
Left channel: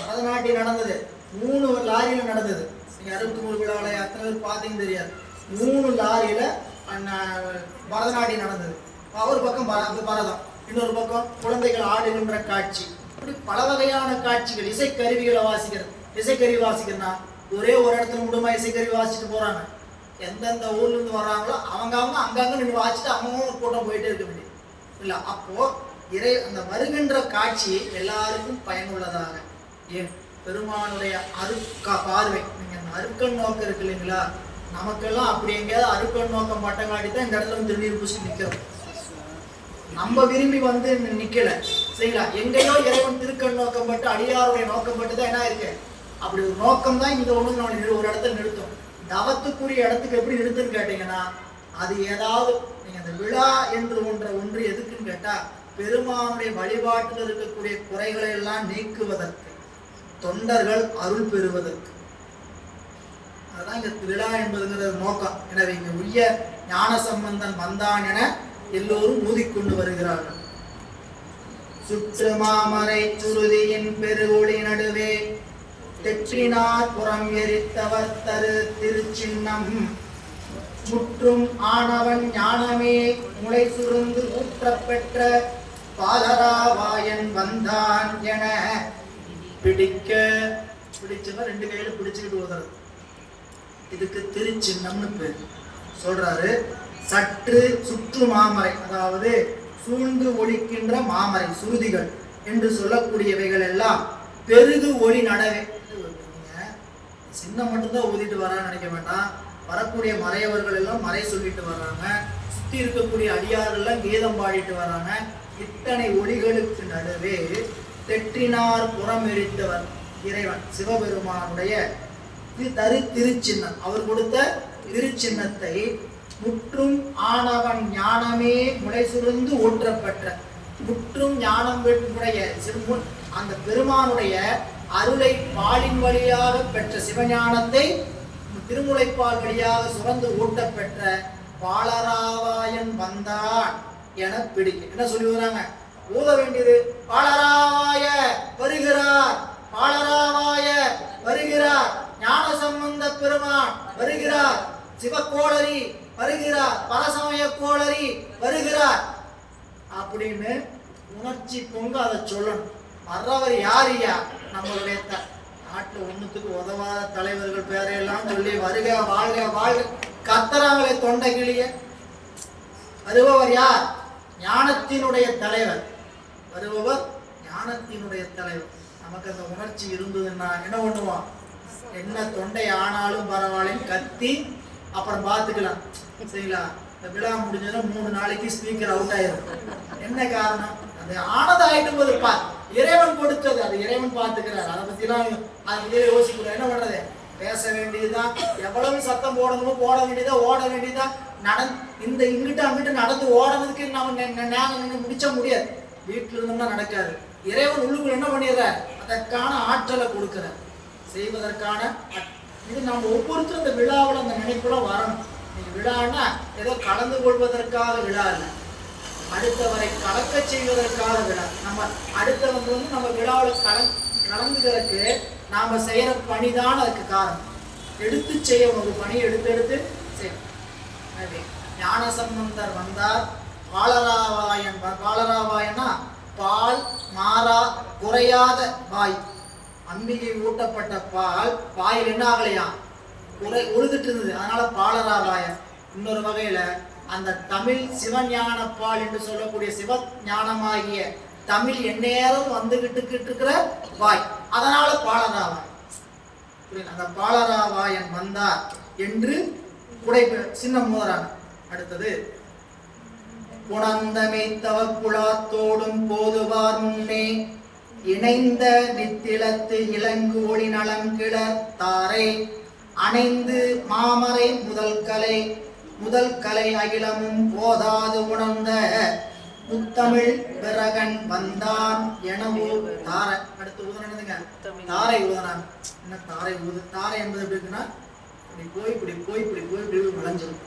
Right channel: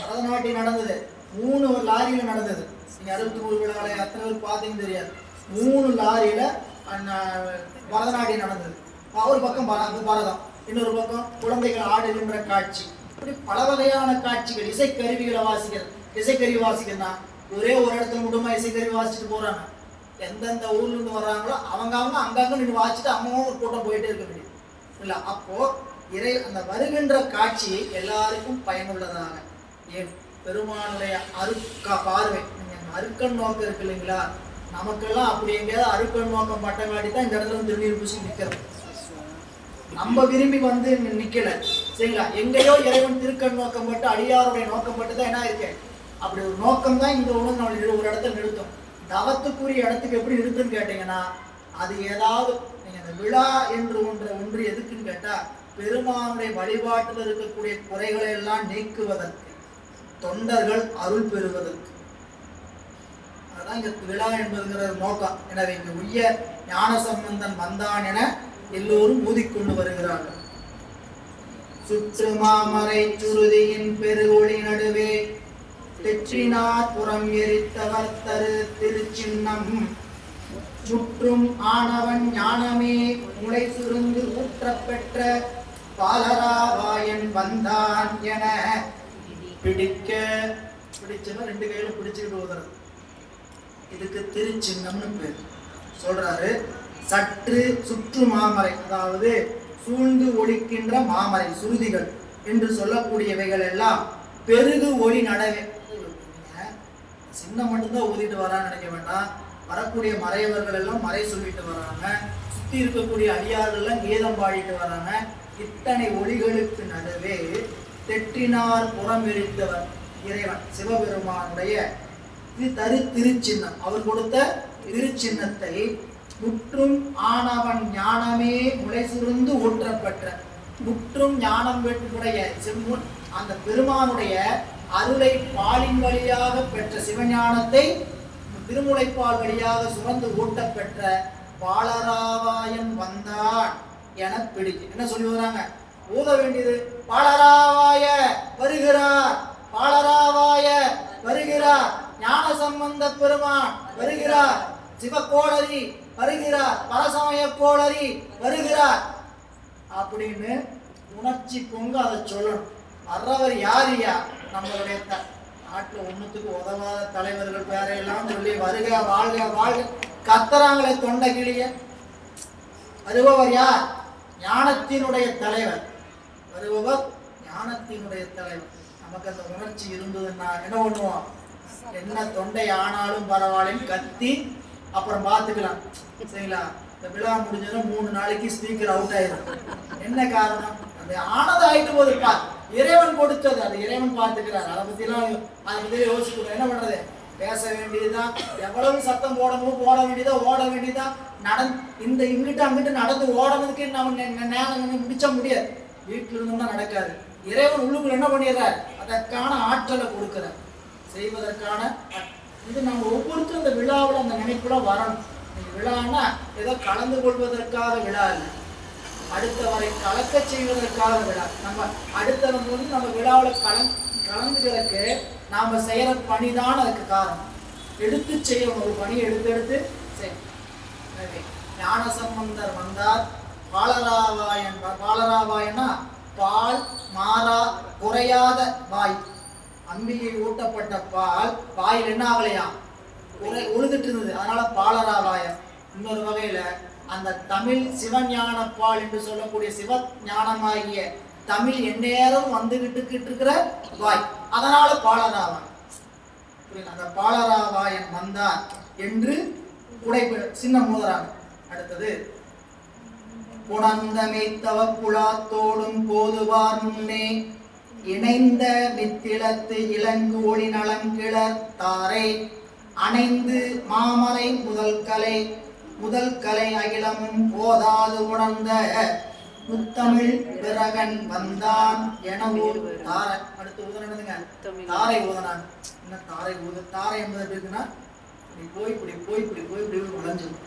பரதநாட்டியம் நடந்தது 3 லாரியில நடந்தது. நீங்க 63 விழாவில் எத்தனை பேர் பார்த்தீங்கன்னு தெரியாது. 3 லாரியில பரதநாட்டியம் நடந்தது. ஒரு பக்கம் பரதம், இன்னொரு பக்கம் குழந்தைகள் ஆடுகின்ற காட்சி. இப்படி பல வகையான காட்சிகள். இசைக்கருவிகளை வாசிக்கிறது. இசைக்கருவி வாசிக்கிறதுனா ஒரே ஒரு இடத்துல மட்டுமா இசைக்கருவி வாசிச்சுட்டு போறாங்க. எந்தெந்த ஊர்ல இருந்து வர்றாங்களோ அவங்க அங்கங்க நின்று வாசிச்சுட்டு அவங்க கூட்டம் போயிட்டே இருக்க முடியும் இல்ல. அப்போ அந்த வருகின்ற காட்சி எல்லாருக்கும் பயனுள்ளதாக. ஏன் பெருமானுடைய பார்வை, நீங்க அருக்கண் நோக்கம் இருக்கு இல்லைங்களா? நமக்கெல்லாம் அப்படி எங்கேயாவது அருக்கண் நோக்கம் பட்டங்காட்டி தான் இந்த இடத்துல திருநீர் பூசி நிற்கிறோம். நம்ம விரும்பி வந்து நிக்கல. சரிங்களா? எங்கேயோ இறைவன் திருக்கண் நோக்கம் பட்டு அடியாருடைய நோக்கம் பட்டு தான் என்ன இருக்கு. அப்படி ஒரு நோக்கம் தான் இந்த ஒண்ணு ஒரு இடத்துல நிறுத்தும். தவத்துக்குரிய இடத்துக்கு எப்படி நிறுத்துன்னு கேட்டீங்கன்னா, அது ஏதாவது நீங்க அந்த விழா என்று ஒன்று எதுக்குன்னு கேட்டா, பெருமானுடைய வழிபாட்டில் இருக்கக்கூடிய குறைகளை எல்லாம் நீக்குவதற்கு, தொண்டர்கள் அருள் பெறுவதற்கு. அதுதான் இங்க விழா என்பதுங்கிற நோக்கம். எனவே இங்கு உய்ய ஞான சம்பந்தன் வந்தான் என எல்லோரும் ஊதிக்கொண்டு வருகிறார்கள். சுற்று மாமரை சுருதியின் பெருவொளி நடுவே தெற்றினார் புறம் எரித்தவர் தரு திருச்சின்னம் முற்றும் ஆனவன் ஞானமே முளை சுருந்து ஊற்றப்பெற்ற பாலராவாயன் வந்தான் என பிடிச்சவன் 2 கையில பிடிச்சுக்கிட்டு போகிறது. இதுக்கு திருச்சின்னம்னு பேர். சொல்றாரு, சற்று சுற்று மாமரை, அதாவது சூழ்ந்து ஒழிக்கின்ற மாமரை சுருதிகள் என்று சொல்லக்கூடியவைகள் எல்லாம் பெருகு ஒளி நடவே. சின்ன மட்டும்தான் ஊதிட்டு வரான்னு நினைக்க வேண்டாம். வரக்கூடிய மறையவர்கள் எல்லாம் மறை சொல்லிட்டு வர்றாங்க. சுத்தி இருக்கக்கூடிய அடியார்கள் எல்லாம் கீதம் பாடிட்டு வர்றாங்க. இத்தனை ஒளிகளுக்கு நடுவே தெற்றினார் புறம் எரித்தவர் இறைவன் சிவபெருமானுடைய தரு திருச்சின்னம், அவர் கொடுத்த திருச்சின்னத்தை முற்றும் ஆனவன் ஞானமே முளை சுருந்து ஊற்றப்பட்ட, முற்றும் ஞானம் பெற்ற அந்த பெருமானுடைய அருளை பாலின் வழியாக பெற்ற சிவஞானத்தை திருமுலைப்பால் வழியாக சுரந்து ஊட்டப்பெற்ற பாலராவாயன் வந்தான் என பிடிக்கும். என்ன சொல்லி வராங்க? ஊத வேண்டியது பாலராவாய வருகிறார், பாலராவாய வருகிறார், ஞான சம்பந்த பெருமான் வருகிறார், சிவக்கோளரி வருகிறார், பரசமய கோளரி வருகிறார் அப்படின்னு உணர்ச்சி பொங்க அதை சொல்லணும். வர்றவர் யாரியா? நம்மளுடைய நாட்டில் ஒண்ணுத்துக்கு உதவாத தலைவர்கள் பேரையெல்லாம் சொல்லி வருக வாழ்க வாழ்க கத்தராங்களே தொண்டை கிளிய. வருபவர் யார்? ஞானத்தினுடைய தலைவர். வருபவர் ஞானத்தினுடைய தலைவர். நமக்கு அந்த உணர்ச்சி இருந்ததுன்னா என்ன பண்ணுவோம்? என்ன தொண்டை ஆனாலும் பரவாயில்லைன்னு கத்தி அப்புறம் பார்த்துக்கலாம். சரிங்களா? இந்த விழா முடிஞ்சதுன்னா 3 நாளைக்கு ஸ்பீக்கர் அவுட் ஆயிரும். என்ன காரணம்? அது ஆனது ஆயிட்டு போது பார், இறைவன் கொடுத்தது, அது இறைவன் பார்த்துக்கிறார். அதை பத்தி எல்லாம் அது யோசிக்கணும். என்ன பண்றது? பேச வேண்டியதுதான், எவ்வளவு சத்தம் போடணும் போட வேண்டியதா, ஓட வேண்டியதா, இந்த இங்கிட்ட அங்கிட்ட நடந்து ஓடுறதுக்கு நம்ம முடிச்ச முடியாது. வீட்டுல இருந்தோம்னா நடக்காது. இறைவன் உள்ளுக்குள்ள என்ன பண்ணிடுறார்? அதற்கான ஆற்றலை கொடுக்கிறார், செய்வதற்கான. இது நம்ம ஒவ்வொருத்தரும் இந்த விழாவில் அந்த நினைப்புல வரணும். விழான்னா ஏதோ கலந்து கொள்வதற்காக விழா இல்லை, அடுத்தவரை கலக்க செய்வதற்காக விழா. நம்ம அடுத்தவங்க வந்து நம்ம விழாவில் கலந்துக்கிறதுக்கு நாம செய்யற பணிதான் அதுக்கு காரணம். எடுத்து செய்யணும், ஒரு பணியை எடுத்து செய்யணும். எனவே ஞானசம்பந்தர் வந்தார். பாலராவாயன், பாலராவாயனா பால் மாறா குறையாத வாய். அம்பிகை ஊட்டப்பட்ட பால் வாயில் என்ன ஆகலையா, உழுதுட்டு இருந்தது, அதனால பாலராவாயன். இன்னொரு வகையில அந்த தமிழ் சிவஞான பால் என்று சொல்லக்கூடிய சிவ ஞானமாகிய தமிழ் எந்நேரம் வந்துகிட்டு இருக்கிற வாய், அதனால பாலராவாயன். அந்த பாலராவாயன் வந்தார் என்று குடை சின்னம் மோதுறாங்க. அடுத்தது புணந்தமைத்தவ புலாத்தோடும் போதுவார் முன்னே இணைந்த நித்திலத்து இலங்கு ஒளி நலங்கிளர் தாரை அணைந்து மாமரை முதல் கலை அகிலமும் போதாது உணர்ந்த முத்தமிழ் பிறகன் வந்தான் எனவூர் தாரை. அடுத்து ஊதுனதுங்க தாரை ஊதுனான். என்ன தாரை ஊது? தாரை என்பது எப்படி இருக்குன்னா, இப்படி போய் வளைஞ்சிடும்.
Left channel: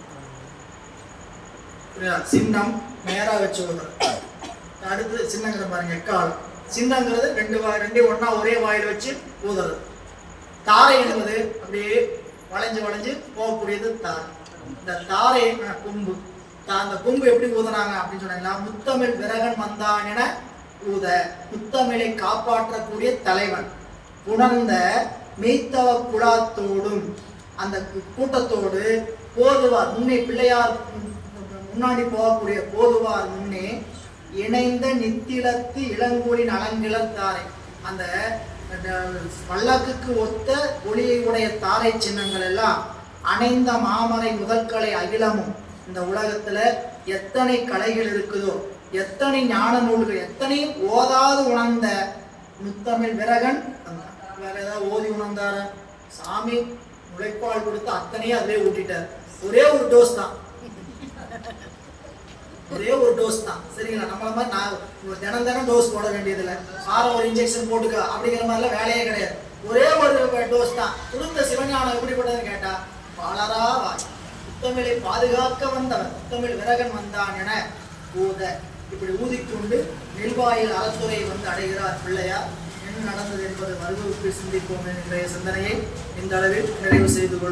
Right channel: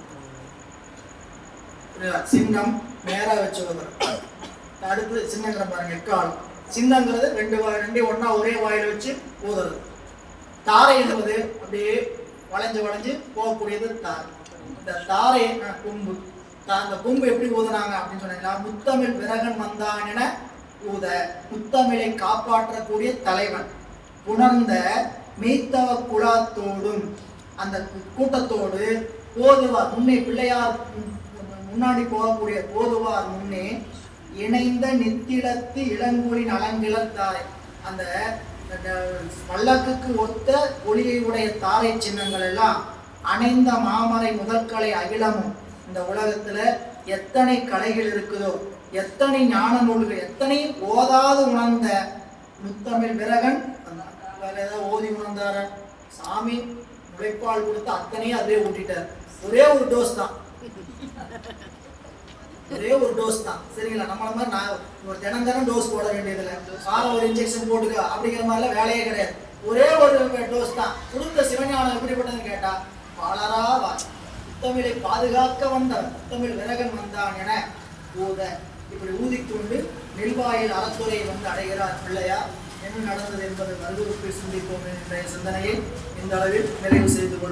சின்னம் நேரா வச்சு ஊதுறது. அடுத்து சின்னங்கிற பாருங்க, எக்காலம். சின்னங்கிறது ரெண்டு ஒன்னா ஒரே வாயில் வச்சு ஊதுறது. தாரை என்பது அப்படியே வளைஞ்சு போகக்கூடியது தாரை. இந்த தாரை கொம்பு. அந்த கொம்பு எப்படி ஊதுனாங்க அப்படின்னு சொன்னீங்களா, முத்தமிழ் விரகன் வந்தான் என ஊத. முத்தமிழை காப்பாற்றக்கூடிய தலைவன். உணர்ந்த மெய்த்தவ குலாத்தோடும், அந்த கூட்டத்தோடு போதுவார் முன்னே, பிள்ளையார் முன்னாடி போகக்கூடிய போதுவார் முன்னே இணைந்த நித்திலத்து இளங்கூலின் அலங்கிளர் தாரை. அந்த பல்லக்குக்கு ஒத்த ஒளியை உடைய தாரை சின்னங்கள் எல்லாம் அணைந்த மாமரை முதற்கலை அகிலமும். இந்த உலகத்துல எத்தனை கலைகள் இருக்குதோ, எத்தனை ஞான நூல்கள், எத்தனை ஓதாது உணர்ந்த முத்தமிழ் விரகன் வேற ஏதாவது ஓதி உணர்ந்தார? சாமி முளைப்பால் கொடுத்து அத்தனையும் அதே ஊட்டிட்டார். ஒரே ஒரு டோஸ் தான், சரிங்களா? நம்மள மாதிரி நான் தினம் டோஸ் போட வேண்டியதில்லை. வாரம் ஒரு இன்ஜெக்ஷன் போட்டுக்க அப்படிங்கிற மாதிரிலாம் வேலையே கிடையாது. ஒரே ஒரு டோஸ் தான். கொடுத்த சிவஞானம் எப்படிப்பட்டதுன்னு கேட்டா, பாலராவா முத்தமிழை பாதுகாக்க வந்தவன் முத்தமிழ் விரகன் வந்தான் என ஊத. இப்படி ஊதிக்கொண்டு நெல்வாயில் அறத்துறை வந்து அடைகிறார் பிள்ளையார். என்ன நடந்தது என்பது மருத்துவத்தில் சிந்திப்போம் என்ற சிந்தனையை இந்த அளவில் நிறைவு செய்து கொள்வோம்.